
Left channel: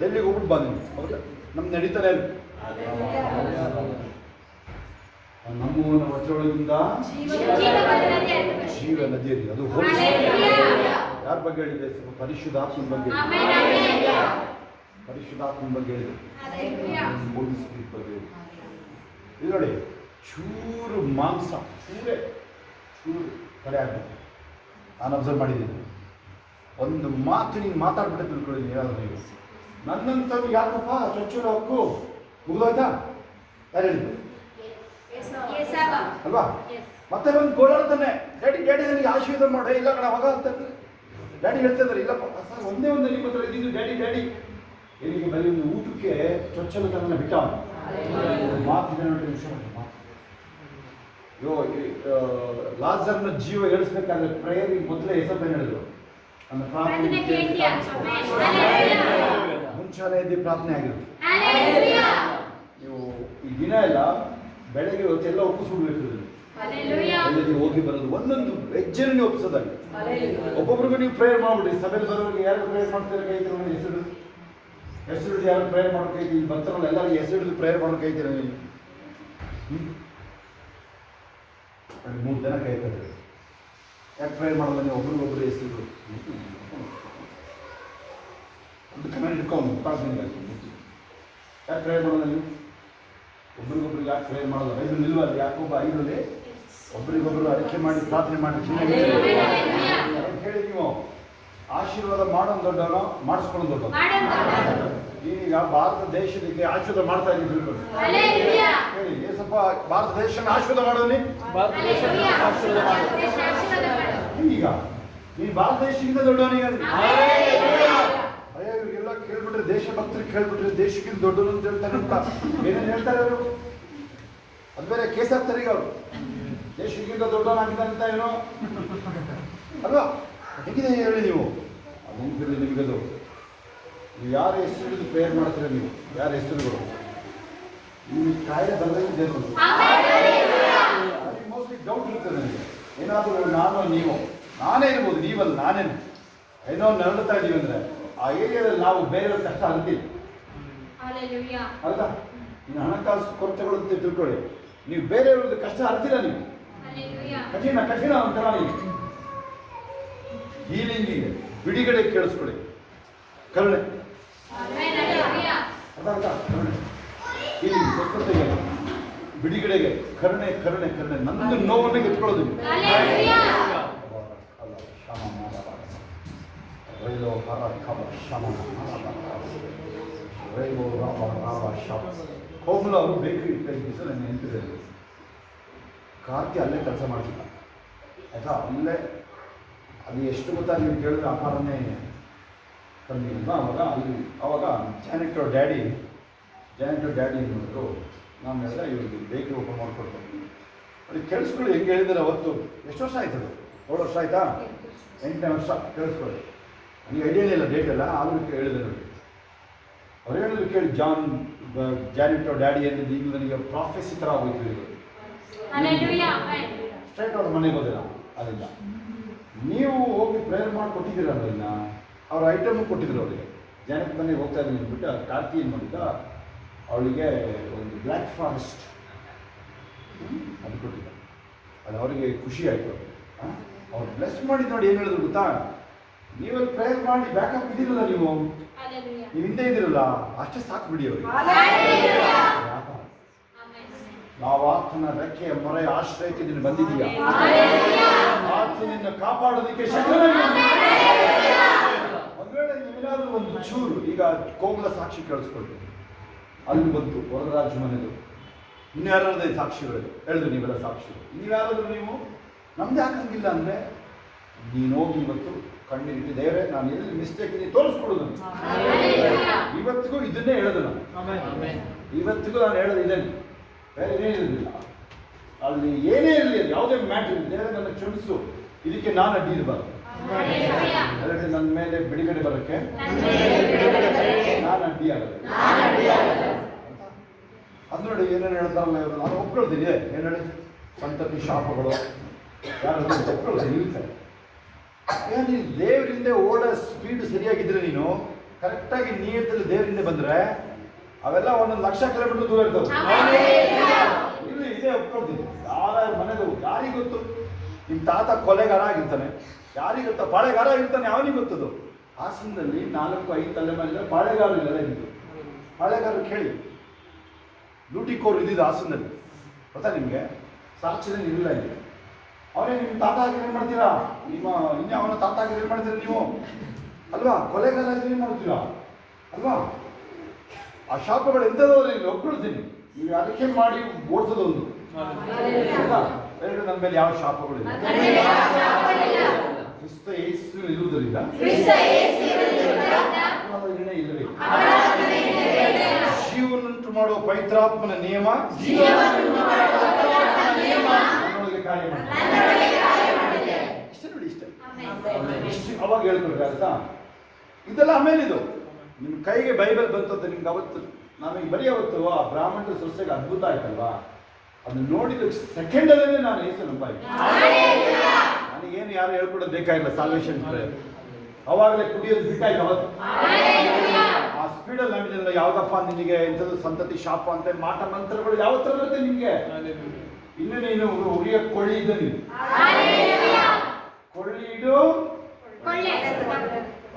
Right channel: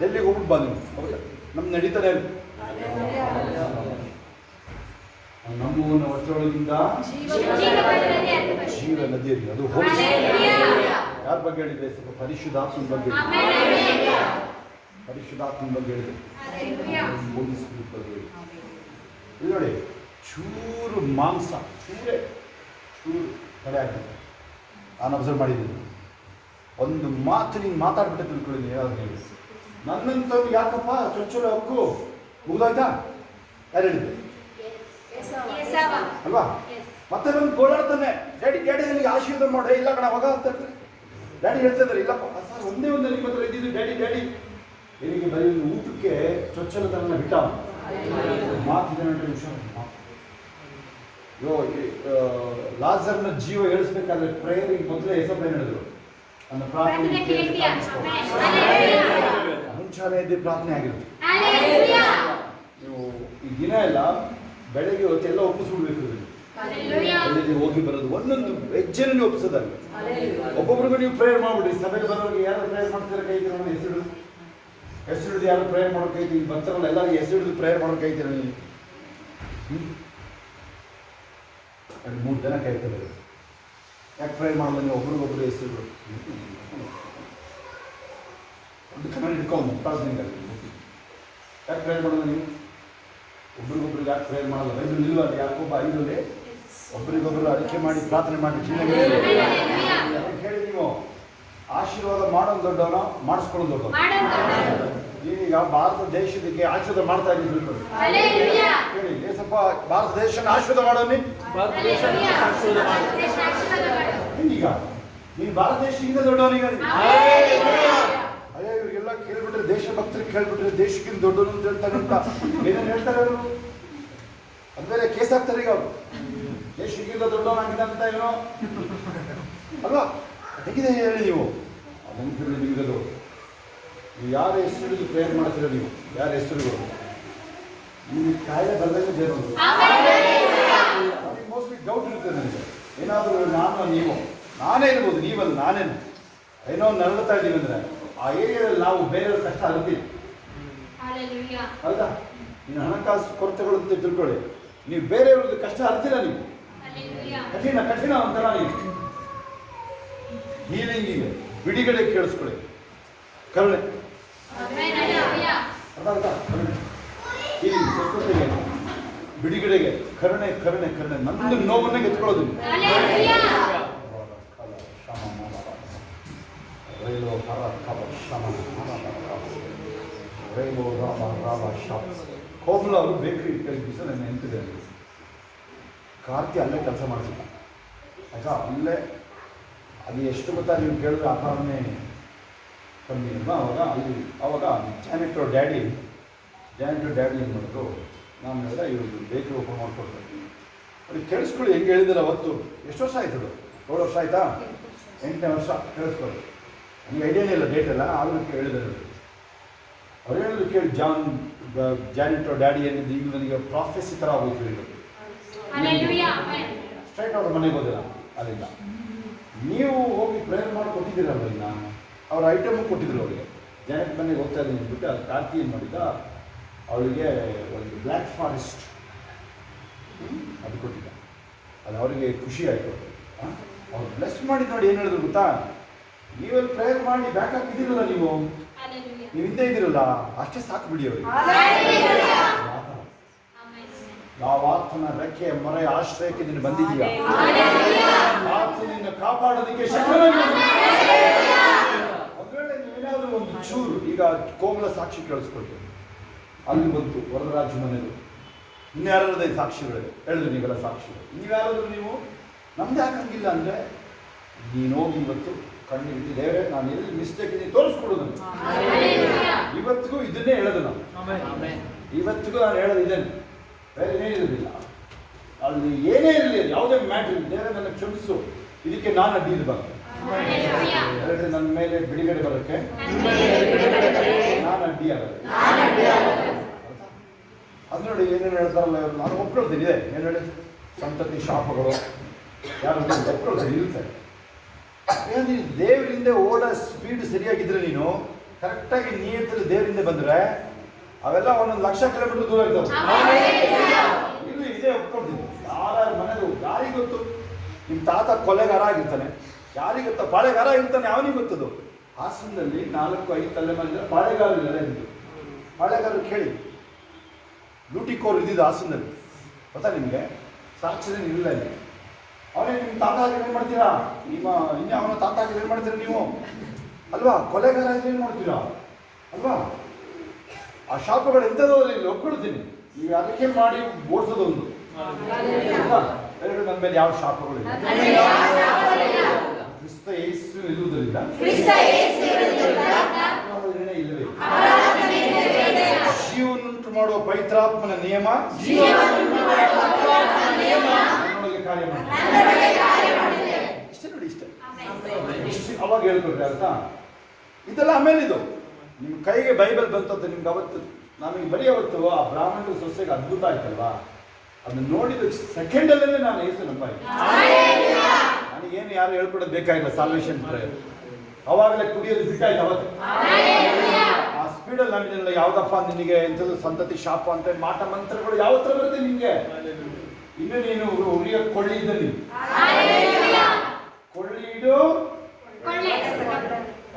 ಡೆಲ್ಲಿಗೆ ಹೋಗ್ಬಿಟ್ಟು ಬಂದಿನಿ. ಹೌದಾ? ನಮ್ಮ ನಡೀತಾರೆ ನಮ್ಮವನ ಹೊಟ್ಟೆಯೊಳಗಿಂದ ಜೀವ ನದಿಯಲ್ಲಿ. ಅದು ಹೋಲಿ ಯಾರ ಬಗ್ಗೆ ಹೇಳಿದೆ? ಸ್ವಲ್ಪ ಪರಿಶುದ್ಧಾತ್ಮನ ಬಗ್ಗೆ, ಪರಿಶುದ್ಧಾತ್ಮನ ಬಗ್ಗೆ ಹೇಳಿದೆ, ಹೋಲಿ ಸ್ಪಿರಿಟ್ ಬಗ್ಗೆ ಹೇಳಿದೆ. ಇದು ನೋಡಿ, ಚೂರು ಮಾಂಸ ಚೂರು ಕಡೆ ಆಗ್ತದೆ. ನಾನು ಅಬ್ಸರ್ವ್ ಮಾಡಿದ್ದೀನಿ. ಒಂದು ಮಾತು ನೀವು ಮಾತಾಡ್ಬಿಟ್ಟೆ ತಿಳ್ಕೊಳ್ಳಿ. ಯಾರು ನೀವು ನನ್ನಂತ ಯಾಕಪ್ಪ ಚೊಚ್ಚಲ ಹಕ್ಕು ಮುಗಿದೋಯ್ತಾ? ಯಾರು ಹೇಳಿದ್ರು ಅಲ್ವಾ? ಮತ್ತೆ ಒಂದು ಗೋಳಾಡ್ತಾನೆ, ಡ್ಯಾಡಿ ಡ್ಯಾಡಿ ನನಗೆ ಆಶೀರ್ವಾದ ಮಾಡೆ. ಇಲ್ಲ ಕಣ ಮಗ ಅಂತ ಡ್ಯಾಡಿ ಹೇಳ್ತಾ ಇದ್ದಾರೆ. ಇಲ್ಲಪ್ಪ ಸರ್, ಒಂದೇ ಒಂದು ನನಗೆ ಮಾತ್ರ ಇದ್ದಿದ್ದು ಡ್ಯಾಡಿ ಡ್ಯಾಡಿ. എനിക്ക് ಬರೀ ಒಂದು ಊಟಕ್ಕೆ ಚೊಚ್ಚಲತನ ಬಿಟ್ಟ ಮಾತಿದೆ ನೋಡಿ. ಅಯ್ಯೋ, ಲಾಜರ್ನ ಜೀವ ಏಳಿಸ್ಬೇಕಾದ್ರೆ ಪ್ರೇಯರಿಗೆ ಮೊದಲೇ ಹೆಸರು ಹೇಳಿದ್ರು. ನನ್ನ ಪ್ರಾರ್ಥನೆ ಮುಂಚಾನೆ ಎದ್ದು ಪ್ರಾರ್ಥನೆ ಆಗಿರುತ್ತೆ. ನೀವು ಈ ದಿನ ಎಲ್ಲ ಬೆಳಗ್ಗೆ ಹೊತ್ತೆಲ್ಲ ಒಪ್ಪಿಸ್ಬಿಡ್ಬೇಕು. ಅದರಲ್ಲಿ ಹೋಗಿ ಬರೋದು ಒಂದೊಂದು ಹೆಜ್ಜೆನ ನೀವು ಒಪ್ಪಿಸೋದಾಗಿ. ಒಬ್ಬೊಬ್ರಿಗೂ ನೀವು ಪ್ರೇಯರ್ ಮಾಡ್ಬಿಡ್ರಿ. ಸಭೆಗೆ ಬರೋರಿಗೆ ಯಾರು ಪ್ರೇಯರ್ ಮಾಡ್ತಾರೆ ಕೈ ನನ್ನ ಹೆಸರು ಹಿಡಿದು ಯಾರು ಪ್ರೇಯರ್ ಮಾಡೋಕೆ ಕೈ ಬರ್ತಾರಲ್ಲ, ಎಲ್ಲರಿಗೂ ಹೆಸರು ಹಿಡಿದು ಪ್ರೇಯರ್ ಮಾಡೋಕೆ ಕೈತೀರ ನೀವು. 3 ಜನ ಕೈತಾರೆ. ಯಾಕೆ ಪ್ರೇಯರ್ ಮಾಡಲ್ಲ ನೀವು? ಒಬ್ರಿಗೊಬ್ರು ಹೆಸರುಗಳು ಒಂದು ಕಮೆಂಟ್ ಇಟ್ಕೊಂಡು ಪ್ರಾರ್ಥನೆಗಾಗಿ ಯಾಕೆ ಪ್ರೇಯರ್ ಮಾಡಲ್ಲ ನೀವು? ಒಬ್ರಿಗೊಬ್ರಿಗೆ ಯಾಕೆ ಪ್ರೇಯರ್ ಮಾಡಲ್ಲ? 5 ನಿಲ್ವಲ್ಲ? ಯಾಕೊಬ್ಬ 5ರಲ್ಲಿ ಒಬ್ರಿಗೊಬ್ರು ಅರಿಕೆ ಮಾಡಿ ಪ್ರಾರ್ಥನೆ ಮಾಡಿ ಹೇಳಿ. ನೀವು ಆಶೀರ್ವಾದ ಮಾಡೋದು ದೊಡ್ಡವನ, ಮಾಡಿಸ್ಕೊಳ್ಳೋದು ದೊಡ್ಡವನು. ನೀವೀಗ ಭಾರತ ದೇಶಕ್ಕೆ ಆಶೀರ್ವಾದ ಮಾಡ್ತಾ ಇದ್ದೀವಿ ತಿಳ್ಕೊಂಡು ಹೇಳಿ. ಸ್ವಲ್ಪ ಭಾರತ ದೇಶನ ಆಶೀರ್ವಾದ ಮಾಡೋನಿ. ಈಗ ನೀವು ಭಾರತ ದೇಶಕ್ಕಿಂತ ದೊಡ್ಡವನಿಗೆ ಅಯ್ಯೋ ಇವ್ರಿಗೆಲ್ಲ ಕೇಳ್ಬಿಟ್ರೆ, ದೇಶ ಭಕ್ತರಿಗೆ ಕೇಳ್ಬಿಟ್ರೆ ದೇಶಕ್ಕಿಂತ ದೊಡ್ಡವನು ಅಂತ ಹೇಳ್ತಾರೆ ಅಂತ ಏನೇನು ಹೇಳ್ತಾರೆ ಅವರು. ಅದು ಬೇರೆ ಕೇಸ್ ಆಗ್ತಾರೆ ಈಗ ಅವರು. ದೇಶಕ್ಕಿಂತ ದೊಡ್ಡವನಾಗಿದೆ ಅಂತ ಏನೋ ಅಲ್ವಾ? ಹೇಗಿದೆ ಹೇಳಿ ನೀವು? ಅದನ್ನು ಹೇಳಿ ನಿಮಗದು. ನೀವು ಯಾರ ಹೆಸರು ಹಿಡಿದು ಪ್ರೇಯರ್ ಮಾಡ್ತೀರ? ನೀವು ಯಾರ ಹೆಸರುಗಳು? ನಿಮಗೆ ಕಾಯಿಲೆ ಬರದಂಗೆ ಜನರು. ನನಗೆ ಮೋಸ್ಟ್ಲಿ ಡೌಟ್ ಇರುತ್ತೆ ನನಗೆ. ಏನಾದರೂ ನಾನೇ ಇರ್ಬೋದು, ನೀವಲ್ಲ ನಾನೇನು ಏನೋ ನರಳುತ್ತಾ ಇದ್ದೀವಿ ಅಂದರೆ ಆ ಏರಿಯಾದಲ್ಲಿ ನಾವು ಬೇರೆಯವ್ರ ಕಷ್ಟ ಅರ್ತಿಲ್ಲ. ಹೌದಾ? ಇನ್ನು ಹಣಕಾಸು ಕೊರತೆಗಳು ಅಂತ ತಿಳ್ಕೊಳ್ಳಿ. ನೀವು ಬೇರೆಯವ್ರದ್ದು ಕಷ್ಟ ಅರ್ತಿಲ್ಲ. ನೀವು ಕಠಿಣ ಒಂಥರ ನೀವು ಹೀಲಿಂಗಿಗೆ ಬಿಡುಗಡೆ ಕೇಳಿಸ್ಕೊಳ್ಳಿ. ಕರುಣೆ ಕರುಣೆ ಹೀಲಿಂಗ್ ಸ್ವಸ್ಥತೆಗೆ ಬಿಡುಗಡೆಗೆ ಕರುಣೆ ಕರುಣೆ ಕರುಣೆ. ನಂದು ನೋವನ್ನೇ ಗೆತ್ಕೊಳ್ಳೋದು. ಕೋಮಲ ಅವರು ಬೇಕ್ರಿ ಕೈ ದಿವಸ ನನ್ನ ನೆನಪಿದೆ. ಕಾರ್ತಿ ಅಲ್ಲೇ ಕೆಲಸ ಮಾಡಿಸಿಲ್ಲ ಆಯ್ತಾ? ಅಲ್ಲೇ ಅದು ಎಷ್ಟು ಗೊತ್ತಾ ನೀವು ಕೇಳಿದ್ರೆ ಆಹಾರನೇ ಕಮ್ಮಿ ಅಲ್ವಾ? ಅವಾಗ ಜಾನೆಟೋ ಡ್ಯಾಡಿ ಏನು ಮಾಡಿದ್ರು, ನಾನು ಹೇಳಿದ್ರೆ ಇವ್ರು ಬೇಕ್ರಿ ಓಪನ್ ಮಾಡಿಕೊಡ್ತಾರೆ. ಅವ್ರಿಗೆ ಕೇಳಿಸ್ಕೊಳ್ಳಿ ಹೆಂಗೆ ಹೇಳಿದ್ರೆ ಅವತ್ತು. ಎಷ್ಟು ವರ್ಷ ಆಯ್ತು? 7 ವರ್ಷ ಆಯಿತಾ? 8ನೇ ವರ್ಷ. ಕೇಳಿಸ್ಕೊಳ್ಳಿ. ನನಗೆ ಐಡಿಯಾನೇ ಇಲ್ಲ ಡೇಟ್ ಎಲ್ಲ, ಆದರೂ ಹೇಳಿದೆ ನೋಡಿ. ಅವ್ರು ಹೇಳಿದ್ರು ಕೇಳಿ, ಜಾನೆಟೋ ಡ್ಯಾಡಿ ಏನಿದೆ ಈಗ ನನಗೆ ಪ್ರಾಫೆಸಿ ಥರ ಆಗೋಯ್ತು. ಇದು ಸ್ಟ್ರೈಟ್ ಅವ್ರ ಮನೆಗೆ ಹೋದಿಲ್ಲ ಅಲ್ಲಿಂದ. ನೀವು ಹೋಗಿ ಪ್ರೇಯರ್ ಮಾಡಿ ಕೊಟ್ಟಿದ್ದೀರಲ್ಲ, ಇನ್ನು ಅವ್ರ ಐಟಮು ಕೊಟ್ಟಿದ್ರು ಅವರಿಗೆ. ಜಾನೆಟ್ ಮನೆಗೆ ಹೋಗ್ತಾ ಇದ್ದೀನಿ ಅಂದ್ಬಿಟ್ಟು ಅದು ಕಾರ್ತಿ ಏನು ಮಾಡಿದ್ದ, ಅವಳಿಗೆ ಒಂದು ಬ್ಲ್ಯಾಕ್ ಫಾರೆಸ್ಟ್ ಅದು ಕೊಟ್ಟಿದ್ದ. ಅದು ಅವರಿಗೆ ಖುಷಿ ಆಯಿತು. ಅವ್ರು ಬ್ಲೆಸ್ ಮಾಡಿ ನೋಡಿ ಏನು ಹೇಳಿದ್ರು ಗೊತ್ತಾ? ನೀವೆಲ್ಲ ಪ್ರೇಯರ್ ಮಾಡಿ ಬ್ಯಾಕಪ್ ಇದ್ದೀರಲ್ಲ, ನೀವು ಹಿಂದೆ ಇದ್ದೀರಲ್ಲ, ಅಷ್ಟೇ ಸಾಕು ಬಿಡಿ ಅವರಿಗೆ. ನಾವು ಆತನ ರೆಕ್ಕೆಯ ಮೊರೆಯ ಆಶ್ರಯಕ್ಕೆ ನೀನು ಬಂದಿದ್ದೀಯಾ? ಆತನಿಂದ ಕಾಪಾಡೋದಕ್ಕೆ ಶಕ್ತನಾಗಿದ್ದೀಯ. ಒಂದು ವೇಳೆ ನೀವೇನಾದ್ರೂ ಒಂದು ಚೂರು, ಈಗ ಕೋಮಲ ಸಾಕ್ಷಿ ಕೇಳಿಸ್ಕೊಳ್ತೀನಿ, ಅಲ್ಲಿ ಬಂತು ವರದರಾಜ ಮನೆದು, ಇನ್ಯಾರದೇ ಸಾಕ್ಷಿಗಳು ಹೇಳಿದ್ರು, ನೀವೆಲ್ಲ ಸಾಕ್ಷಿಗಳು, ನೀವ್ಯಾರಾದ್ರೂ ನೀವು ನಮ್ದು ಯಾಕಂಗಿಲ್ಲ ಅಂದರೆ ನೀನು ಹೋಗಿ ಇವತ್ತು ಕಣ್ಣಿಗೆ ಇಟ್ಟು ದೇವರೇ ನಾನು ಎಲ್ಲಿ ಮಿಸ್ಟೇಕ್ ಇದೆ ತೋರಿಸ್ಕೊಡು ನನಗೆ. ಇವತ್ತಿಗೂ ಇದನ್ನೇ ಹೇಳೋದು ನಾನು, ಇವತ್ತಿಗೂ ನಾನು ಹೇಳೋದು ಇದನ್ನೇ, ಬೇರೆ ಏನೇ ಇರೋದಿಲ್ಲ. ಅಲ್ಲಿ ಏನೇ ಇರಲಿ, ಯಾವುದೇ ಮ್ಯಾಟ್ರ್ ಇರಲಿ, ದೇವರೇ ನನ್ನ ಕ್ಷಮಿಸು, ಇದಕ್ಕೆ ನಾನು ಅಡ್ಡಿ ಇರಬಾರ್ದು. ಎಲ್ಲರೂ ನನ್ನ ಮೇಲೆ ಬಿಡುಗಡೆ ಬರೋಕ್ಕೆ ನಾನು ಅಡ್ಡಿ ಆಗಲ್ಲ. ಅದು ನೋಡಿ ಏನೇನು ಹೇಳ್ತಾರಲ್ಲ, ನಾನು ಒಪ್ಕೊಳ್ತೀನಿ ಇದೆ ಏನು ಹೇಳಿ, ಸಂತತಿ ಶಾಪಗಳು ಯಾರು ಒಪ್ಕೊಳ್ತೀನಿ ಇರುತ್ತೆ. ನೀನು ದೇವರಿಂದ ಓಡೋ ಸ್ಪೀಡ್ ಸರಿಯಾಗಿದ್ರೆ, ನೀನು ಕರೆಕ್ಟಾಗಿ ನಿಯತ್ತಲ್ಲಿ ದೇವರಿಂದ ಬಂದರೆ ಅವೆಲ್ಲ 1,00,000 ಕಿಲೋಮೀಟರ್ ದೂರ ಇರ್ತವೆ. ಇಲ್ಲಿ ಇದೇ ಒಪ್ಕೊಳ್ತೀನಿ. ಯಾರ್ಯಾರ ಮನೆದು ಯಾರಿಗೆ ಗೊತ್ತು? ನಿಮ್ಮ ತಾತ ಕೊಲೆಗಾರ ಆಗಿರ್ತಾನೆ, ಯಾರಿಗೆ ಗೊತ್ತಾ? ಪಾಳೆಗಾರ ಆಗಿರ್ತಾನೆ, ಅವನಿಗೆ ಗೊತ್ತದು. ಹಾಸನದಲ್ಲಿ 4-5 ತಲೆಮಾರಿದ್ರೆ ಪಾಳೆಗಾರರೆಲ್ಲ ಇದ್ದು, ಪಾಳೆಗಾರರು ಕೇಳಿ ಲೂಟಿಕೋರು ಇದ್ದಿದ್ದು ಹಾಸನದಲ್ಲಿ, ಗೊತ್ತಾ ನಿಮಗೆ? ಸಾಕ್ಷಿ ಇಲ್ಲ ಇಲ್ಲಿ. ಅವನೇ ನಿಮ್ಮ ತಾತ ಆಗಿ ಏನು ಮಾಡ್ತೀರಾ? ನಿಮ್ಮ ಇನ್ನು ಅವನ ತಾತ ಆಗಿ ಏನು ಮಾಡ್ತೀರಾ ನೀವು ಅಲ್ವಾ? ಕೊಲೆಗಾರ ಆಗಿ ಏನು ಮಾಡ್ತೀರಾ ಅಲ್ವಾ? ಆ ಶಾಪಗಳು ಎಂಥದ್ದು ಇಲ್ಲಿ ಒಪ್ಕೊಳ್ತೀನಿ. ನೀವು ಅದಕ್ಕೆ ಮಾಡಿ ಓಡಿಸೋದೊಂದು ಎರಡು, ನನ್ನ ಮೇಲೆ ಯಾವ ಶಾಪಗಳು ಇಲ್ಲ. ಕ್ರಿಸ್ತ ಯೇಸು ಇರುವುದರಿಂದ ಇಲ್ಲವೇ? ಜೀವನುಂಟು ಮಾಡುವ ಪವಿತ್ರಾತ್ಮನ ನಿಯಮ ಕಾರ್ಯ ಮಾಡಿದೆ. ಇಷ್ಟೇ ನೋಡಿ, ಇಷ್ಟೇ ಅವಾಗ ಹೇಳ್ಕೊಡ್ರಿ ಅರ್ಥ. ಇದೆಲ್ಲ ಆಮೇಲೆ ಇದು ನಿಮ್ಮ ಕೈಗೆ ಬೈಬಲ್ ಬಂತು ಅಂತ ನಿಮ್ಗೆ ಅವತ್ತು, ನಮಗೆ ಬರೀ ಅವತ್ತು ಆ ಬ್ರಾಹ್ಮಣರ ಸೊಸೆಗೆ ಅದ್ಭುತ ಆಯ್ತಲ್ವಾ? ಅದನ್ನ ನೋಡಿದ ಸೆಕೆಂಡಲ್ಲೇ ನಾನು ಏಸು ನಂಬಾಯ್ತು. ನನಗೇನು ಯಾರು ಹೇಳ್ಕೊಡೋದು ಬೇಕಾಗಿಲ್ಲ. ಸಾಲ್ವೇಷನ್ ಪ್ರೇಯರ್ ಅವಾಗಲೇ ಕುಡಿಯೋದು ಬಿಟ್ಟಾಯ್ತು ಅವತ್ತು. ಆ ಸ್ಪೀಡಲ್ಲಿ ನಮ್ಮಿದೆಲ್ಲ ಯಾವುದಪ್ಪ ನಿನಗೆ ಎಂಥದ್ದು ಸಂತತಿ ಶಾಪ ಅಂತ ಮಾಟ ಮಂತ್ರಗಳು ಯಾವತ್ತರ ಬರುತ್ತೆ ನಿಮಗೆ? ಇನ್ನು ನೀನು ಉರಿಯ ಕೊಳ್ಳಿ ಇದ್ದ, ನೀನು ಕೊಳ್ಳಿ ಇಡು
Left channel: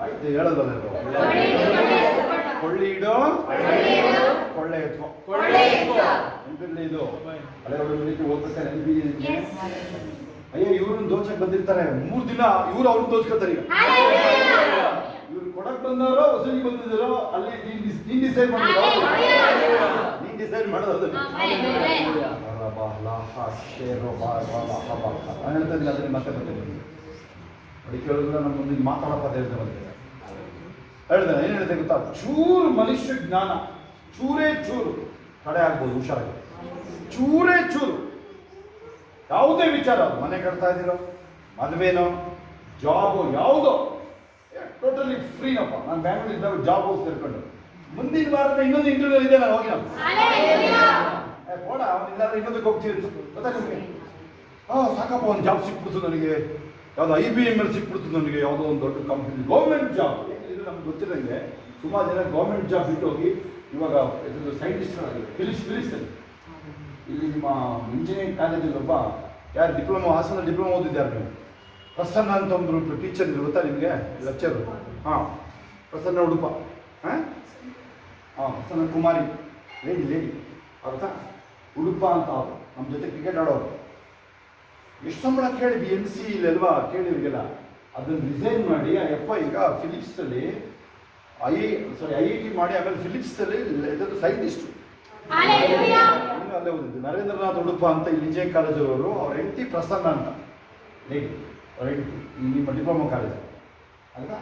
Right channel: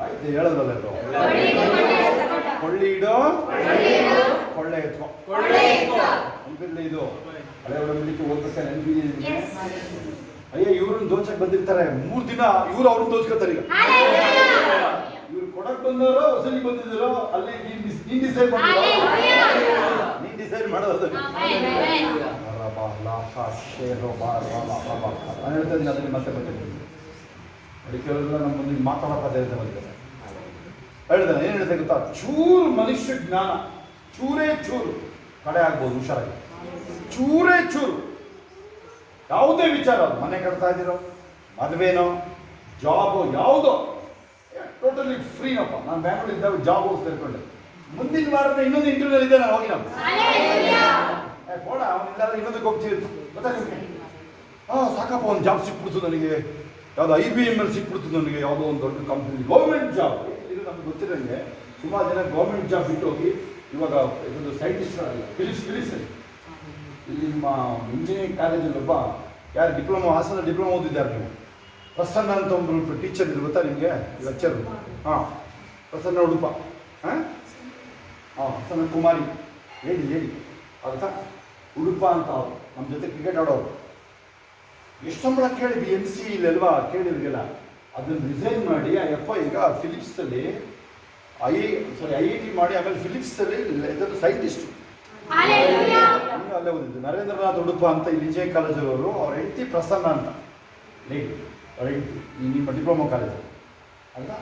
ಆಯ್ತು ಹೇಳೋದಲ್ಲ, ಕೊಳ್ಳಿ ಇಡು ಕೊಳ್ಳೆ ಎತ್ಕೊ. ನೆನಪಿರ್ಲಿ ಇದು ಹಳೆ ಒಡಂಬಡಿಕೆ ಹೋಗ್ಬೇಕಾದ್ರೆ ನೆನಪಿದೆ ನಿಮಗೆ? ಅಯ್ಯೋ ಇವ್ರನ್ನ ದೋಚಕ್ಕೆ ಬಂದಿರ್ತಾರೆ, 3 ದಿನ ಇವ್ರು ಅವ್ರನ್ನ ದೋಚ್ಕೊತಾರೆ. ಈಗ ಇವ್ರು ಕೊಡಕ್ ಬಂದವರೋ ವಸೂಲಿ ಬಂದಿದ್ದಾರೋ ಅಲ್ಲಿ ನೀನ್ ಡಿಸೈಡ್ ಮಾಡಿರೋ, ನೀನ್ ಡಿಸೈಡ್ ಮಾಡೋದು. ಹೇಳ್ತೀನಿ ಅದನ್ನ ಮತ್ತೆ ಬರ್ತೀನಿ ನೋಡಿ. ಕೇಳಿದ್ರೆ ನಮ್ಮ ಮುಂದೆ ಮಾತಾಡೋ ಪದ ಹೇಳ್ತಾ ಬಂದಿದ್ದಾರೆ. ಹೇಳ್ದಾನೆ ಏನು ಹೇಳ್ತೇನೆ ಗೊತ್ತಾ? ಚೂರು ಮನುಷ್ಯ ಜ್ಞಾನ, ಚೂರೇ ಚೂರು ಕಡೆ ಆಗ್ಬೋದು, ಹುಷಾರಾಗಿ. ಚೂರೇ ಚೂರು ಯಾವುದೇ ವಿಚಾರ, ಅದು ಮನೆ ಕಟ್ತಾ ಇದ್ದೀರೋ, ಮದುವೆನೋ, ಜಾಬು, ಯಾವುದೋ ಟೋಟಲಿ ಫ್ರೀನಪ್ಪ. ನಾನು ಬ್ಯಾಂಗ್ಳೂರ್ ಇದ್ದಾಗ ಜಾಬ್ ಹೋಗಿ ಸೇರ್ಕೊಂಡೆ. ಮುಂದಿನ ವಾರದ ಇನ್ನೊಂದು ಇಂಟರ್ವ್ಯೂ ಇದೆ, ನಾನು ಹೋಗಿ ಕೊಡ ಅವನಿಲ್ಲಾದ್ರೆ ಇನ್ನೊಂದಕ್ಕೆ ಹೋಗ್ತೀವಿ ಗೊತ್ತಾ ನಿಮಗೆ? ಸಾಕಪ್ಪ ಒಂದು ಜಾಬ್ ಸಿಕ್ಬಿಡ್ತು ನನಗೆ, ಯಾವುದೋ IBM ಸಿಕ್ಬಿಡ್ತು ನನಗೆ, ಯಾವುದೋ ಒಂದು ದೊಡ್ಡ ಕಂಪ್ನಿ, ಗೌರ್ಮೆಂಟ್ ಜಾಬ್. ಇದು ನಮ್ಗೆ ಗೊತ್ತಿರೋಂಗೆ ಸುಮಾರು ಜನ ಗೌರ್ಮೆಂಟ್ ಜಾಬ್ ಬಿಟ್ಟು ಹೋಗಿ ಇವಾಗ ಇದು ಸೈಂಟಿಸ್ಟ್ಗಳಾಗಿಲ್ಲ. ಫಿಲಿಪ್ಸಲ್ಲಿ ಇಲ್ಲಿ ನಿಮ್ಮ ಇಂಜಿನಿಯರಿಂಗ್ ಕಾಲೇಜಲ್ಲಿ ಒಬ್ಬ ಯಾರು ಡಿಪ್ಲೊಮಾ, ಹಾಸನ ಡಿಪ್ಲೊಮಾ ಓದಿದ್ದಾರೆ ನೀವು, ಪ್ರಸನ್ನ ಅಂತ ಒಂದು ಟೀಚರ್ ಇದೆ ಗೊತ್ತಾ ನಿಮಗೆ? ಲೆಕ್ಚರ್. ಪ್ರಸನ್ನ ಉಡುಪ, ಪ್ರಸನ್ನ ಕುಮಾರಿ, ಲೇಡಿ ಅರ್ಥ ಉಡುಪ ಅಂತ ಅವರು ನಮ್ಮ ಜೊತೆ ಕ್ರಿಕೆಟ್ ಆಡೋರು. ಎಷ್ಟು ಸಂಬಳ ಕೇಳಿ BMC ಇಲ್ಲಲ್ವಾ ಕೇಳಿವ್ರಿಗೆಲ್ಲ. ಅದನ್ನು ರಿಸೈನ್ ಮಾಡಿ ಆ ಯಪ್ಪ ಈಗ ಫಿಲಿಪ್ಸಲ್ಲಿ IIT ಮಾಡಿ ಆಮೇಲೆ ಫಿಲಿಪ್ಸಲ್ಲಿ ಇದನ್ನು ಸೈಂಟಿಸ್ಟು ಅಲ್ಲೇ ಓದಿದ್ದು. ನರೇಂದ್ರನಾಥ್ ಉಡುಪ ಅಂತ ಇಲ್ಲಿ ಇಂಜಿನಿಯರಿಂಗ್ ಕಾಲೇಜವರು, ಅವ್ರ ಹೆಂಡತಿ ಪ್ರಸನ್ನ ಅಂತ ಲೇಡಿ, ಅವ್ರ ಹೆಂಡತಿ ನಿಮ್ಮ ಡಿಪ್ಲೊಮಾ ಕಾಲೇಜ್ ಅಲ್ವಾ?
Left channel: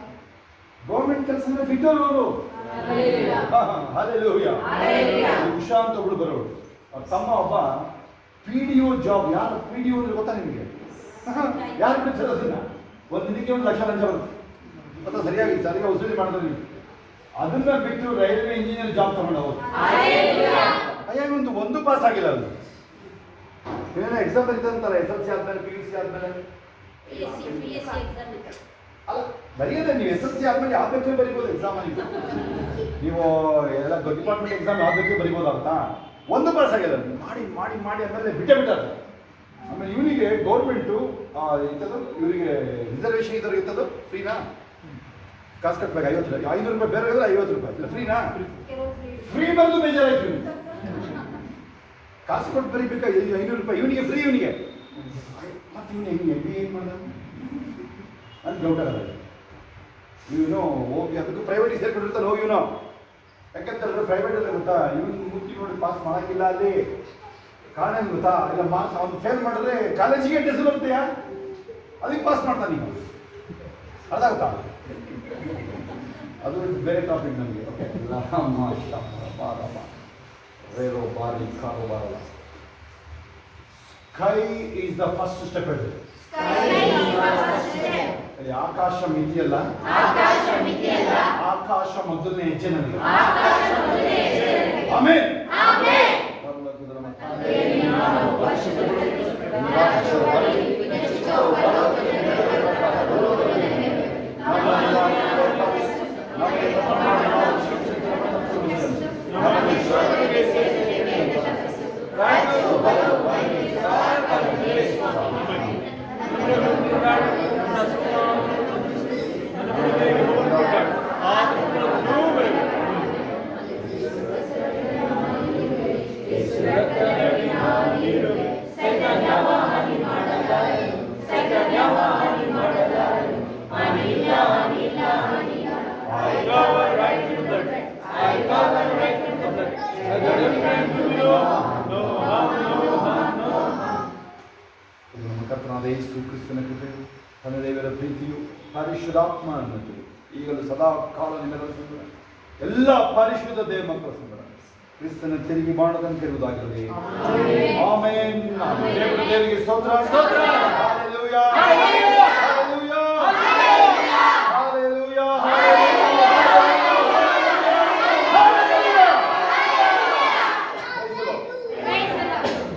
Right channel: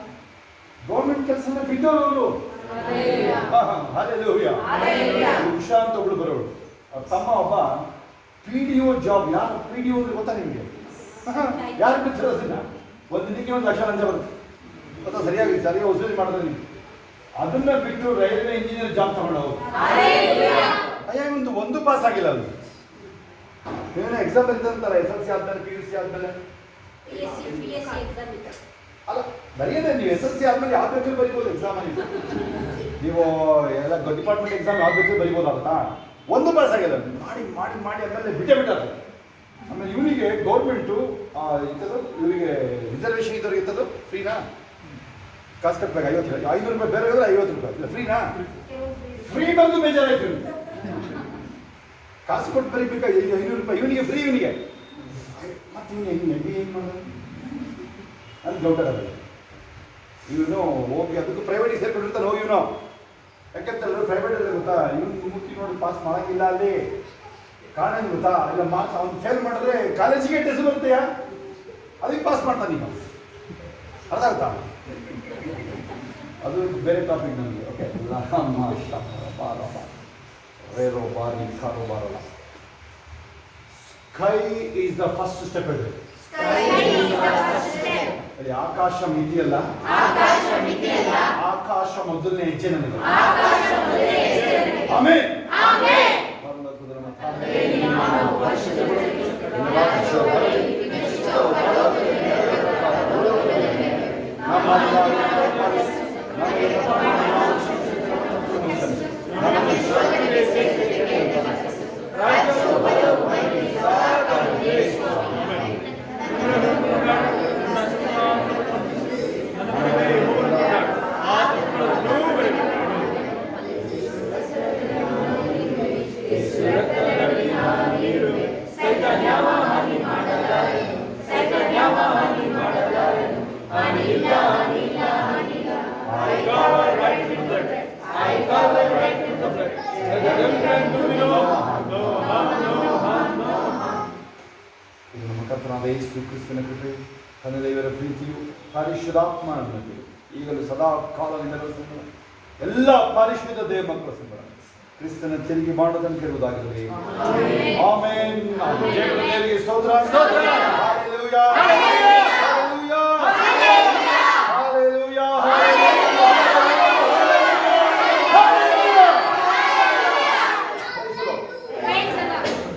ಗೌರ್ಮೆಂಟ್ ಕೆಲಸ ಬಿಟ್ಟವರು ಅವರು. ಉಷಾ ಅಂತ ಒಬ್ಳು ಬರೋಳು, ಅವ್ರ ತಮ್ಮ ಒಬ್ಬ PDO ಜಾಬ್. ಯಾರು PDO ಅಂದ್ರೆ ಗೊತ್ತಾ ನಿಮಗೆ? ಯಾರು ಬಿಡ್ತಾರೆ ಅದನ್ನ? ಒಂದು ದಿನಕ್ಕೆ 1 ಲಕ್ಷ ಲಂಚ ಬರುತ್ತೆ ಗೊತ್ತಾ? ಸರಿಯಾಗಿ ವಸೂಲಿ ಮಾಡಿದ್ರೆ ನೀವು ಅದನ್ನ ಬಿಟ್ಟು ರೈಲ್ವೆ ಇಂಜಿನಿಯರ್ ಜಾಬ್ ತಗೊಂಡವರು. ಅಯ್ಯ ಒಂದು ಪಾಸ್ ಆಗಿಲ್ಲ ಅದು. ಏನೇನೋ ಎಕ್ಸಾಮ್ ಬರೀತಂತಾರೆ SSLC ಆದ್ಮೇಲೆ, PUC ಆದ್ಮೇಲೆ. ಅಲ್ಲ ಬರೆಯೋದೇ ನೀವು SSLC ಆದ್ಮೇಲೆ ಯಾವ್ದು ಬೇಕಾದ್ರೂ ಬರಿಬೋದು ಎಕ್ಸಾಮ್. ನೀವು ಎಲ್ಲ ಡಿಪಾರ್ಟ್ಮೆಂಟ್ ಎಕ್ಸಾಮ್ ಯಾವ್ದು ಬೇಕಾದ್ರೂ ಬರಿಬೋದಾಗುತ್ತಾ? ಒಂದು ಪಾಸ್ ಆಗಿಲ್ಲ. ಮಾಡಿ ಮಾಡಿ ಮಾಡಿ ಆಮೇಲೆ ಬಿಟ್ಟಾರೆ. ಆಮೇಲೆ ಇವರಿಗೆ ಗೌರ್ಮೆಂಟು ಇಂಥದ್ದು, ಇವರಿಗೆ ರಿಸರ್ವೇಷನ್ ಇದ್ದವ್ರಿಗೆ ಇಂಥದ್ದು ಫ್ರೀನಾ? ಕಾಸು ಕಟ್ಟಬೇಕು 50 ರೂಪಾಯಿ, 500 ರೂಪಾಯಿ ಬೇರೆ 50 ರೂಪಾಯಿ ಇಲ್ಲ ಫ್ರೀನಾ? ಫ್ರೀ ಬಂದು ಬೇಜಾರಾಯ್ತು. ಕಾಸು ಕೊಟ್ಟು ಬರೀಬೇಕಾ? 500 ರೂಪಾಯಿ ಇವನಿಗೆ ಫ್ರೀ, ಇವನಿಗೆ ಮತ್ತೆ ಇವನು ಹೆಂಗೆ ಏನು ಮಾಡೋದು ಅಂತ ಡೌಟ್ ಆಗಲ್ಲ. ಇವನು ಹೋಗಿ ಅದಕ್ಕೂ ಪ್ರೈವೇಟಿಗೆ ಸೇರ್ಕೊಂಡಿರ್ತಾನೆ ಹೋಗಿ ಇವನು. ಯಾಕಂತಂದ್ರೆ ಪ್ರೈವೇಟ್ ಅಲ್ಲೇ ಗೊತ್ತಾ, ಇವನು ಮುತ್ತಿ ನೋಡಿ ಪಾಸ್ ಮಾಡೋಕ್ಕಿಲ್ಲ ಅಲ್ಲಿ. ಕಾರಣ ಏನು ಗೊತ್ತಾ? ಇಲ್ಲ ಮಾರ್ಕ್ಸ್ ಅವ್ನು ಫೇಲ್ ಮಾಡಿದ್ರೆ ಕಾಲೇಜಿಗೆ ಟೆಸ್ಟ್ ಬರುತ್ತೆಯಾ, ಅದಕ್ಕೆ ಪಾಸ್ ಮಾಡ್ತಾನೆ ನೀವು. ಅರ್ಥ ಆಗುತ್ತಾ? ಅದು ಬೇರೆ ಟಾಪಿಕ್ ನಮಗೆ. ಓಕೆ, ರೇರೋ ಬಾರಿ ಕಾರೋ ಬಾರಲ್ಲ. Sky is the first step. ಅಲ್ಲಿ ಆಕಾಶ ಮಿತಿಯಲ್ಲ, ಆಕಾಶ ಮೊದಲನೇ ಹೆಜ್ಜೆ ನನಗೆ. ಆಮೆನ್. ಪರಲೋಕದ ನಮ್ಮ ತಂದೆ, ನಿನ್ನ ನಾಮವು ಪರಿಶುದ್ಧಪಡಲಿ, ನಿನ್ನ ರಾಜ್ಯ ಬರಲಿ, ನಿನ್ನ ಚಿತ್ತವು ಪರಲೋಕದಲ್ಲಿ ನೆರವೇರಬೇಕಾದ ಭೂಲೋಕದಲ್ಲಿ ನಮ್ಮನ್ನು ಏರ್ಪಡಿಸಿ, ನಮಗೆ ತಪ್ಪ ಮಾಡಿ ನಾವು ಕ್ಷಮಿಸಿದ ನಮ್ಮ ತಪ್ಪುಗಳನ್ನು ಕ್ಷಮಿಸಿ, ನಮ್ಮನ್ನು ಶೋಧನೆಗೆ ಸೇರಿಸಬೇಡಿ ಎಂದು ತಪ್ಪಿಸಿ, ರಾಜ್ಯವು ಬಲವು ಮಹಿಮೆಯು ಸದಾ ಕಾಲದಲ್ಲಿ ಯೇಸುವಾಗಿದೆ. ಇದು ನಮ್ಮ ಕರ್ತನಾದ ಯೇಸು ಕ್ರಿಸ್ತನ ಕೃಪೆಯು, ತಂದೆ ದೇವರ ಪ್ರೀತಿಯು, ಪರಿಶುದ್ಧಾತ್ಮ ಅನುಮತಿಯು ಈಗಲೂ ಸದಾ ಕಾಲದಿಂದಲೂ ಸಂಬಳ ಎಲ್ಲ ಪರಿಶುದ್ಧ ದೇವ ಮಕ್ಕಳ ಸಂಬಳ ಕ್ರಿಸ್ತನ ತಿರುಗಿ ಮಾಡದಂತೆ ಇರುವುದಾಗಿರಲಿ. ಆಮೆನ್. ದೇವರಿಗೆ ಸ್ತೋತ್ರ. Hallelujah, hallelujah, hallelujah, hallelujah.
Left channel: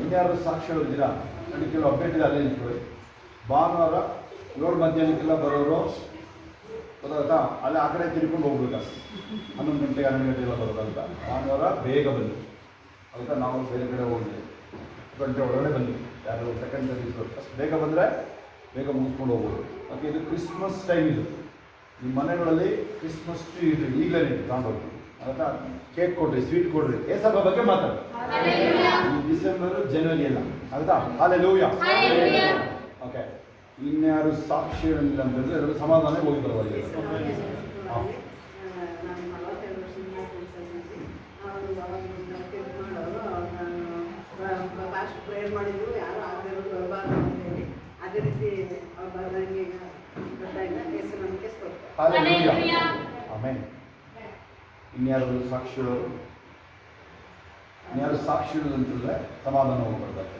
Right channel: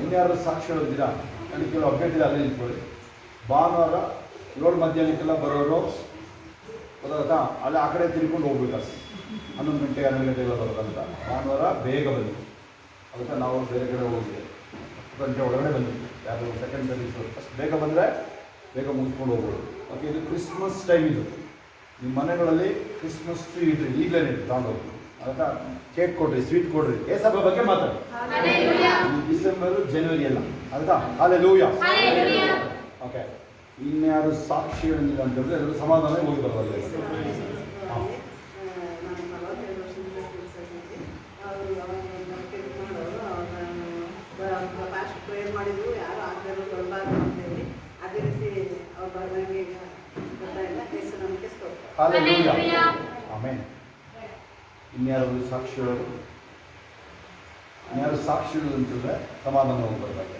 ಇನ್ಯಾರು ಸಾಕ್ಷಿ ಹೇಳಿದ್ದೀರಾ? ನನಗೆ ಕೆಲವು ಅಪ್ಡೇಟ್ ಇದೆ, ಅಲ್ಲೇ ನಿಂತ್ಕೊಳ್ಳಿ. ಭಾನುವಾರ 7 ಮಧ್ಯಾಹ್ನಕ್ಕೆಲ್ಲ ಬರೋರು ಗೊತ್ತಾಗುತ್ತಾ? ಅಲ್ಲೇ ಆ ಕಡೆ ತಿರ್ಕೊಂಡು ಹೋಗ್ಬೇಕಾಗ್ತದೆ. 11 ಗಂಟೆ 12 ಗಂಟೆಗೆಲ್ಲ ಬರೋದಂತ. ಭಾನುವಾರ ಬೇಗ ಬನ್ನಿ, ಅದಕ್ಕೆ ನಾವು ಬೇರೆ ಕಡೆ ಹೋಗಿದ್ವಿ. 10 ಗಂಟೆ ಒಳಗಡೆ ಬನ್ನಿ. ಯಾರು ಸೆಕೆಂಡ್ ಸರ್ವಿಸ್ ಫಸ್ಟ್ ಬೇಗ ಬಂದರೆ ಬೇಗ ಮುಗಿಸ್ಕೊಂಡು ಹೋಗ್ಬೋದು. ಓಕೆ, ಇದು ಕ್ರಿಸ್ಮಸ್ ಟೈಮ್. ಇದು ನಿಮ್ಮ ಮನೆಗಳಲ್ಲಿ ಕ್ರಿಸ್ಮಸ್ ಟ್ರೀ ಇಡ್ರಿ, ಈಗಲೇ ಇಡ್ರಿ, ತಗೊಂಡೋಗಿ. ಅದಕ್ಕೆ ಕೇಕ್ ಕೊಡ್ರಿ, ಸ್ವೀಟ್ ಕೊಡ್ರಿ. ಏಸಬ್ಬ ಬಗ್ಗೆ ಮಾತಾಡಿ. ಡಿಸೆಂಬರು ಜನವರಿ ಎಲ್ಲ ಅದಕ್ಕೆ ಹಲ್ಲೆಲೂಯಾ. ಓಕೆ, ಇನ್ಯಾರು ಸಾಕ್ಷಿ ಹೇಳಿಲ್ಲ ಅಂತಂದರೆ ಎಲ್ಲರೂ ಸಮಾಧಾನ ಹೋಗಿ ಬರಬಾರ್ದು. ಹಾಂ, ನಾನು 42 ವರ್ಷದಿಂದ ಕೆಲಸದಲ್ಲಿ ಅವರು ಅವಾಗ ಕೆಲಸ ಮಾಡೋರು. ನಾನು ಫಾಸ್ಟ್ ಪ್ರೇಯರ್ ಮಾಡಿದ್ರು, ಯಾರು ಆಗದೆ ಇರೋದು ಬರಬಾರ್ದು ಅಂತೇಳಿ. ಅದೇ ರೀತಿ ಅವ್ರು ಬರ್ದಂಗೆ ಈಗ ಬರ್ತಾ ಇಲ್ಲ. ಹೆಸರು ನಮಗೆ ಸ್ತೋತ್ರ. ಹಲ್ಲೆಲೂಯಾ. ಆಮೆನ್. ಇನ್ಯಾರು ಸಾಕ್ಷಿಗಳು? ಇನ್ಯಾರು ಸಾಕ್ಷಿಗಳು ಅಂತಂದರೆ ಸಮಾಧಾನ ಹೋಗಿ ಬರಬಾರ್ದು.